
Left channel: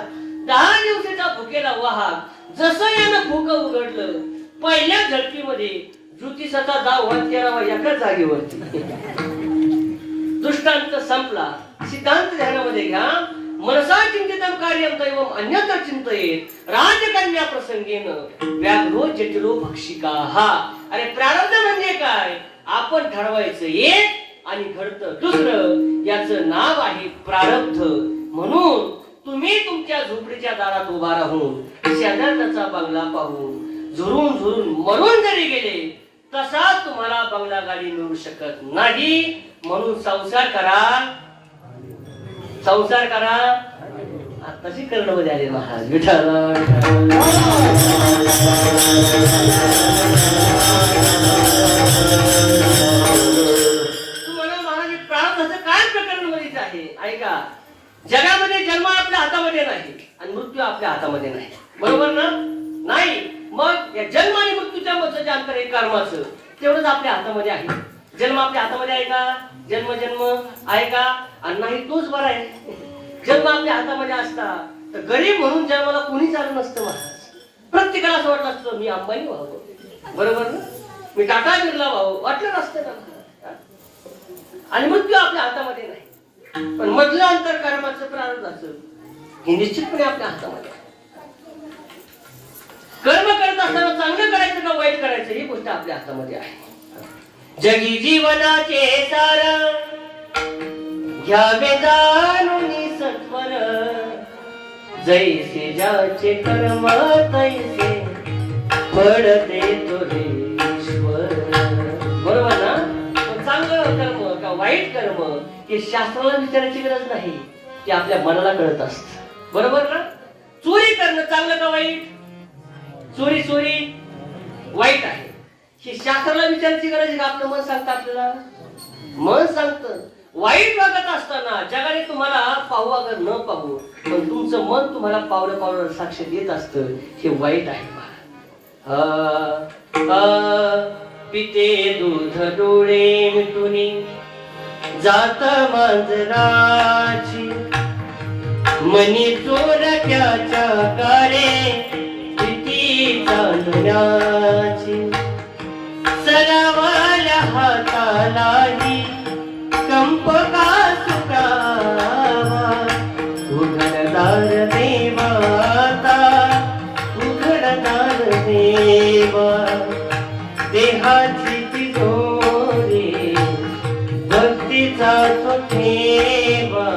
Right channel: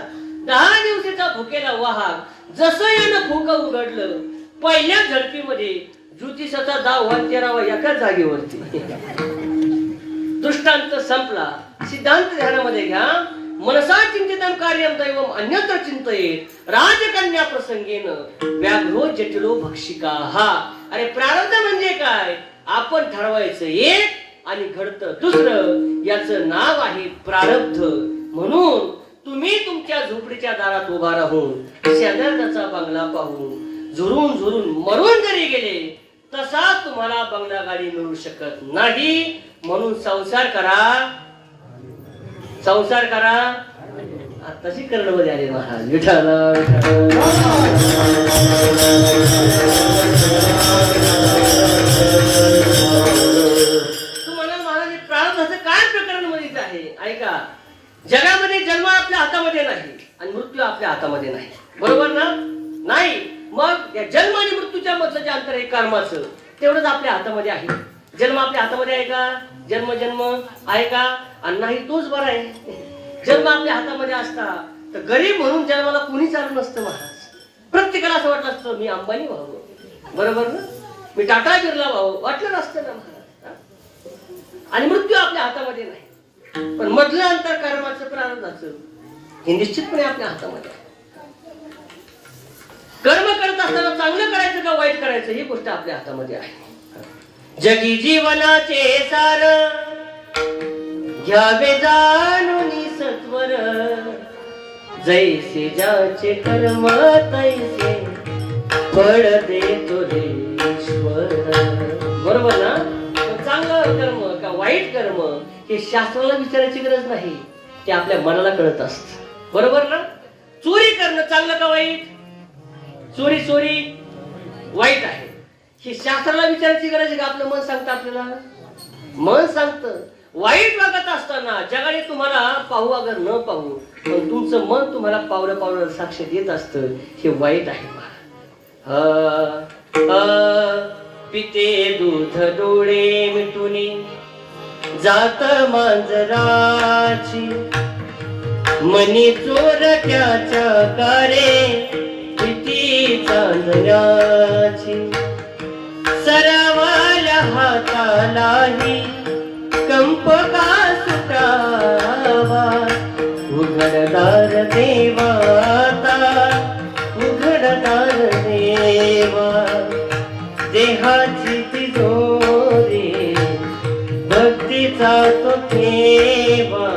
10 दिवसाचा भुकेला वाहक जसं यानं भूक उघडलं, पहिल्या झडपीमध्ये ज्योतिषाचा दाव वाचेरावा एका जागेवरती. दृष्टांत संपला. सिद्धांत ध्यानामध्ये घ्या. मनसा चिंतितं कार्यं दैवम् अन्यत्र चिंतयेत राजकन्या प्रसंगेन व्याघ्रो जटिलो भक्षिकाः. अरे प्रारब्ध म्हणजे काय? आपण ठरवायचं एक आणि घडतं दुसरं. याचं नाव आहे प्रारब्ध. म्हणून तुम्ही तुमच्या झोपडीच्या दारात उभा राहून शेजारचा बंगला पाहून झुरून झुरून मरून जरी गेले तसा तुम्हाला बंगला गाडी मिळू शकत नाही. म्हणून संसार करा. तशी कर्णमध्ये आले महाराज. विठ्ठल तुम्हाला महाराज प्रारब्धाचं काय प्रकरण माहित आहे? ऐका, जगामध्ये जन्म आपल्या हातामध्ये नाही आणि मृत्यू आपल्या हातामध्ये नाही. बरोबर ना? नाही. मग या जन्म आणि मृत्यूच्या मधलं जे अंतर आहे कर्माचं, तेवढंच आपल्या हातामध्ये आहे. जन्म आपल्या हातामध्ये आहे का? जन्म आहे का? आणि नाही तोच बरा आहे. जन्म आपल्या हातामध्ये असता तर गरीब म्हणून जन्माला कोणीच आलं नसतं महाराज. प्रत्येकाला असं वाटलं असतं मी अंबानी व्हावं, बरोबर ना, मी टाटा बिर्ला व्हावं, वाटलं नसतं ना महाराज. आणि मृत्यू आपल्या हातामध्ये नाही, पण मधलं अंतर कर्माचं प्रारब्धाचं हे निश्चितपणे आपल्या हातामध्ये. कर्म करत असताना चांगलं करायचं का वाईट करायचं ही गोष्ट आपल्या हातामध्ये आहे. जगी जीवनाचे सार घ्यावे जाणून सत्वर, जैसे ज्याचे कर्म तैसे फळ देतो रे ईश्वर. बरोबर ना? चांगलं कर्म का वाईट कर्म हे शास्त्राला विचारायची गरज नाही, ते आपल्या मनाला कळत असत. बरोबर ना? चोरी करणं चांगलं का वाईट? चोरी वाईट आहे हे शास्त्राला विचारायची गरज आहे का? आपलं मन सांगतं आपल्याला. मन सांगतं. वाईट वागत असताना जगाने तुम्हाला पाहू अगर न पाहू पण तुमचं मन तुम्हाला पावलं साक्ष देत असतं, हे वाईट आहे. पिते दूध डोळे मिटुनी जात मांजराची, मनी चोरट्याच्या कारे प्रीती चांदण्याची. सरावाला हातालाही कंप का सुटावा, उघडदार देवाता उघडदार देवा. देहाची तिजोरी भक्तीचा तो ठेवा,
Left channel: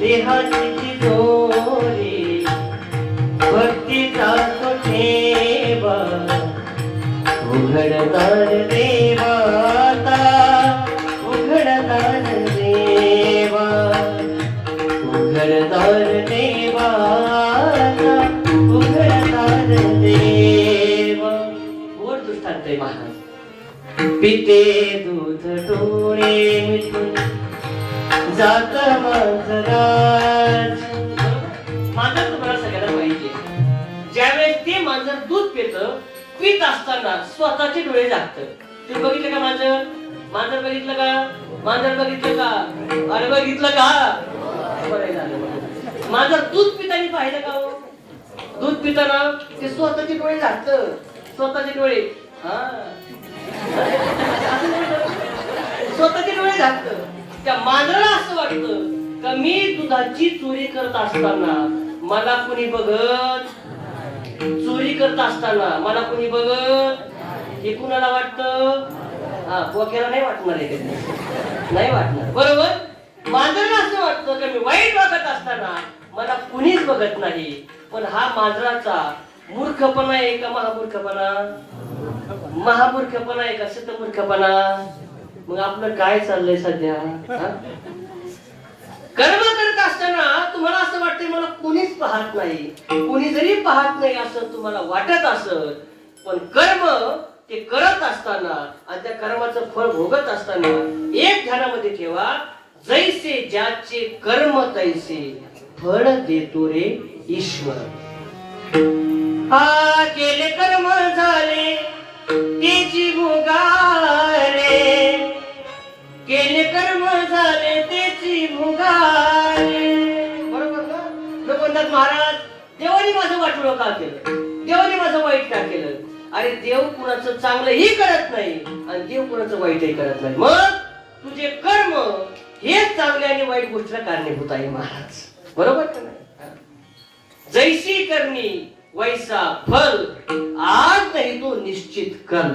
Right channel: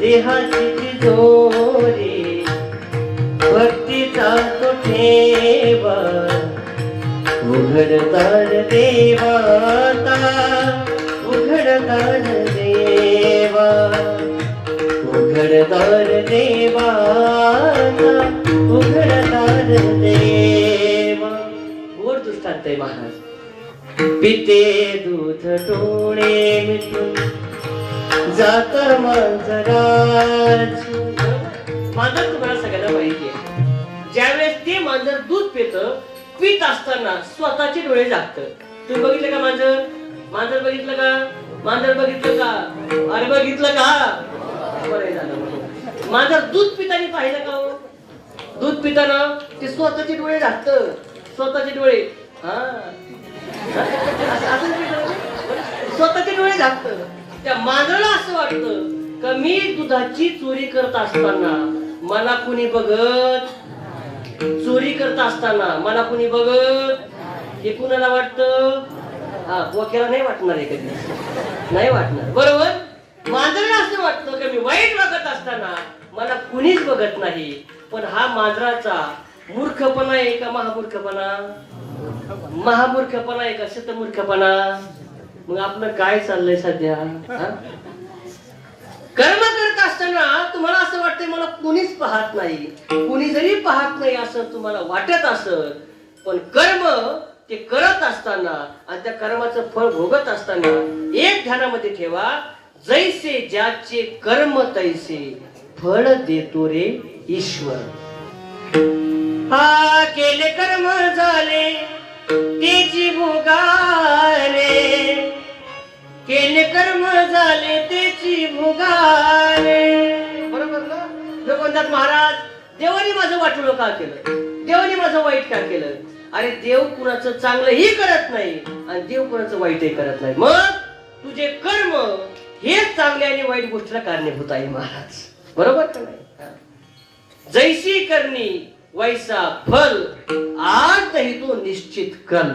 देहाची तिजोरी भक्तीचा तो ठेवा. उघडदार देवाता उघडदार देवा, उघडदार देवाता उघडदार देवा. गोड दृष्टांत आहे महाराज. पिते दूध डोळे मिटून जात मांजराची. मांजर तुम्हाला सगळ्यांना माहिती आहे. ज्यावेळेस ते मांजर दूध पित असताना स्वतःचे डोळे झाकतं. तुम्ही बघितलं का मांजर? मांजर बघितलं का? मांजर बघितलं का? अरे बघितलं का? मांजर दूध पिताना पाहिलं का? दूध पिताना ते स्वतःचे डोळे झाकतं. स्वतःचे डोळे स्वतःचे डोळे झाकतं. त्या मांजराला असं वाटतं का मी दुधाची चोरी करत असताना मला कुणी बघत, चोरी करत असताना मला कुणी बघत. हे कुणाला वाटतं? वकिला नाही वाटणार आहे कधी, नाही वाटणार. बरोबर? मांजराला असं वाटतं का मी वाईट वागत असताना मला कुणीच बघत नाही. पण हा मांजराचा मूर्खपणा आहे का महामूर्खपणा? महामूर्खपणा आहे का शतमूर्खपणा? मग आपलं काय चाललंय सध्या? कर्म करत असताना तुम्हाला असं वाटतंय मला कुणीच पाहत नाही, कुणी जरी पाहत नाही असं तुम्हाला वाटत असत, पण कर्म ते करत असताना आणि त्या कर्माचं फळ भोगत असताना एक ध्यानामध्ये ठेवा, जैसे ज्याचे कर्म तैसे फळ देतो रे ईश्वर. हा केले कर्म झाले तेची भोगारे, केले कर्म का केलं? देवाने माझं वाईट का केलं? अरे देव कुणाचं चांगलंही करत नाही आणि देव कुणाचं वाईटही करत नाही. मग तुझे कर्म हेच चांगल्या आणि वाईट गोष्टीला कारणीभूत आहे महाराज. बरोबर का नाही? जैसी करणी वैसा फल, आज नाही तो निश्चित कर,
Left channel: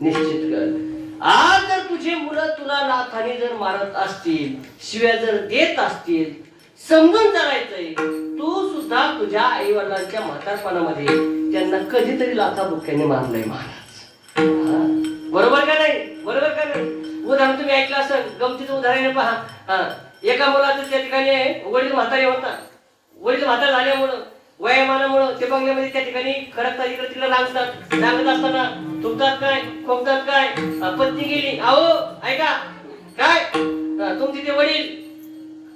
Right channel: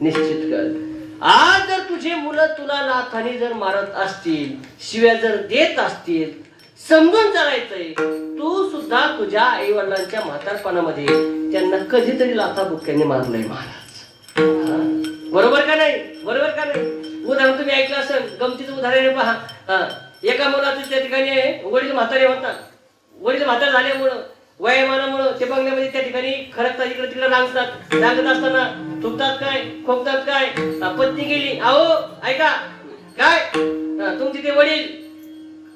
निश्चित कर. आज जर तुझे मुलं तुला लाथाने जर मारत असतील, शिव्या जर देत असतील, समजून चालायचंय तू सुद्धा तुझ्या आई वडिलांच्या म्हातारपणामध्ये त्यांना कधीतरी लाथा बुक्क्याने मारलंय महाराज. बरोबर का नाही? बरोबर का नाही? उदाहरण तुम्ही ऐकलं असेल, गमतीचं उदाहरण आहे पहा. एका मुलाचं त्या ठिकाणी वडील म्हातारे होता. वडील म्हातारे झाल्यामुळं वयामानामुळं ते बंगल्यामध्ये त्या ठिकाणी खरकतात, इकडे तिकडे रांगतात. रांगत असताना थुकतात काय, खोकतात काय, पत्नी गेली. अहो ऐका काय, तुमचे ते वडील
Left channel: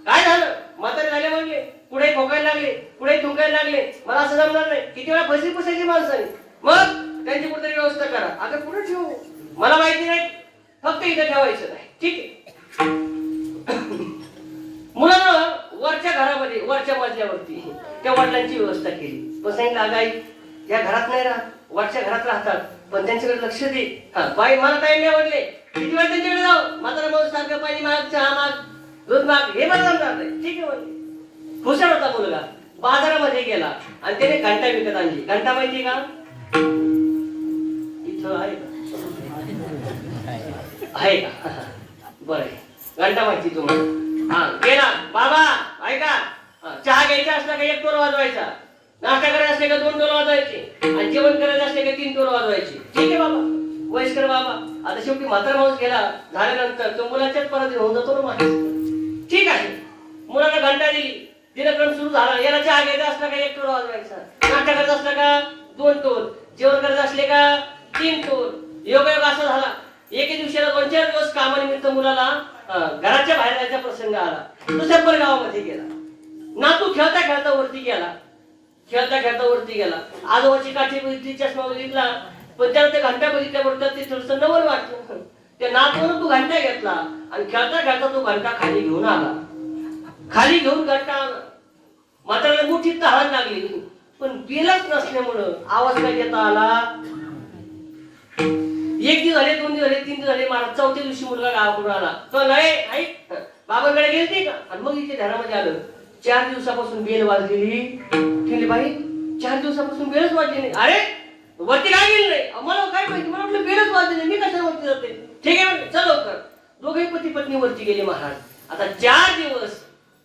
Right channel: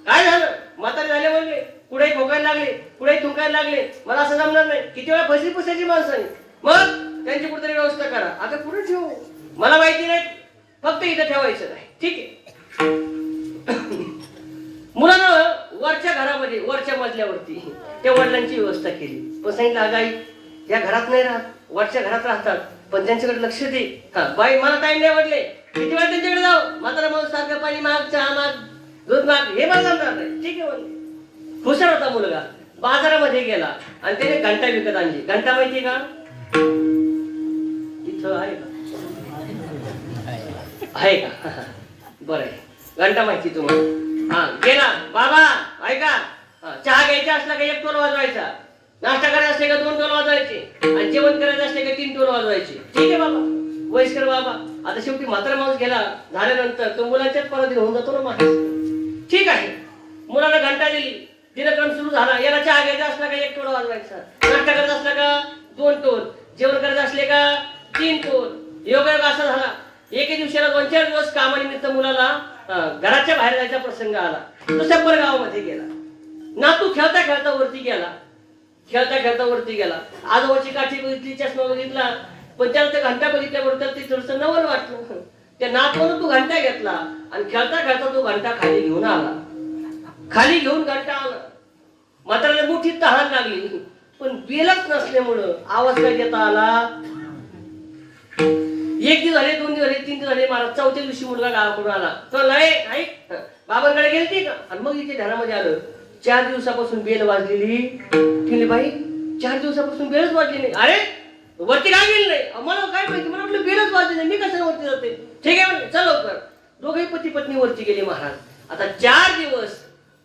काय झालं? म्हातारे झाले म्हणजे कुठेही खोकायला लागले, कुठेही थुंकायला लागले. मला असं जमणार नाही. किती वेळा फसली पुसायची माणसाने. मग त्यांची कुठेतरी व्यवस्था करा. आता कुठे ठेवू मला माहिती नाही, फक्त इथं ठेवायचं नाही. ठीक आहे. मुलानं वरच्या घरामध्ये वरच्या मजल्यावरती त्या वडिलांची व्यवस्था केली. पण सांगितलं अगं आई, या घरात नाही राहत, वरच्या घरात राहतात, पण त्यांच्याकडे लक्ष दे. बाई मला टाइम नाही वाटले, किती वेळ त्यांच्याकडे जाऊ? म्हातारा माणूस सारखं पाणी माग, चहा माग, दूध माग, हे मला जमणार नाही. ठीक आहे म्हणले. हुशार होता मुलगा. बाजारामध्ये गेला आणि त्याने घंटा विकत आणली. घंटा माहिती का? इथं आहे का? बरं, घंटा माहिती तुम्हाला? गेला. बाबा ऐका, चहा घ्यायचा असला का 1 टोल वाजवायचा, नाश्ता करायचा असले का 2 टोल वाजवायचे, आणि जेवण करायचं असले का 3 टोल वाजवायचे. ठीक आहे बाबा, वयस्कर बाबा. आता शेवटी म्हातारा माणूस गेला झाल्यानंतर तो मुलाच्याच परत होऊन जातो ना माणूस. ठीक आहे, मुलाला घंटा दिली, दिनक्रम सुरू झाला. याला चहा घ्यायचा असला का 1 टोल वाजवायचा, नाश्ता करायचा असला का 2 टोल, जेवण करायचं असले का 3 टोल. योगायोग असा झाला, एके दिवसाला 2-4 दिवस कामानिमित्त मुलाला घराच्या बाहेर जायचा प्रसंग आला. दुसऱ्या परगावामध्ये गेला. नातू खेळता खेळता वरती गेला, खेळता खेळता वरती गेला. आजोबाची काठी बघितली, चष्मा बघितला, पण त्याला ते घंटा बघितल्याबरोबर ते थोडंसं नवल वाटलं. त्या नातून तो घंटा घेतला आणि खेळता खेळता तो घंटा खाली घेऊन आला. खाली घेऊन घंटा आला. म्हाताऱ्याला मोठी तहान लागली, पण बिलाच नसल्यामुळं आवाज काय देता आला? 1 दिवस झाले, 2 दिवस झाले, 3 दिवस झाले. मला 4थ्या दिवशी मुलगा गावाकडून आला. तो नाही बाबांकडे गेलती का? आणि मग इथे ध्यानामध्ये आलं, 4 दिवसापासून बेल वाजलेली. केली बाई, 4 दिवसापासून बेलच वाजली नाही. अरे वरती काय गेली नाही? मला काय माहिती, मला आपलं बेलच वाजली नाही, मी कशा वरती जाते? ठीक आहे चल लवकर. दोघे पती पत्नी वरती गेले महाराज. आता 4 दिवस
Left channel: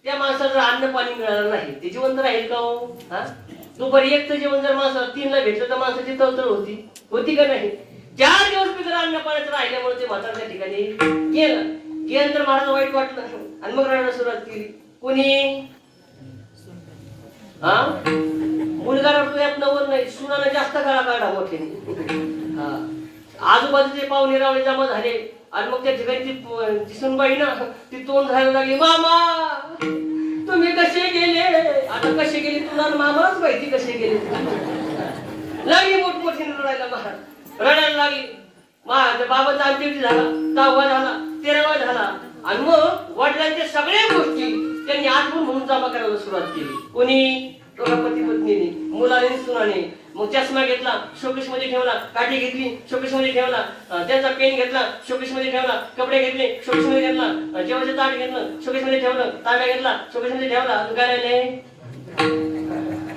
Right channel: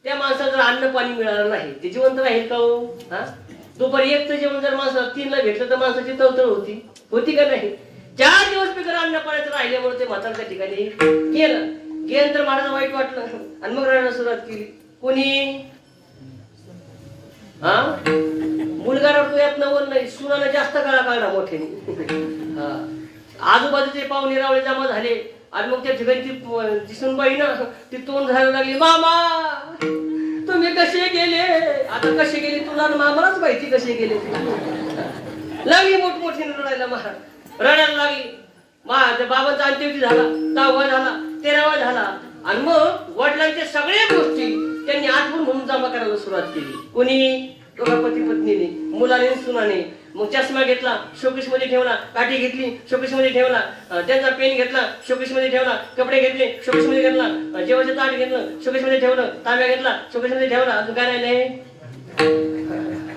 त्या माणसाला अन्न पाणी मिळालं नाही, ते जिवंत राहील का हो? दुपारी 1चं जेवण जर माणसाला 3ला भेटलं तर माणसाची तळतळ होती का नाही? 4 दिवस मी जर अन्न पाण्याचं राहिल्यामुळे ते म्हाताऱ्या ठिकाणी गेलं तर महाराज वाईट वाटलं आणि मग रडायला सुरुवात केली. कोणी? मुलगा रडतो यात नवल नाही, सुनाला जास्त काळा काढा मोठ्याने. आजूबाजूचे पाहुणे रावळे जमा झाले आणि मग त्या ठिकाणी ती सुनबाई ना ती तोंड धरायला लागली. मामा तुम्ही कसे गेले? आता कसे गेले तुला मामाच माहिती कसे गेले. लागली मोठमोठी रडायला महाराज, रडायला लागली. बाबाचा अंत्यविधी झाला, 10वा झाला, 13वा झाला आणि मग वडिलांच्या सगळ्या गोष्टी त्यांनी आठवून म्हणून जमा करायला सुरुवात केली. कोणी? पती पत्नीने, मुलाने, सुनाने. मग चष्मा घेतला, शोकेश मध्ये ठेवला, काठी घेतली, शोकेश मध्ये ठेवला, त्यांचा पेन घेतला, शोकेश मध्ये ठेवला, कपडे घेतले, शोकेश मध्ये घेतला, जेवायचं ताट घेतलं, शोकेश मध्ये ठेवलं, तांब्या घेतला, शोकेश मध्ये ठेवला,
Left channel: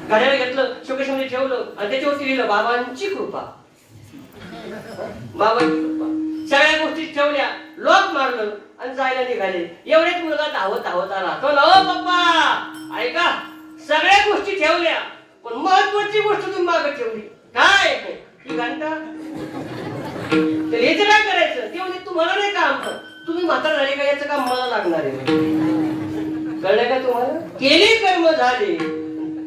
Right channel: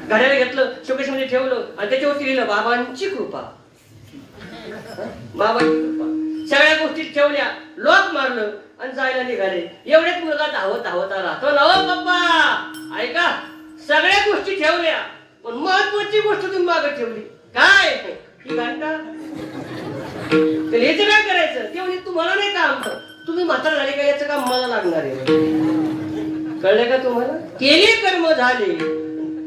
घड्याळे घेतलं, शोकेश मध्ये ठेवलं आणि त्याच्यावरती लिहिलं बाबांची कृपा. बाबांची कृपा. सगळ्या गोष्टी ठेवल्या, लॉक मारलं आणि जायला निघाले. एवढेच मुलगा धावत धावत आला. तो ओ बाप्पा ऐका, सगळ्या गोष्टी ठेवल्या पण महत्वाची गोष्ट तुम्ही मागे ठेवली. काय? ही घंटा. तर याचं काय करायचं? ते म्हणजे तुम्हाला नाही काम, तुम्ही म्हातार झाले का याचं काम मला लागणार आहे. कळलं का तुम्हाला? केले कर्म झाले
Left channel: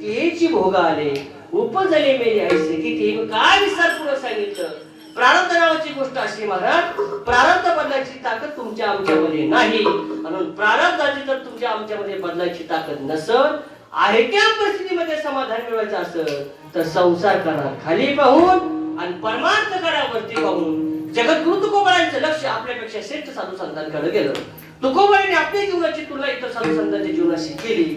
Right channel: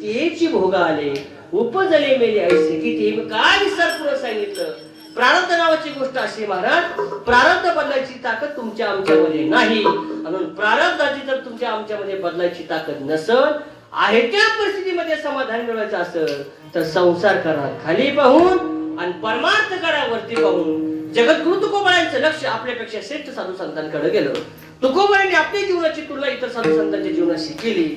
तेची भोग आले, उपजले मेले ऐसे किती. काय विस्तार पुढे सांगितलं. प्रारब्ध नावाची गोष्ट अशी महाराज, प्रारब्ध बदलायची ताकद तुमच्या आमच्यामध्ये नाही. म्हणून प्रारब्धाची तर तुमच्या आमच्यामध्ये बदलायची ताकद नसत, आहे त्या परिस्थितीमध्ये समाधान मिळवायचं असेल तर संसार करा खाली पाहून आणि परमार्थ करा वरती पाहून. जगद्गुरु तुकोबारायांचं लक्ष आपल्यापेक्षा श्रेष्ठ साधू संतांकडे गेलं. तुकोबारांनी आपल्या जीवनाची तुलना इतर साधू संतांच्या जीवनाशी केली.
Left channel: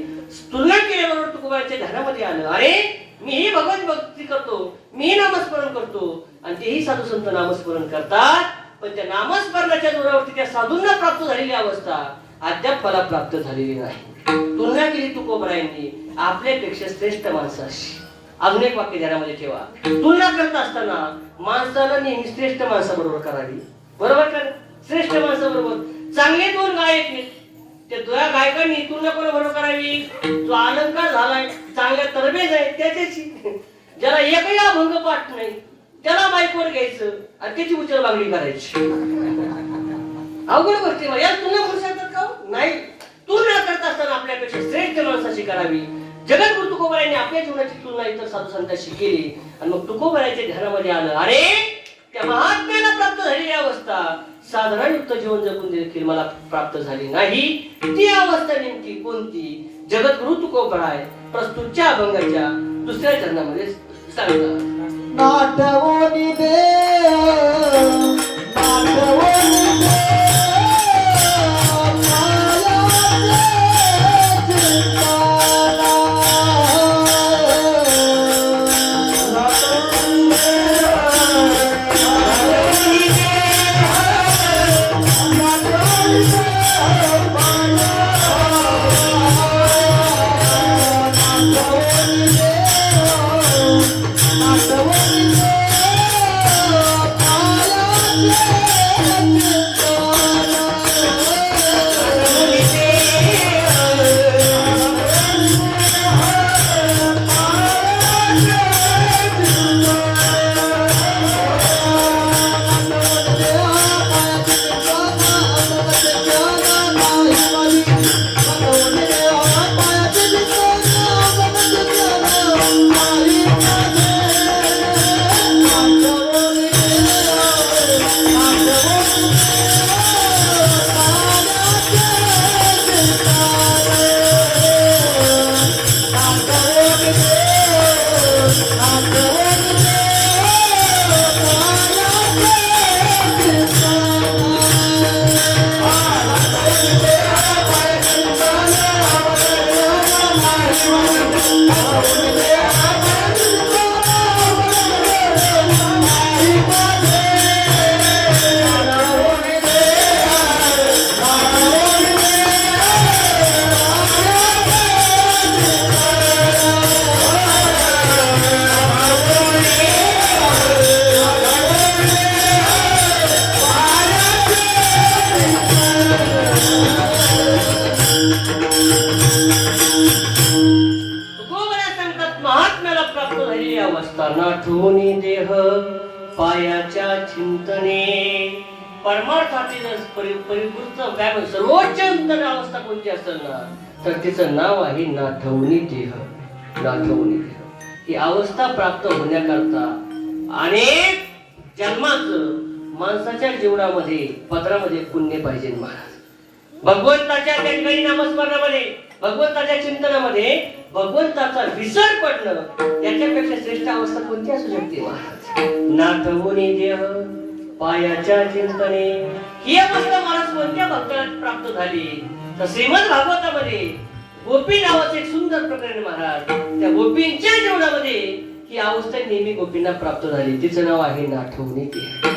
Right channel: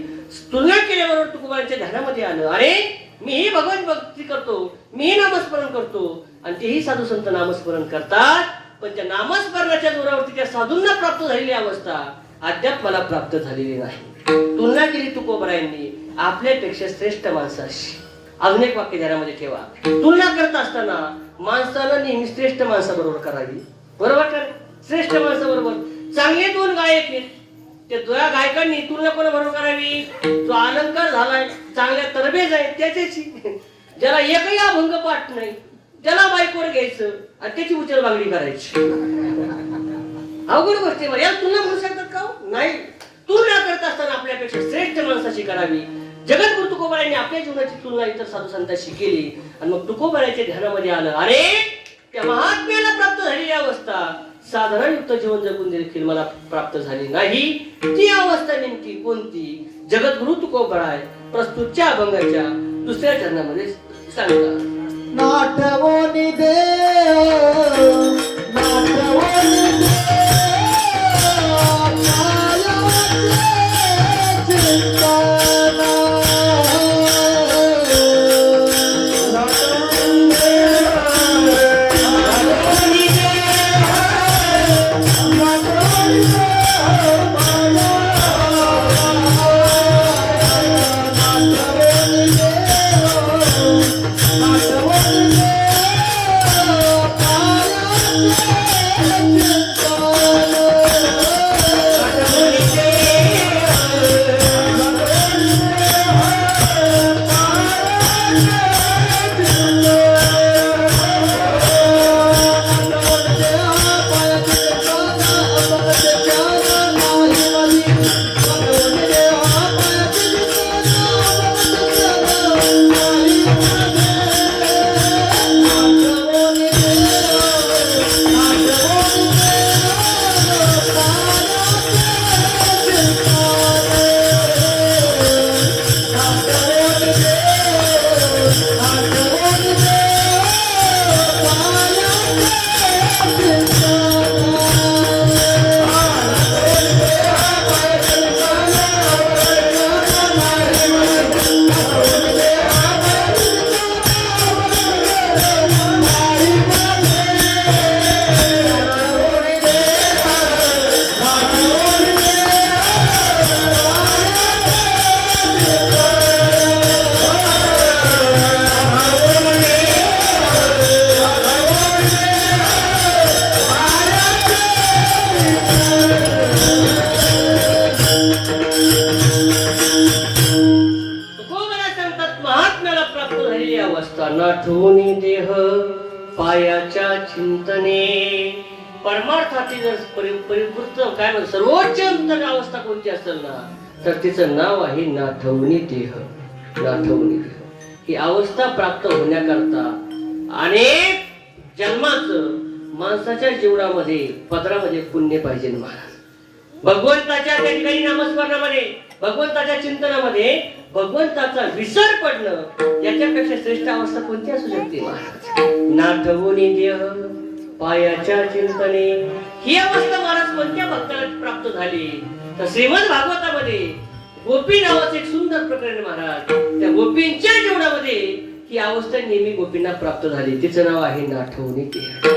तुलना केल्यावर तुकोबारांच्या ध्यानामध्ये आलं, अरे मीही भगवत भक्ती करतो, मीही नामस्मरण करतो, आणि तेही साधू संत नामस्मरण करतात, पण त्या नामस्मरणाच्या जोरावरती त्या साधूंना प्राप्त झालेली अवस्था अद्याप मला प्राप्त झालेली नाही. तुलना केली तुकोबरायांनी आपल्यापेक्षा श्रेष्ठ माणसाशी. अजून एक वाक्य ध्यानामध्ये ठेवा, तुलना करत असताना माणसाला नेहमी श्रेष्ठ माणसाबरोबर करावी. बरोबर का? श्रेष्ठ माणसाबरोबर. चांगले दोन गायक आहेत, त्या दोन गायकांनी तुलना कोणाबरोबर करावी? जो अलंकार झालाय, चांगल्या तरबेज आहे त्याच्याशी. ज्याला एकही अभंग पाठ नाही त्याला बाईकवर घ्यायचं आणि त्याची उचल मागणी करायची. अवघड गोष्टी या तुलना करू शकतात का? नाही. तुलना करत असताना आपल्यापेक्षा श्रेष्ठ माणसाशी करावी. जगद्गुरु तुकोबारायांनी आपल्या जीवनाची तुलना इतर साधू संतांशी केली आणि मग तुकोबारायांच्या ध्यानामध्ये आलं, अरे त्या महात्म्याला प्राप्त झालेली अवस्था साधनायुक्त जीवन जगून देखील मला प्राप्त झाली नाही. ती अवस्था नेमकी कोणती? जगद्गुरु तुकोबराय प्रस्तुतच्या अभंगाच्या दुसऱ्या चरणामध्ये सांगतात. नाटवोनी देव नाटवोनी नाठवूनी देह पायाच्या चिंतने. परमार्थातील परिपूर्ण काय म्हणतो, सर्वोच्च उत्तम अवस्था कोणती असेल ना तर तिचं नाव आहे नाठवूनी देह. नाठवूनी देह ही अवस्था प्राप्त होण्याकरता अनेक जन्माचं माणसाच्या जीवनामध्ये पदरामध्ये पुण्य पाहिजे महाराज. भगवंताच्या त्या ठिकाणी नामस्मरणामध्ये, भगवंताच्या चिंतनामध्ये भगवंताचा विसर पडणं याच्यापेक्षा श्रेष्ठ अवस्था कोणती असू शकते महाराज? नाठवूनी देह पायाच्या चिंतने ही अवस्था महाराज कोणत्या भक्ताला प्राप्त झाली? तर श्रीमद भागवतामध्ये गोपी नावाचं एक सुंदर प्रकरण महाराज. त्या गोपींच्या जीवनामध्ये ही अवस्था नेहमी गोपींना प्राप्त झाली. तिचं नाव आहे नाठवूनी देह.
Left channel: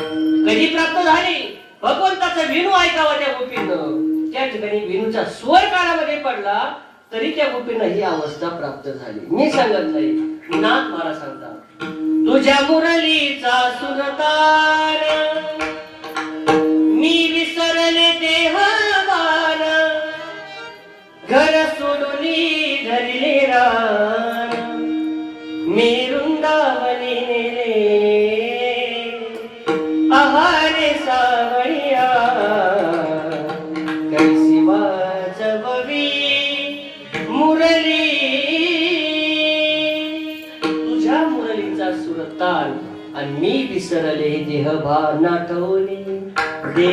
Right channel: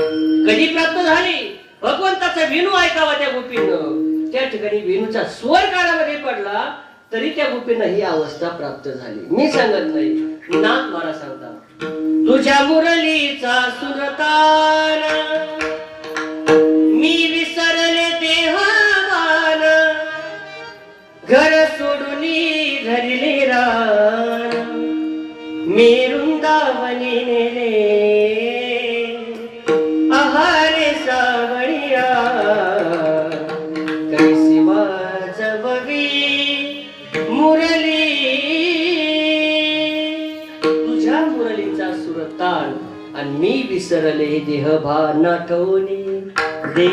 कधी प्राप्त झाली? भगवंताचा विनू ऐकावा त्या गोपीनं. त्या ठिकाणी विनूचा स्वर कानामध्ये पडला तरी त्या गोपींना ही अवस्था प्राप्त झाली. मी सांगत नाही, नाथ मला सांगतात. तुझ्या मुरलीचा सुरतान मी विसरले देहभान, घर सोडूनी धरले रान मी वृंदावनी नेले आहारे सावळिया कैसी वाजववी मुरली. तुझ्या मुरलीचा सुरतान आणि मी विसरले देहभान नाठवूनी दे.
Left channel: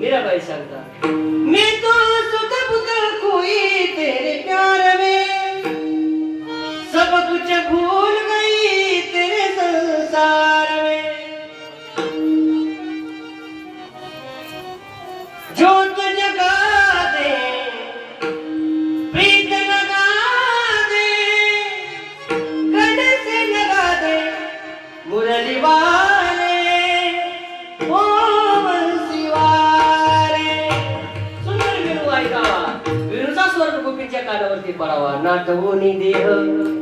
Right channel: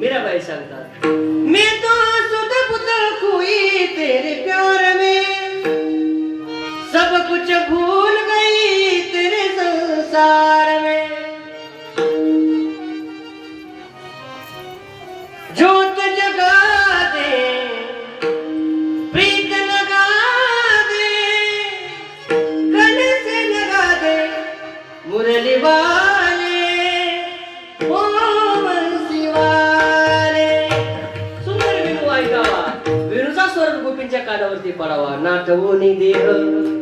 मीराबाई सांगतात, मी तो सुध पुतळ खोई तेरे प्यार में, सब कुछ भूल गई तेरे संसार में, जोत जगा दे प्रीत लगा दे मुरलीवाले ओ मनसीवाले. सुंदर विनू ऐका, विनूचा स्वर गोपींच्या कानावरती पडावा. नाटवूनी देह,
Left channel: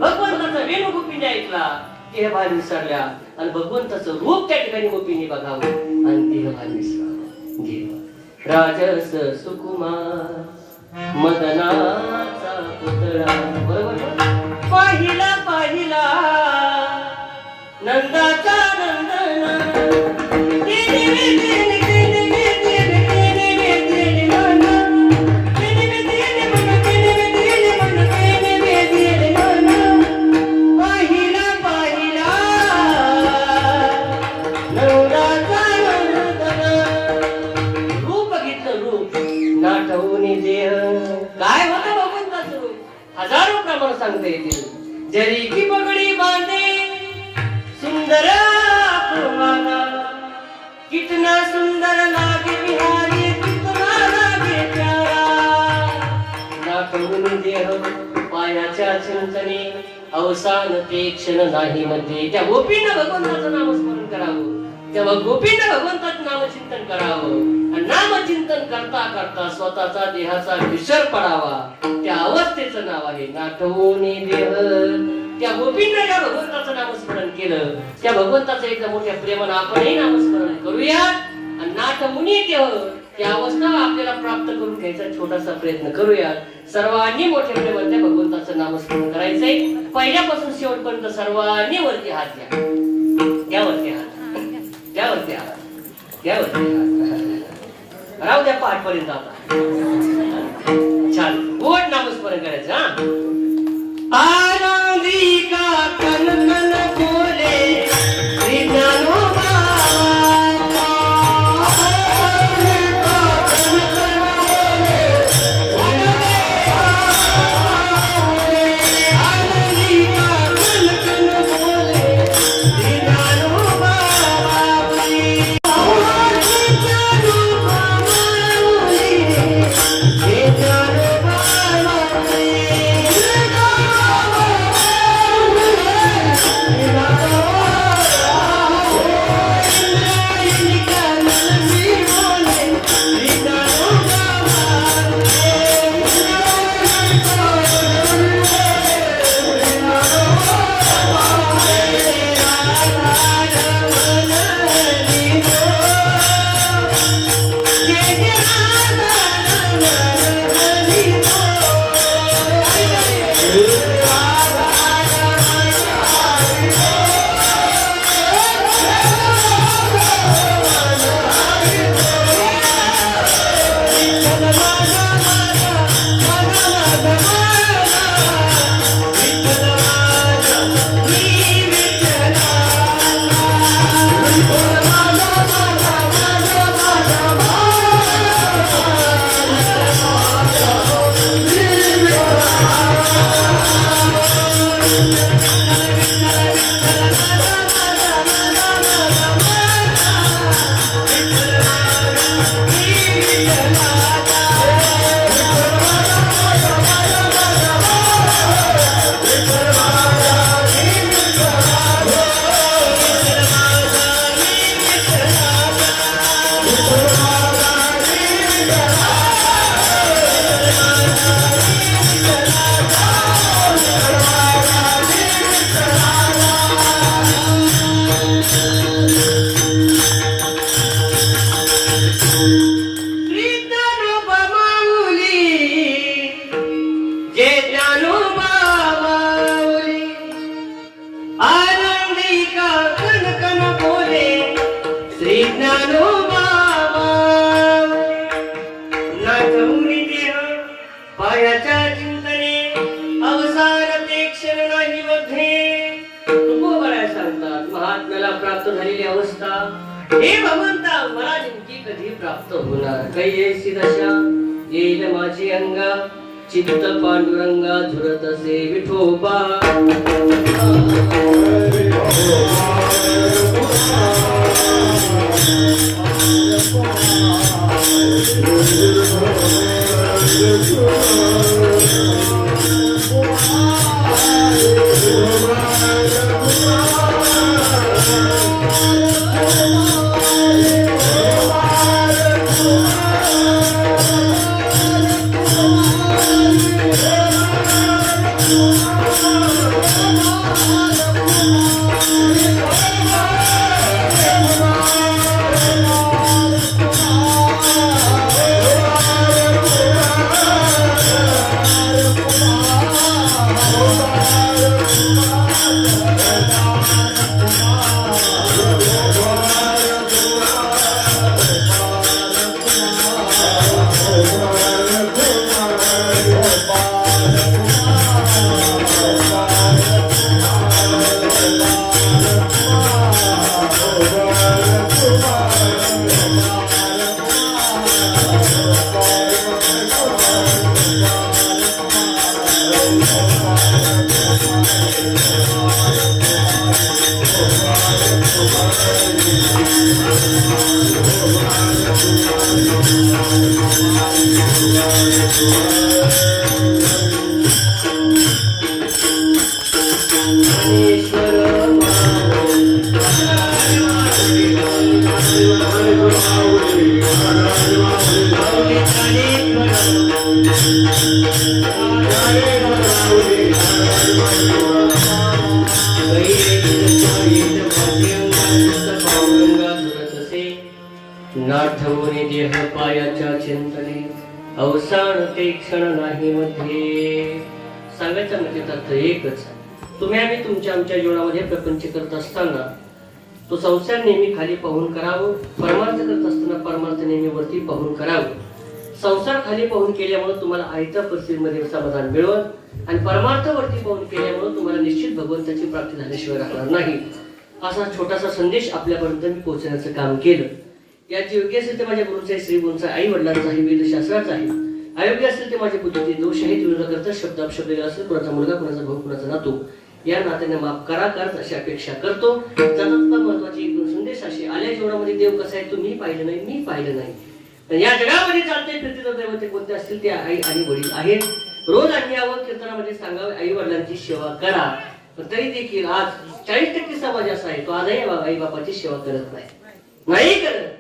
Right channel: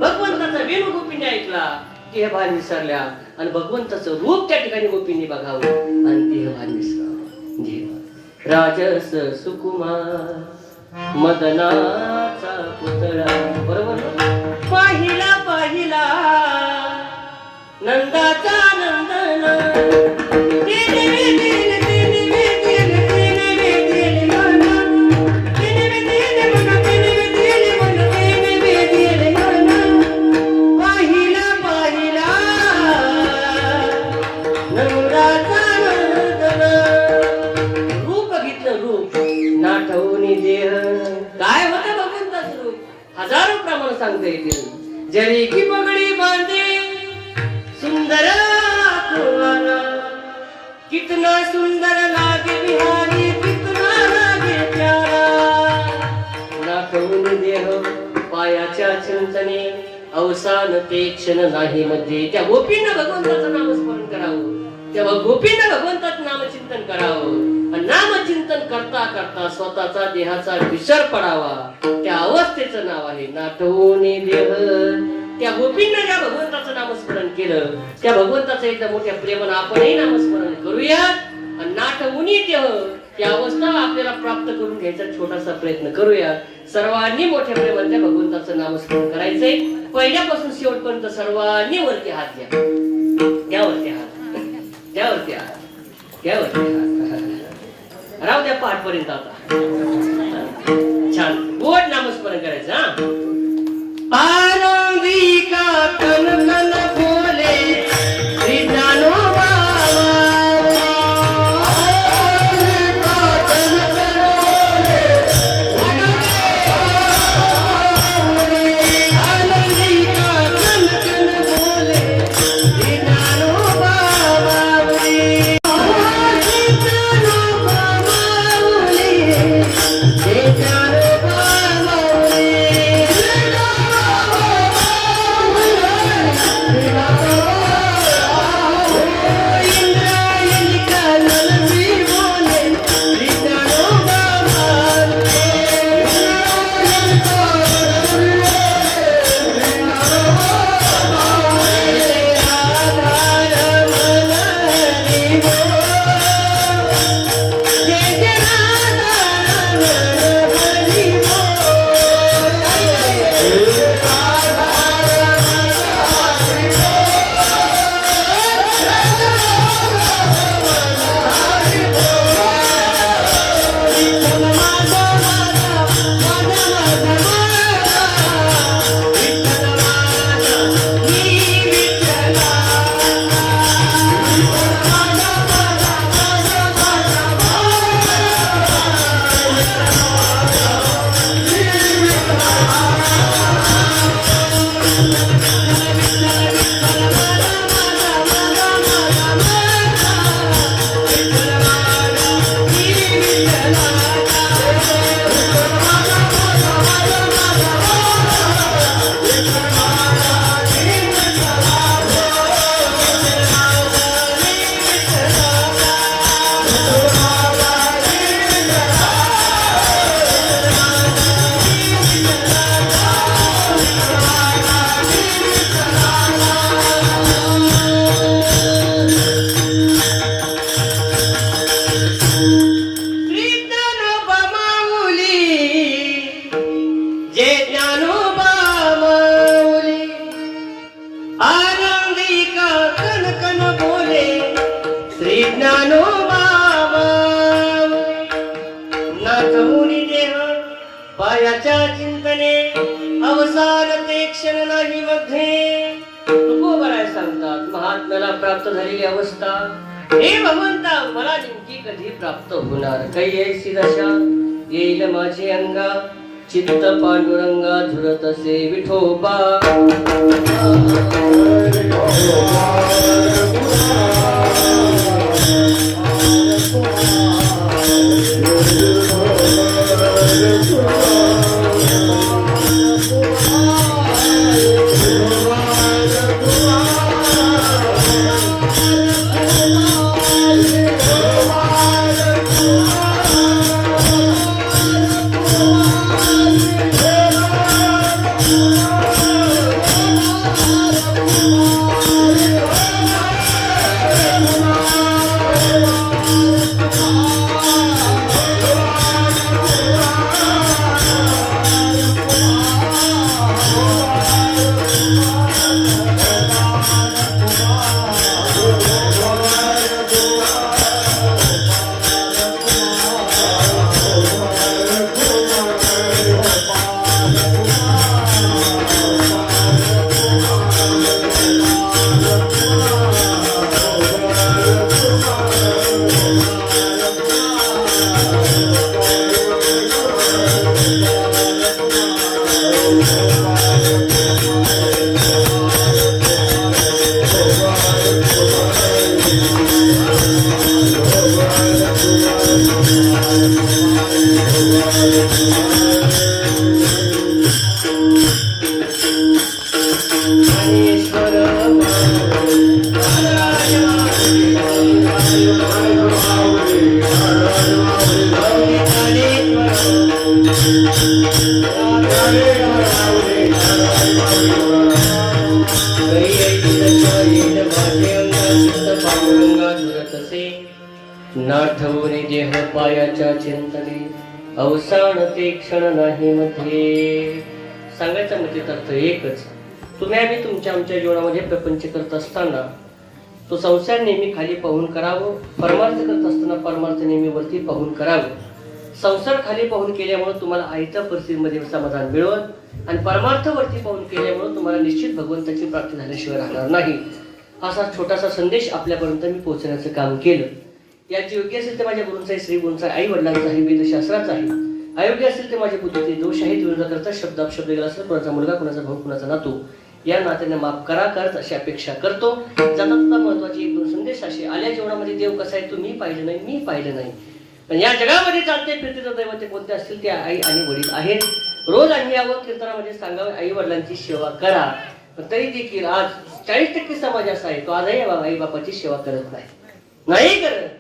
भगवंताचा विनू गोपींनी ऐकला, देहभान विसरल्या आणि भगवंताचं रूप त्या ठिकाणी गोपींनी बघावं आणि देहभान विसरावं. देव राजस सुकुमार मदनाचा पुतळा, बरोबर आहे? पाहिला पाहिला नंदाचा नंदन, रूप बघितलं, रूप नाटवूनी देह. काय होतं भगवंताचं रूप? हजारो प्रमाण सांगता येतील. जरी की पगडी बांधे सुंदर आकुवाला, कितना सुंदर लागे बिहारी, कितना लागे प्यारा. नाटवूनी देह पायाच्या चिंतने, अवसान ते क्षण नाही मध्ये. त्या गोपीनं भगवंताचं नामस्मरण करावं, तेव्हा गोपीनं भगवंताचं नामचिंतन करावं. आणि नामचिंतन करता करता स्वतःचा देहाचा विसर पडावा. त्या अवस्थेचं नाव आहे नाटवूनी देह. त्या गोपीनं ज्या भगवंताचं नामस्मरण केलं, त्या भगवंताचं एकदा मोठ्या प्रेमानं आपणही नामस्मरण करूया. आणि नाटवूनी देह त्या अवस्था आपल्याला प्राप्त करून घ्यायचा छोटासा प्रयत्न करूया. सर्वांनी मोठ्या प्रेमाने त्या भगवंताचं नामस्मरण करायचंय. पहिल्यापासून शेवटपर्यंत सर्वांनी वरती हात द्या, त्यावरती हात, त्यावरती हात, त्यावरती हात, राहू द्या पाठपर्यंत. आता छान गोड नामस्मरण करायचं. हा, आनंदी का कणकण बोले श्री ज्ञानोबा. प्राप्त झालेली अवस्था हे भगवंता मला नेमकी कधी प्राप्त होणार? काही ऐसी दशा येईल माझी अंगा चित्त पांडुरंगा झुरत असे विठोबा. नाठवणी देह पायाच्या चिंतने अवसान ते क्षण नाही मध्ये. सांगायचा म्हणजे अर्थ एकच. तुम्ही आम्ही तुमच्या आमच्या जीवनामध्ये प्रपंच करत असताना तो संसार नेहमी खाली पाहून करावं, परमार्थ करत असताना परमार्थ नेहमी वरती पाहून करावं. संसार खाली पाहून केल्यामुळे तुम्हाला आयत्या परिस्थितीमध्ये समाधान मिळवत आणि परमार्थ वरती पाहून केल्यामुळे तुम्हाला निश्चित भगवंताची प्राप्ती झाल्याशिवाय राहणार नाही. असा छोटासा संदेश आपल्यापर्यंत मी पोहोचण्याचं काम केलं. याची योग्य असेल ते माझ्या गुरूंचा, श्री गुरूंचा, आई वडिलांचा आहे, वेदशास्त्राचा आहे. अयोग्य असेल ते माझे बुद्धीचे दोष आहेत. विरोधाकरता शब्द अपशब्द गेला असेल, कुणाचा मुलगा, कुणाचा भाऊ, कुणाचा नातू, या नात्याने माफ करा करत अशी अपेक्षा करतो. जाता महत्वाचे एक दोन संदेश असे. आल्या जीवनामध्ये देव कसा आहे तो मी पाहिलं नाही, मी पाहिलं नाही. पण या जगामध्ये चालते फिरते दैवते कोणते असतील ते आई आणि वडील आहेत. रोज आम्ही यावं कीर्तनामध्ये सांगावं, आई वडिलांची सेवा करा. पण तरी देखील आज 40% समाज असा आहे तो आजही आई बापाची सेवा करत नाही करत.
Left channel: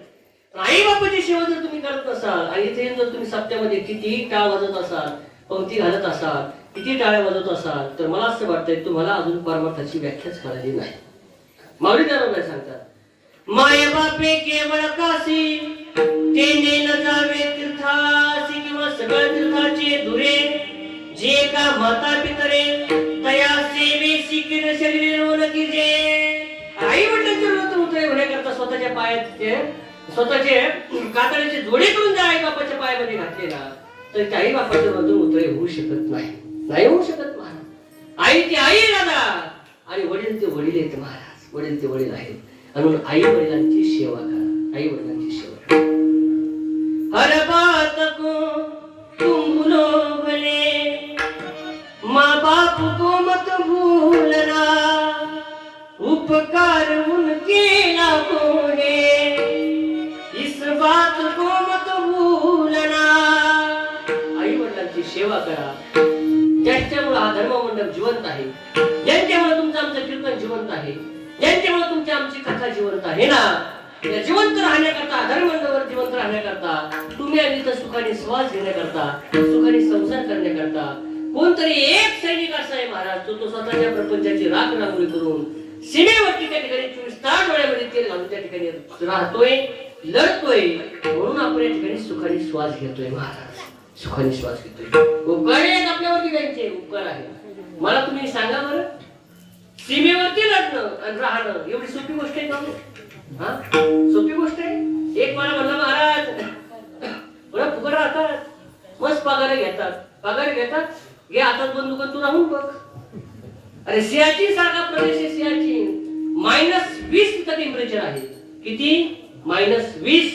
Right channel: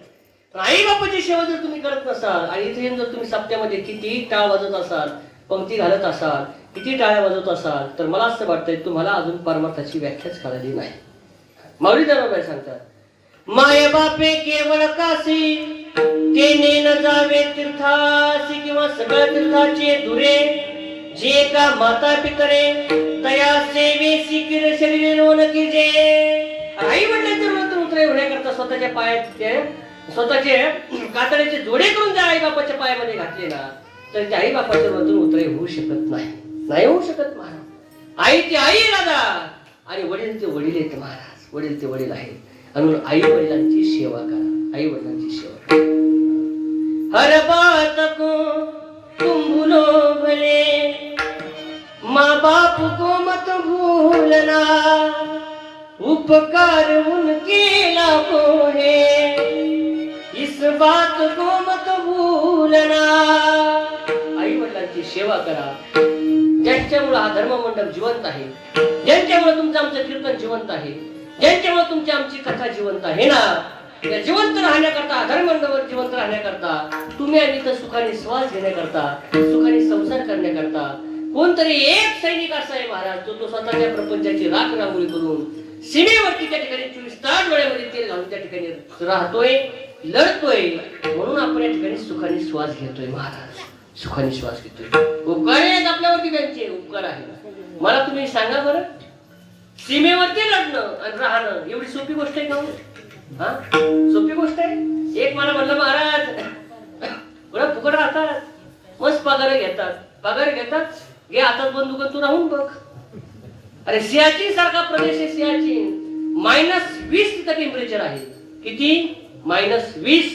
आई बापाची सेवा जर तुम्ही करत नसाल आणि इथे जर तुम्ही सप्त्यामध्ये किती टाळ वाजत असाल, पंक्ती घालत असाल, किती टाळ वाजवत असाल, तर मला असं वाटतंय तुम्हाला अजून परमार्थाची व्याख्याच कळली नाही. माऊली दादा सांगतात, माय बापे केवळ काशी तेने न जावे तीर्थासी, किंवा सगळ्या तीर्थाचे दुरे जे का माता पितरे तया सेवे शिकिर शरीर नकी जे. आई वडिलांचे वृत्त उतरे होण्याकरता स्वतःच्या पायात स्वतःचे कातडीचे जोडे करून जर आई बापाच्या पायामध्ये घातले ना, तर त्या आई बापाच्या वृत्त उतरे होऊ शकत नाही होऊ शकत महाराज. आई ते आई दादा आणि वडील ते वडील आहेत महाराज. वडील ते वडील आहेत. म्हणून आई वडिलांची सेवा करा, आई वडिलांची सेवा करा. हर बात को तुम भूलो भले, माँ बाप को मत भूलना, उपकार उनके लाखों हैं, इस बात को मत भूलना. आई वडिलांची सेवा करा. ज्यांच्यामुळे हा धर्ममंडप जिवंत आहे, ज्यांच्यामुळे तुमचं आमचं कीर्तन जिवंत आहे, ज्यांच्यामुळे तुमची आमची कथा जिवंत आहे ना, त्या जिवंत राहण्याकरता, धर्ममंडपावर जिवंत राहण्याकरता, तुम्ही आणि इथं सुखाने श्वास घेण्याकरता, सुखाने संसार करण्याकरता कोणतरी एक सैनिक असा आहे महाराज, तो स्वतःच्या प्रपंचाची राख रांगोळी करून सीमेवरती त्या ठिकाणी 24 तास डोळ्यामध्ये तेल लावून त्या ठिकाणी राहतोय, लढतोय. म्हणून आपण या ठिकाणी सुखाने श्वास घेतोय महाराज, सुखाने श्वास घेतोय. उपकार आहेत आपल्यावरती, त्यांचे उपकार आहे. मला तुम्ही सांगा बरं, सीमेवरती लढणं आणि राहणं एवढी सोपी गोष्ट आहे का? हा, सोपी गोष्ट आहे. एक मला म्हणलं महाराज बरं फुकट राहतात, मस्त पगार घेतात, घे हातात बंदूक तू राहून बघ. अरे सियाचीन सारखा प्रदेश आहे, सियाचीन -20 टेम्परेचर आहे. किती? -20.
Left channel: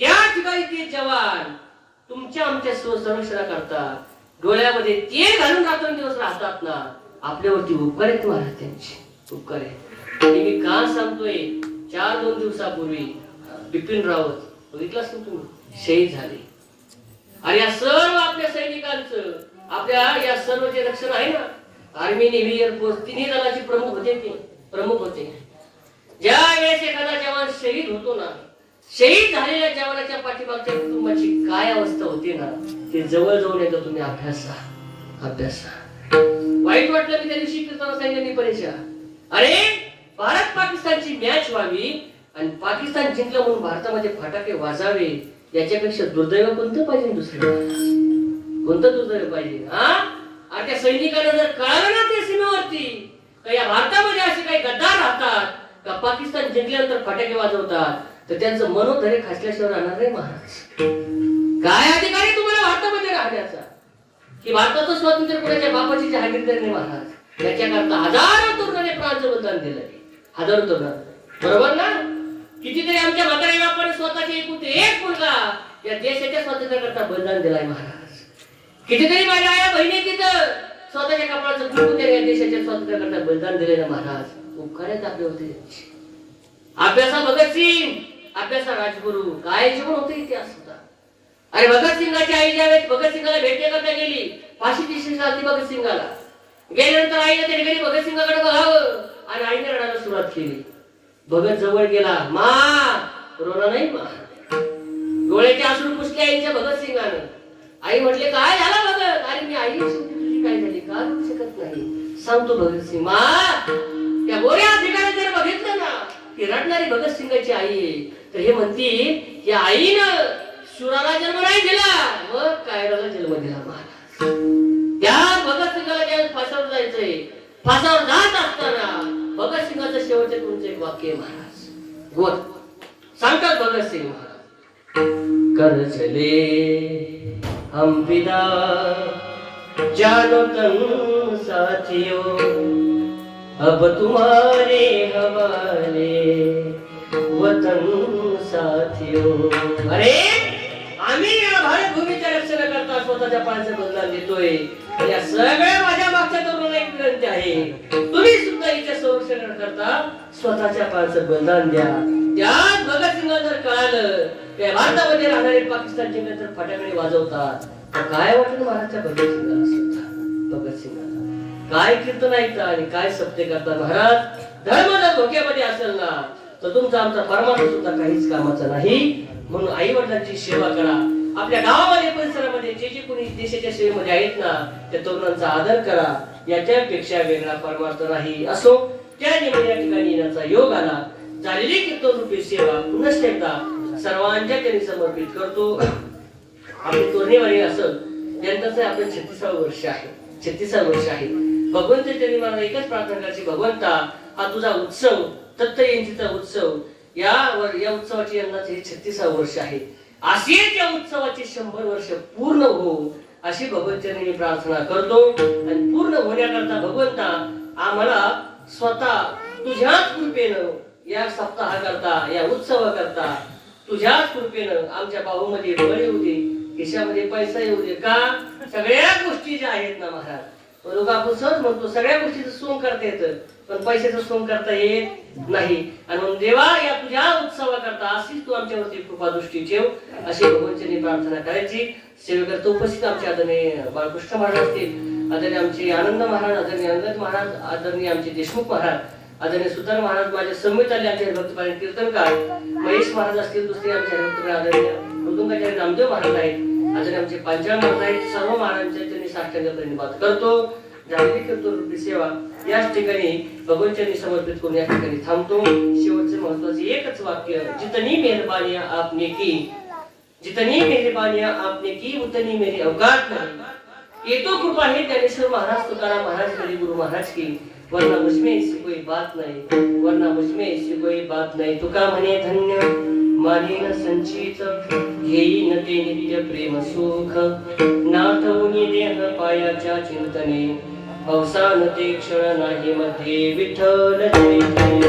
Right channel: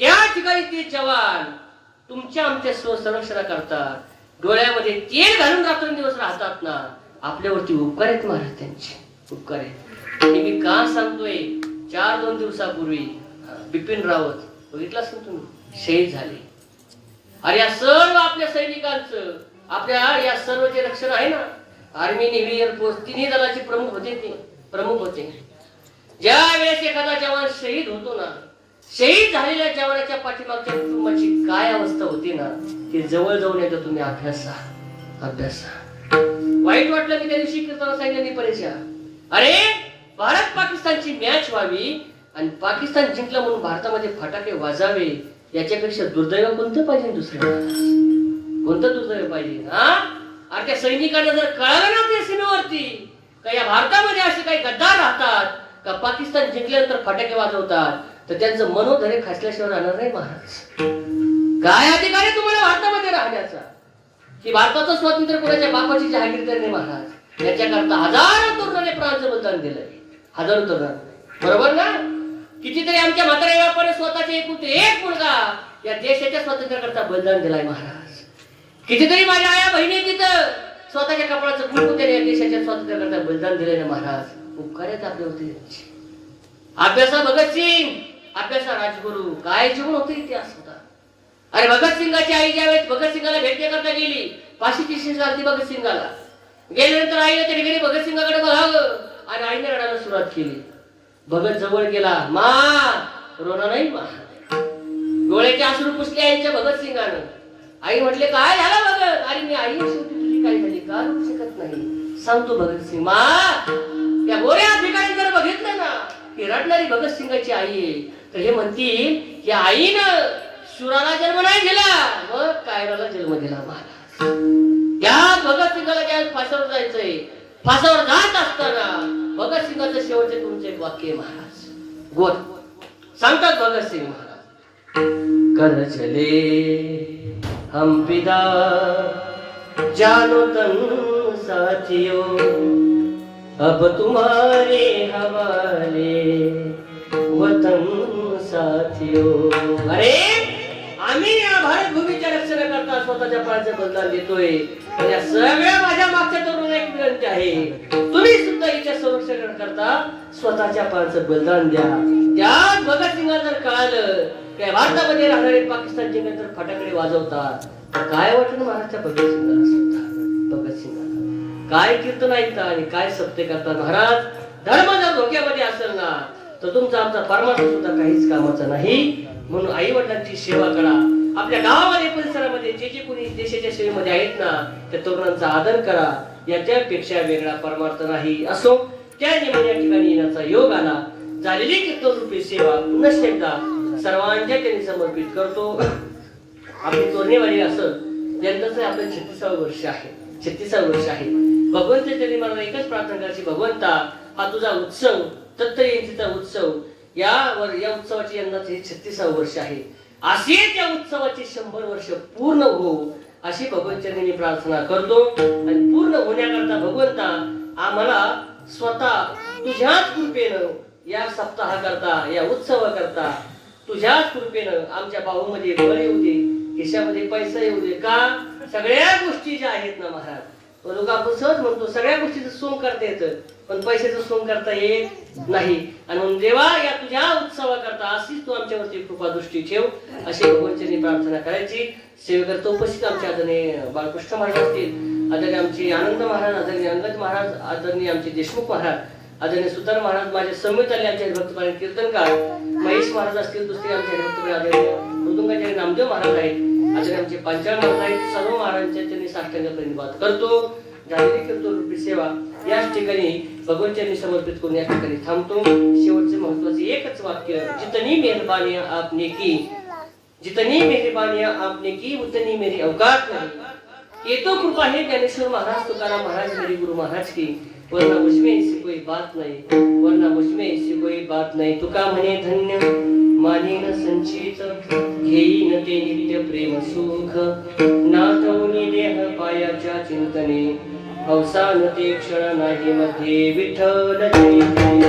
त्या ठिकाणी ते जवान तुमच्या आमच्या संरक्षणा करतात, डोळ्यामध्ये तेल घालून रात्रंदिवस राहतात ना. आपल्यावरती उपकार आहेत महाराज, त्यांचे उपकार आहेत. मी का सांगतोय, 4-2 दिवसापूर्वी बिपिन रावत बघितलास ना तुम्ही, शहीद झाले. अरे या सर्व आपल्या सैनिकांचं, आपल्या या सर्व जे रक्षण आहे ना, आर्मी, नेव्ही, एअरफोर्स, तिन्ही दलाचे प्रमुख होते. ज्या वेळेस एखादा जवान शहीद होतो ना, शहीद झालेल्या जवानाच्या पाठीमागच्या कुटुंबाची काय अवस्था होती ना, ते जवळ जाऊन येतं. तुम्ही अभ्यासा. वाईट वाटलं की त्या दिवशी कीर्तन सांगितलं, अरे भारत पाकिस्तानची मॅच व्हावी आणि पाकिस्तान जिंकलं म्हणून भारतामध्ये फटाके वाजावे, याच्यापेक्षा दुर्दैव कोणतं पाहिजे दुसरं? कोणतं दुर्दैव पाहिजे? हा, अरे त्या सैनिकांना जर कळालं ना त्या सीमेवरती का या भारतामध्ये असे काही गद्दार राहतात का पाकिस्तान जिंकल्यानंतर फटाके वाजवतात, तर त्यांचं मनोधैर्य खचल्याशिवाय राहणार नाही महाराज. काय अधिकार आहे तुम्हाला भारतामध्ये राहण्याचा? की भारताचं स्वातंत्र्य कोणाच्या बापाची जहागीरदारी नाही महाराज. याच्याकरता हजारो तरुणांनी प्राणाचं बलिदान दिलंय, हजारो तरुणांनी, बरोबर ना? कितीतरी आमच्या म्हाताऱ्या व्यापारी स्वतःचे एक मुलगा या देशाच्या स्वातंत्र्याकरता बलिदान दिलाय महाराज. कितीतरी माझ्या आया बहिणी तिथं स्वतःच्या कपड्याचं कुंकू या देशाच्या स्वातंत्र्याकरता बलिदान दिलंय ना महाराज. उपकार आहेत आपल्यावरती. अभ्यासा भगतसिंग, अभ्यासा राजगुरू, काय जीवन होते इतिहास होता. अरे भगतसिंगाची आई ज्यावेळेस भगतसिंगाला भेटण्याकरता गेली, फाशीची शिक्षा झाली भगतसिंगाला. गेल्यानंतर आईने तरी गेली भगतसिंगाकडे बघावं आणि आईने रडायला सुरुवात केली. भगत जवळ गेला, मा रोना नाही मा. डोळ्याचे अश्रू पुसले आईच्या भगतसिंगानं. आई म्हटले काय झालं भगत? अरे मी आई तुझी काय झाली का करू शकत नाही, सांगतो भगतसिंग. मा त्या गोऱ्या ठिकाणी जर बघितलं ना की रडणारी भगतसिंगाची आई आहे, तर हे म्हणती की आईनं सुराला जन्म नाही दिला, मग कायराला जन्म दिला महाराज. त्या भगतसिंगाला ज्या फासावर जायचंय, फासावर जात असताना भगतसिंगाचं शेवटचे तुमचे एक वाक्य महाराज गोड सांगतात भगतसिंग महाराज. कर चले हम पिता जानो तन साथियों, अब तुम्हारे हवाले वतन साथियों. अरे आम्ही या भारत भूमीच्या रक्षणाकरता स्वतःच्या प्राणाचं बलिदान देतोय. या सगळ्या माझ्या मागच्या तरुणांना एक विनंती आहे, तुम्ही सुद्धा हिच्या संरक्षणाकरता स्वतःच्या प्राणाचं बलिदान द्या. त्यात भगतसिंगाला जर कळालं की भारतामध्ये राहणारे पाकिस्तान जिंकल्यानंतर फटाकडे वाजवतात, तर काय वाटलं महाराजच्या भगतसिंगाला? सुद्धा भगतसिंगाला काय कीर्तन ऐकता आणि काय सत्य करता महाराज. धर्म जर धोक्यामध्ये असेल ना तर तुमचा आमचा परमार्थ सुद्धा काहीच कामाचा नाही. म्हणून आई वडिलांची सेवा करा. आपल्या गावामध्ये परिसरामध्ये जे जे कोणी देशाच्या सेवेमध्ये आहेत ना त्या तरुणांचा आदर करा. याच्यापेक्षा वेगळा परमार्थ नाही. असो त्या निमित्ताने या ठिकाणी येण्याचा योग आला. झालेली कीर्तन रूपी सेवा पुन्हा एकदा सर्वांच्या त्यांनी समर्पित करतो. आपली तोरणेवाडी असं ज्यांचं आपण 36 वर्ष आहे, 36 वर्ष आहे. भगवंत त्यांनी मला एकच प्रार्थना करायची, भगवंता हा तुझा उत्सव, दत्त जयंतीचा उत्सव, या उत्सवाची यंदाचे 36 वर्ष आहे. असे त्या उत्सवाचे 100 वर्ष पूर्ण हो अशी भगवंतांनी मी प्रार्थना करतो. आणि पूर्ण होण्याकरता भगवंता आम्हाला स्वतः तुझ्या कृपेनं या सप्ताहाकरता, या उत्सवाकरता तुझ्याच कृपेनं आमच्या बाहूमध्ये बळ येऊ दे, खिशामध्ये पैसा येऊ दे. का सगळ्या गोष्टी ज्या आहेत ना महाराज, तो लोक आपण सहज म्हणतो सगळ्या गोष्टीचं सोंग करता येतं, पण पैशाचं सोंग करता येत नाही. आणि म्हणून देवा या तुझ्या उत्सवाकरता अशीच तू आमच्यावरती कृपा दृष्टी ठेव अशी भगवंतांनी प्रार्थना करायची. सेवेकरता उपस्थित आमचे आदरणीय बाळकृष्ण महाराज असतील, आदरणीय आमचे आनंद महाराज, आदरणीय अंगद महाराज, आदरणीय आमचे देशमुख महाराज, आदरणीय सुतार महाराज, माझे संमित आले आमचे भक्तपारायण कीर्तनकार महेश महाराज असतील, दुसरे आमचे भक्तपारायण आदरणीय मृदुंगाचार्य नामदेव महाराज आहेत, आदरणीय आमचे पांचाळ महाराज आहेत. सर्व महाराजांच्या त्यांनी साष्टांग धन्यवाद करतो. झालेली कीर्तन रूपी सेवा याच ठिकाणी भगवंतांनी समर्पित करून या ठिकाणी थांबतो. शेवटचे महत्वाचे एकच वाक्य, जितनी मेहरबानी आपने की, जितनी मेहरबानी आपने की उतनी मेरी औकात नहीं. ये तो कृपा है ज्ञानेश्वर महाराज, तुकाराम महाराज, मेरे गुरु महाराज की. वरना मुझमें ऐसी कोई बात नहीं, वरना मुझमें ऐसी कोई बात नहीं. तुका म्हणे धन्य मानेन संचित, घेईन ते नित्य प्रेम सुख. नाथवनी देह पायाच्या चिंतने, अवसान ते क्षण नाही मध्ये विठ्ठल जनी.